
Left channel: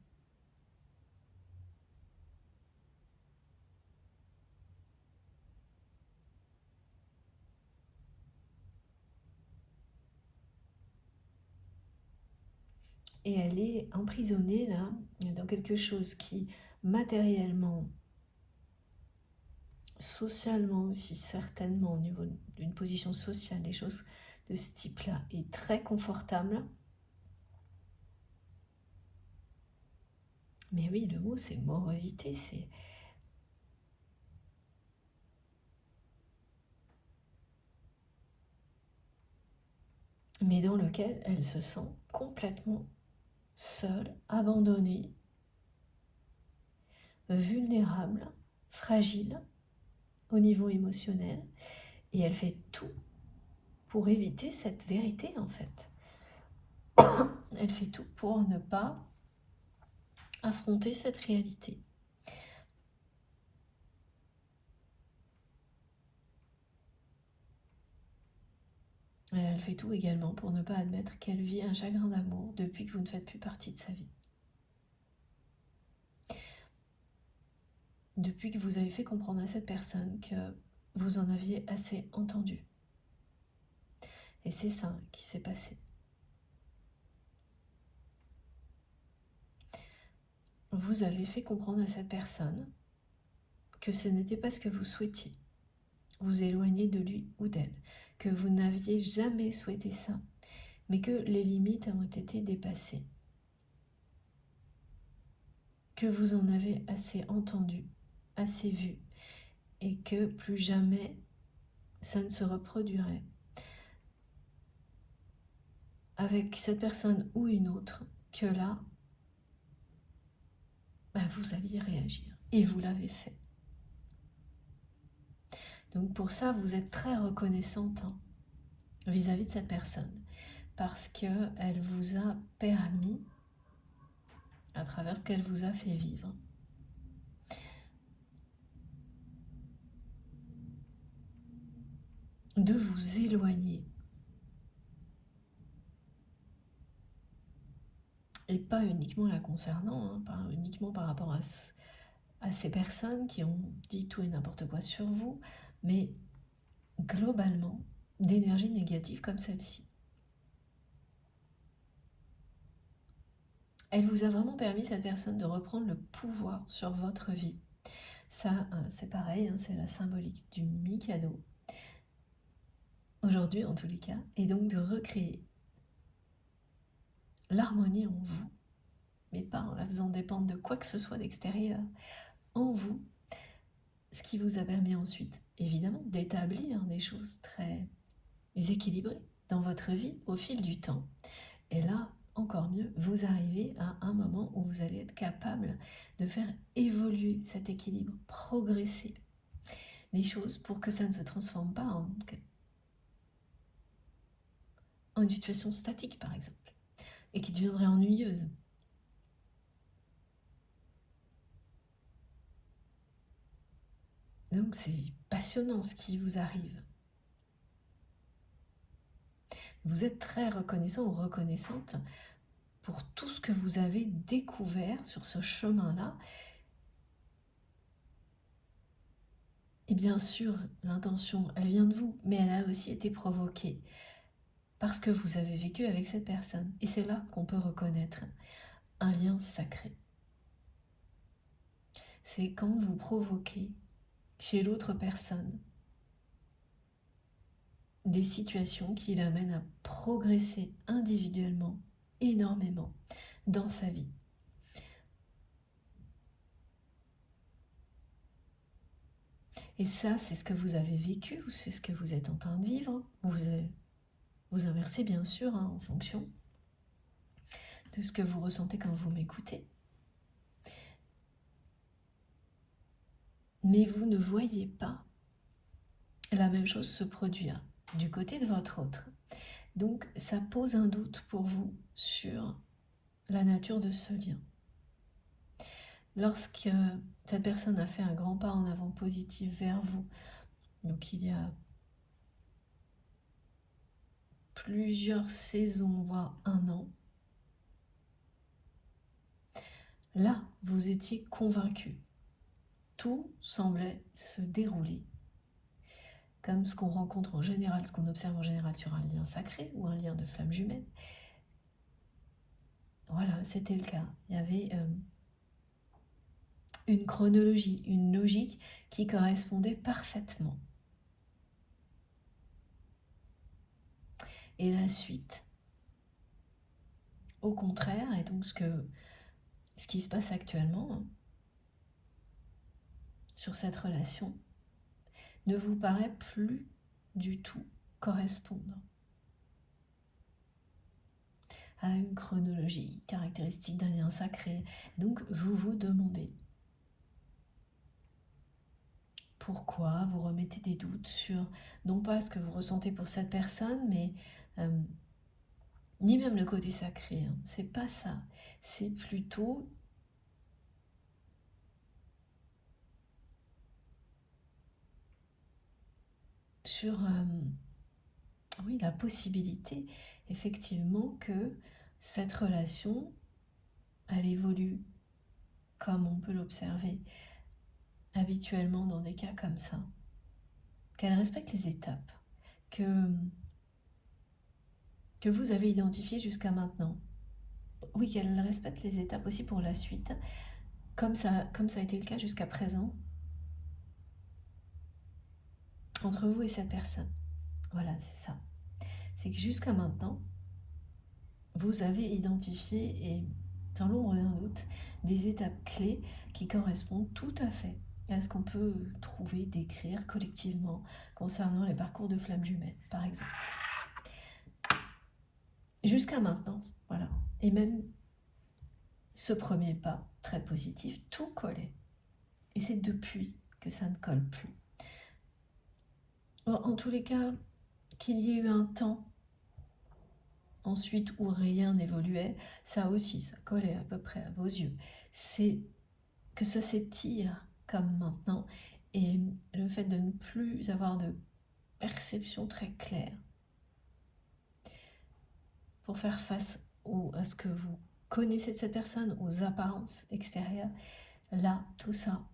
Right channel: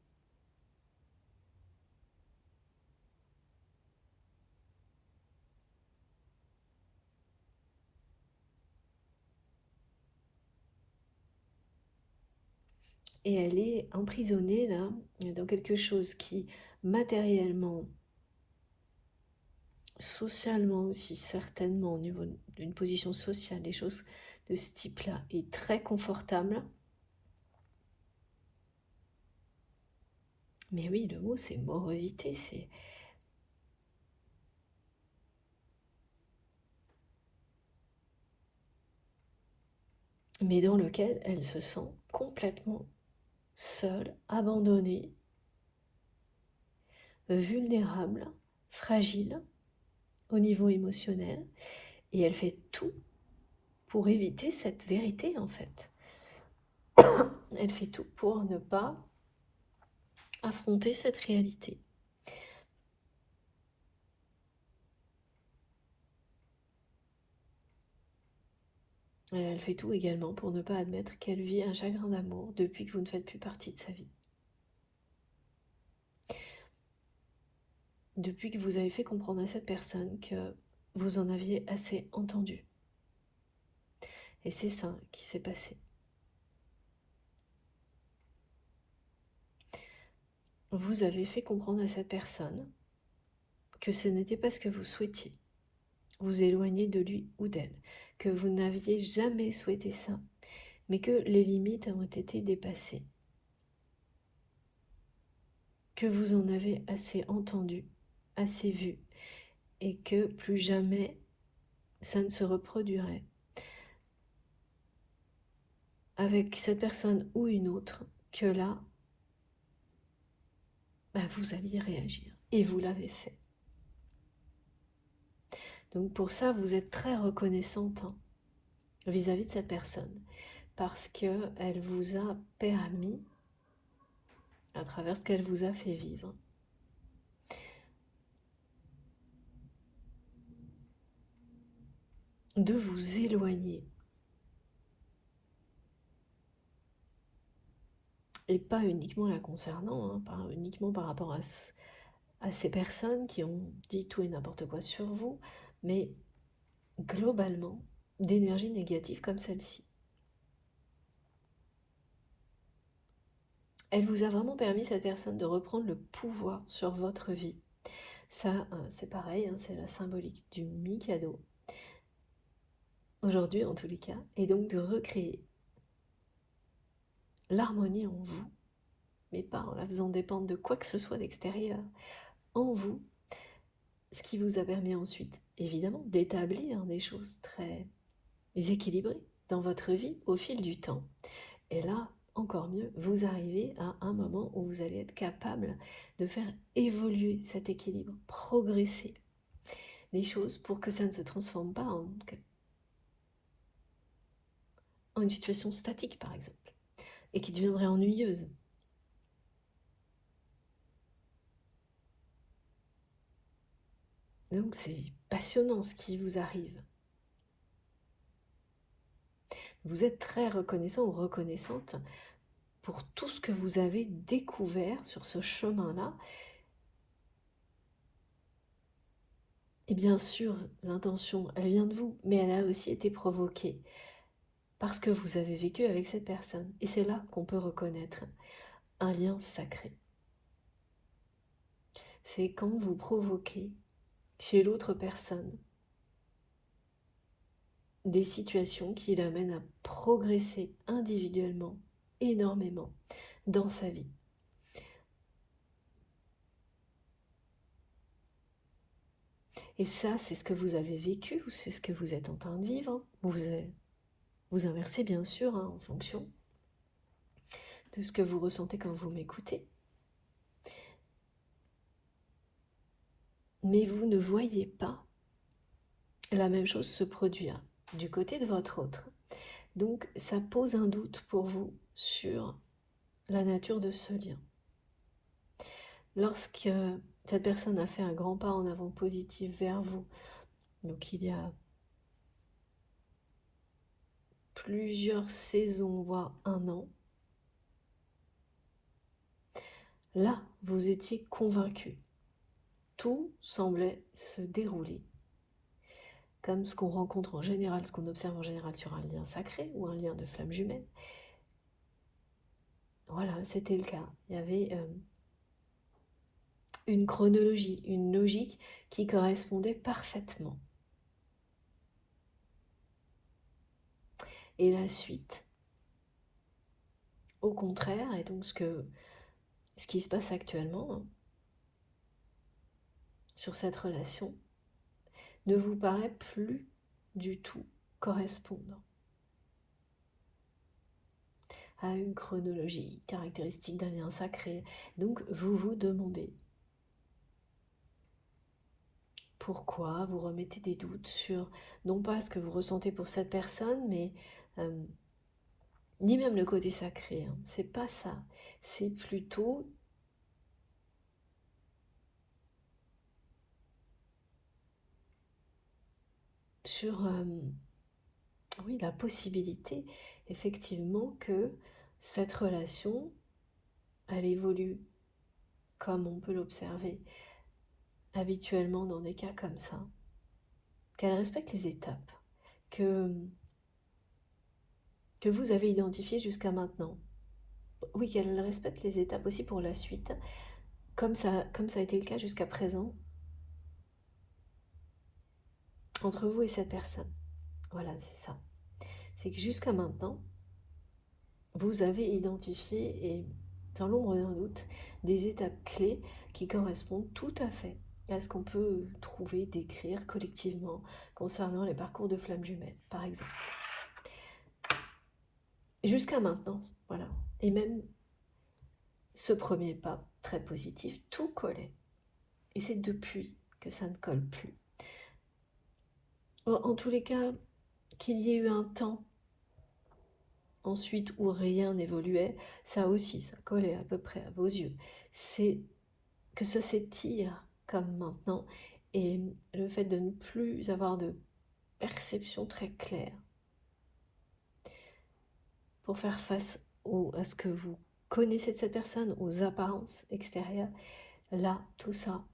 Et elle est emprisonnée là, dans quelque chose qui, matériellement, socialement aussi, certainement, au niveau d'une position sociale, des choses de ce type-là, est très confortable. Mais oui, le mot, c'est morosité, c'est... mais dans lequel elle se sent complètement seule, abandonnée, vulnérable, fragile au niveau émotionnel, et elle fait tout pour éviter cette vérité en fait. Elle fait tout pour ne pas affronter cette réalité. Et elle fait tout également pour ne pas admettre qu'elle vit un chagrin d'amour depuis que vous ne faites plus partie de sa vie. Depuis que vous avez fait comprendre à cette personne que vous en aviez assez entendu. Et c'est ça qui s'est passé. Vous avez fait comprendre à cette personne que ce n'était pas ce que vous souhaitiez, vous éloigner de lui ou d'elle, que vous n'aviez jamais souhaité ça, mais que les limites ont été dépassées, que vous en avez assez entendu, assez vu, et que plus jamais ça ne se reproduirait avec cette personne ou une autre, que là, vous alliez réagir. Et vous l'avez fait. Donc pour ça, vous êtes très reconnaissante vis-à-vis de cette personne, parce qu'elle vous a permis, à travers ce qu'elle vous a fait vivre, de vous éloigner. Et pas uniquement la concernant, pas uniquement par rapport à ces personnes qui ont dit tout et n'importe quoi sur vous, mais globalement, d'énergie négative comme celle-ci. Elle vous a vraiment permis, cette personne, de reprendre le pouvoir sur votre vie. Ça, c'est pareil, c'est la symbolique du Mikado, aujourd'hui en tous les cas, et donc de recréer l'harmonie en vous, mais pas en la faisant dépendre de quoi que ce soit d'extérieur, en vous, ce qui vous a permis ensuite, évidemment, d'établir des choses très équilibrées dans votre vie au fil du temps. Et là, encore mieux, vous arrivez à un moment où vous allez être capable de faire évoluer cet équilibre, progresser les choses pour que ça ne se transforme pas en une situation statique, par exemple, et qui deviendrait ennuyeuse. Donc c'est passionnant ce qui vous arrive. Vous êtes très reconnaissant ou reconnaissante pour tout ce que vous avez découvert sur ce chemin-là. Et bien sûr, l'intention, elle vient de vous, mais elle a aussi été provoquée parce que vous avez vécu avec cette personne. Et c'est là qu'on peut reconnaître un lien sacré. C'est quand vous provoquez chez l'autre personne des situations qui l'amènent à progresser individuellement, énormément, dans sa vie. Et ça, c'est ce que vous avez vécu, ou c'est ce que vous êtes en train de vivre. Vous inversez bien sûr en fonction de ce que vous ressentez quand vous m'écoutez. Mais vous ne voyez pas la même chose se produire du côté de votre autre. Donc ça pose un doute pour vous sur la nature de ce lien. Lorsque cette personne a fait un grand pas en avant positif vers vous, donc il y a plusieurs saisons, voire un an, là, vous étiez convaincu. Tout semblait se dérouler comme ce qu'on rencontre en général, ce qu'on observe en général sur un lien sacré ou un lien de flamme jumelle. Voilà, c'était le cas. Il y avait une chronologie, une logique qui correspondait parfaitement. Et la suite, au contraire, et donc ce qui se passe actuellement sur cette relation, ne vous paraît plus du tout correspondre à une chronologie caractéristique d'un lien sacré. Donc vous vous demandez pourquoi, vous remettez des doutes sur non pas ce que vous ressentez pour cette personne, mais ni même le côté sacré, hein. C'est pas ça. C'est plutôt sur oui, la possibilité effectivement que cette relation, elle évolue comme on peut l'observer habituellement dans des cas comme ça, qu'elle respecte les étapes que vous avez identifiées jusqu'à maintenant. Oui, qu'elle respecte les étapes aussi pour la suite, comme ça a été le cas jusqu'à présent, entre vous et cette personne. Voilà, c'est ça. C'est que jusqu'à maintenant, vous avez identifié, et sans l'ombre d'un doute, des étapes clés qui correspondent tout à fait à ce qu'on peut trouver, décrire collectivement concernant les parcours de flammes jumelles, par exemple. Jusqu'à maintenant, voilà. Et même ce premier pas, très positif, tout collait. Et c'est depuis que ça ne colle plus. En tous les cas, qu'il y ait eu un temps ensuite où rien n'évoluait, ça aussi, ça collait à peu près à vos yeux. C'est que ça s'étire comme maintenant, et le fait de ne plus avoir de perception très claire pour faire face à ce que vous connaissez de cette personne, aux apparences extérieures, là, tout ça,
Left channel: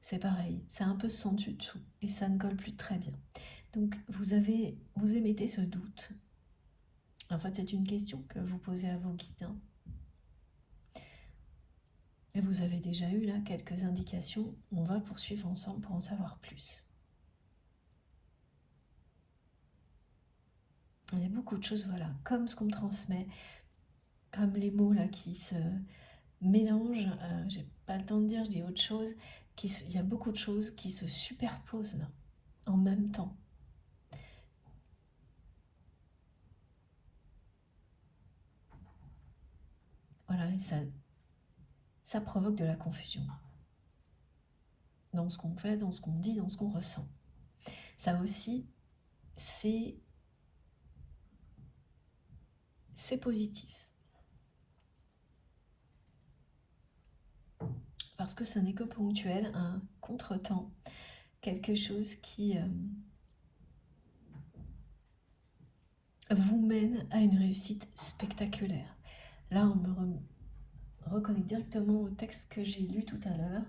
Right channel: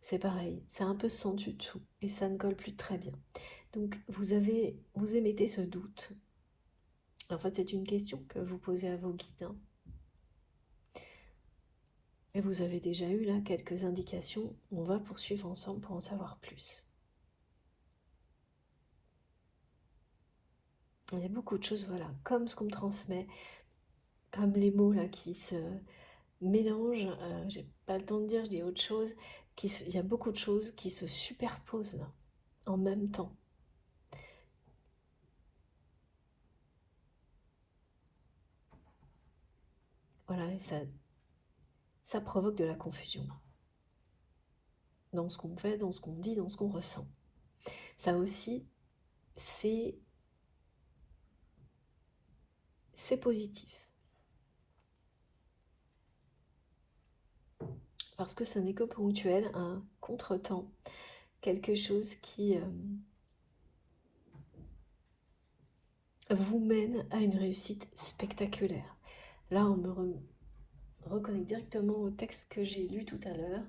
c'est pareil, c'est un peu sans dessous et ça ne colle plus très bien. Donc vous émettez ce doute. En fait, c'est une question que vous posez à vos guides, hein. Et vous avez déjà eu là quelques indications. On va poursuivre ensemble pour en savoir plus. Il y a beaucoup de choses, voilà, comme ce qu'on me transmet, comme les mots là qui se mélangent. J'ai pas le temps de dire, je dis autre chose. Il y a beaucoup de choses qui se superposent là, en même temps. Voilà, et ça provoque de la confusion dans ce qu'on fait, dans ce qu'on dit, dans ce qu'on ressent. Ça aussi, c'est positif. Parce que ce n'est que ponctuel, un contretemps, quelque chose qui vous mène à une réussite spectaculaire. Là, on me reconnecte directement au texte que j'ai lu tout à l'heure,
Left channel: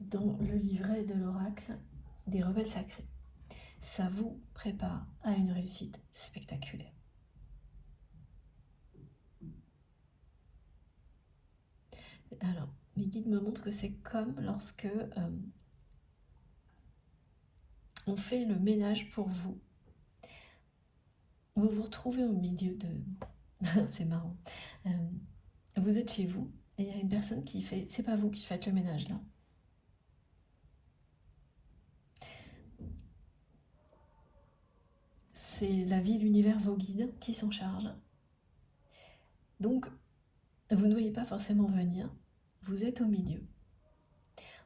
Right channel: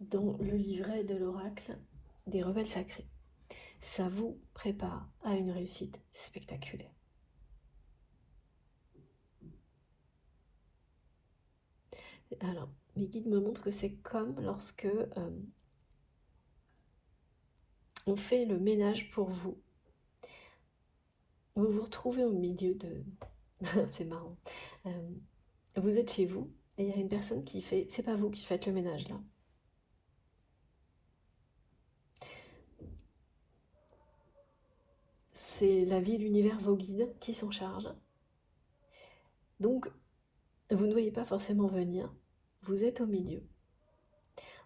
dans le livret de l'oracle des rebelles sacrés. Ça vous prépare à une réussite spectaculaire. Alors, mes guides me montrent que c'est comme lorsque on fait le ménage pour vous. Vous vous retrouvez au milieu de... c'est marrant. Euh, vous êtes chez vous et il y a une personne qui fait... C'est pas vous qui faites le ménage là. C'est la vie, l'univers, vos guides qui s'en chargent. Donc, vous ne voyez pas forcément venir. Vous êtes au milieu.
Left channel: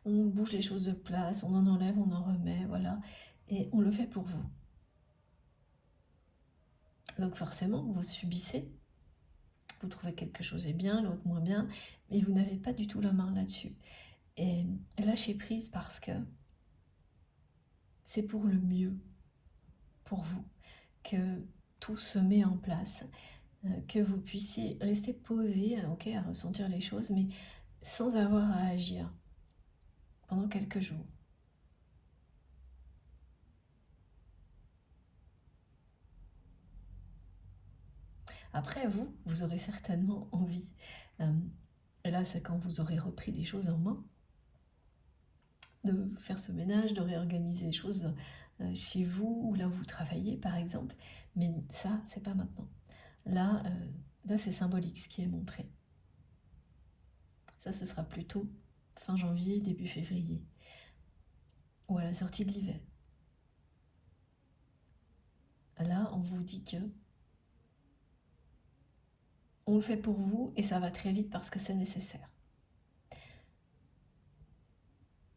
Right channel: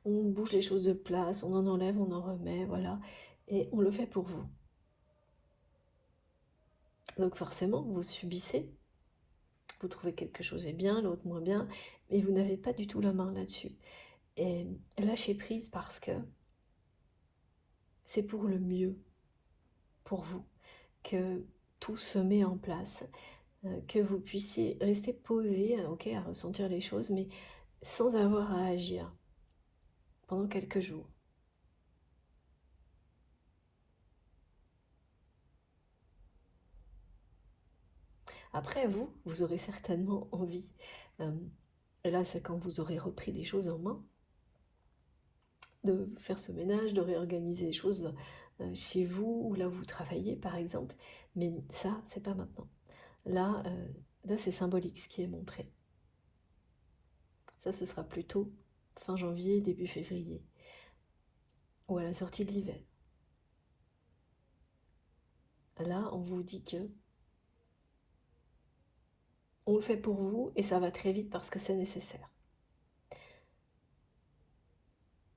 On bouge les choses de place, on en enlève, on en remet, voilà. Et on le fait pour vous. Donc forcément, vous subissez. Vous trouvez quelque chose est bien, l'autre moins bien, mais vous n'avez pas du tout la main là-dessus. Et lâchez prise parce que c'est pour le mieux, pour vous, que tout se met en place, que vous puissiez rester posé, ok, à ressentir les choses, mais sans avoir à agir pendant quelques jours. Après, vous aurez certainement envie, et là c'est quand vous aurez repris les choses en main, de faire ce ménage, de réorganiser les choses chez vous ou là où vous travaillez par exemple, mais ça, c'est pas maintenant. Là, là c'est symbolique ce qui est montré. Ça, ce sera plutôt fin janvier, début février, ou à la sortie de l'hiver. Là, on vous dit que on le fait pour vous et ça va très vite parce que c'est nécessaire.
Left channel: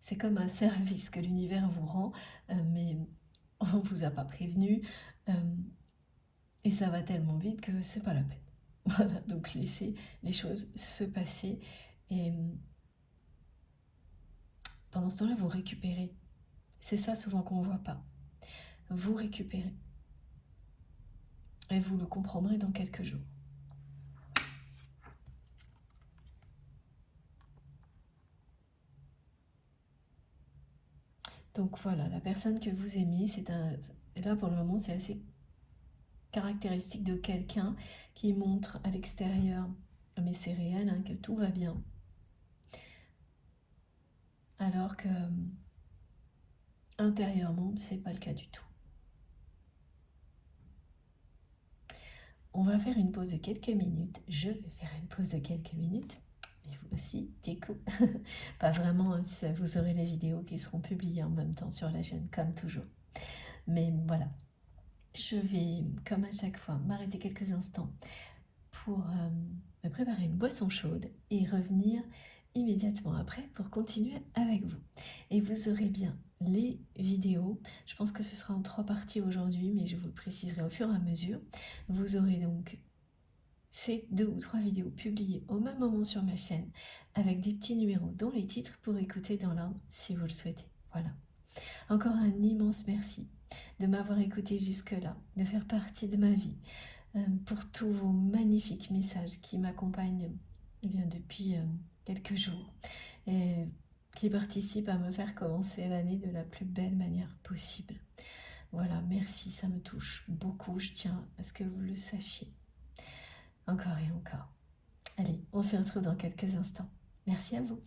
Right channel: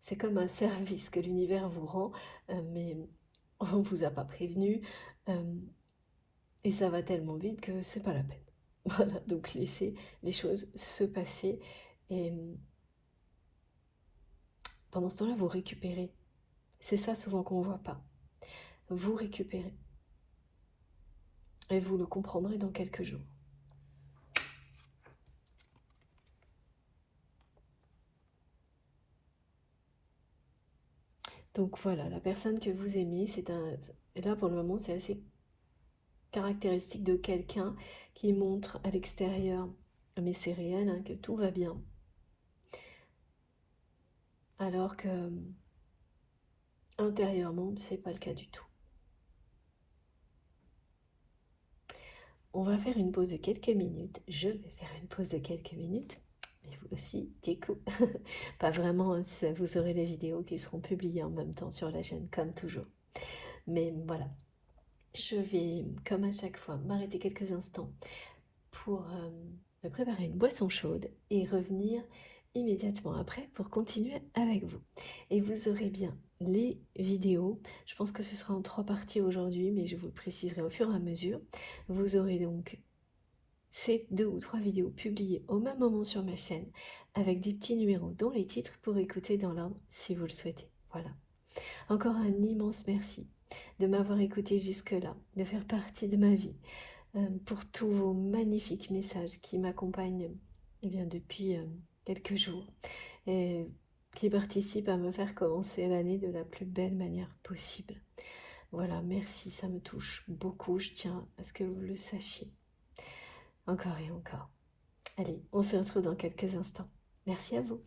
C'est comme un service que l'univers vous rend, mais on ne vous a pas prévenu, et ça va tellement vite que c'est pas la peine. Voilà, donc laissez les choses se passer et pendant ce temps-là, vous récupérez. C'est ça souvent qu'on ne voit pas. Vous récupérez. Et vous le comprendrez dans quelques jours. Donc voilà, la personne que vous aimez, c'est un... Là, pour le moment, c'est assez caractéristique de quelqu'un qui montre à l'extérieur, mais c'est réel, hein, que tout va bien. Alors que intérieurement, c'est pas le cas du tout. On va faire une pause de quelques minutes. Je vais faire une pause de quelques minutes. Et vous aussi, du coup. Pas vraiment, hein, vous aurez les vidéos qui seront publiées en même temps sur la chaîne, comme toujours. Mais voilà, je vais, comme à chaque fois, m'arrêter quelques instants pour me préparer une boisson chaude et revenir immédiatement après pour continuer avec vous. Et vous aurez bien les vidéos. Je pense que ce sera en 3 parties aujourd'hui, mais je vous le préciserai au fur et à mesure. Vous aurez donc ces 2 ou 3 vidéos publiées au même moment sur ma chaîne avec des petits numéros dont les titres pour écouter dans l'ordre si vous le souhaitez. Voilà. Encore un immense merci de m'avoir écouté jusque-là, de faire partie de ma vie, pour tous vos magnifiques messages qui m'accompagnent depuis quelques jours et qui participent à me faire commencer l'année de la plus belle manière possible. Voilà, merci, ça me touche beaucoup, je tiens à ce que vous le sachiez. Encore et encore. Allez, on se retrouve dans quelques instants. Merci à vous.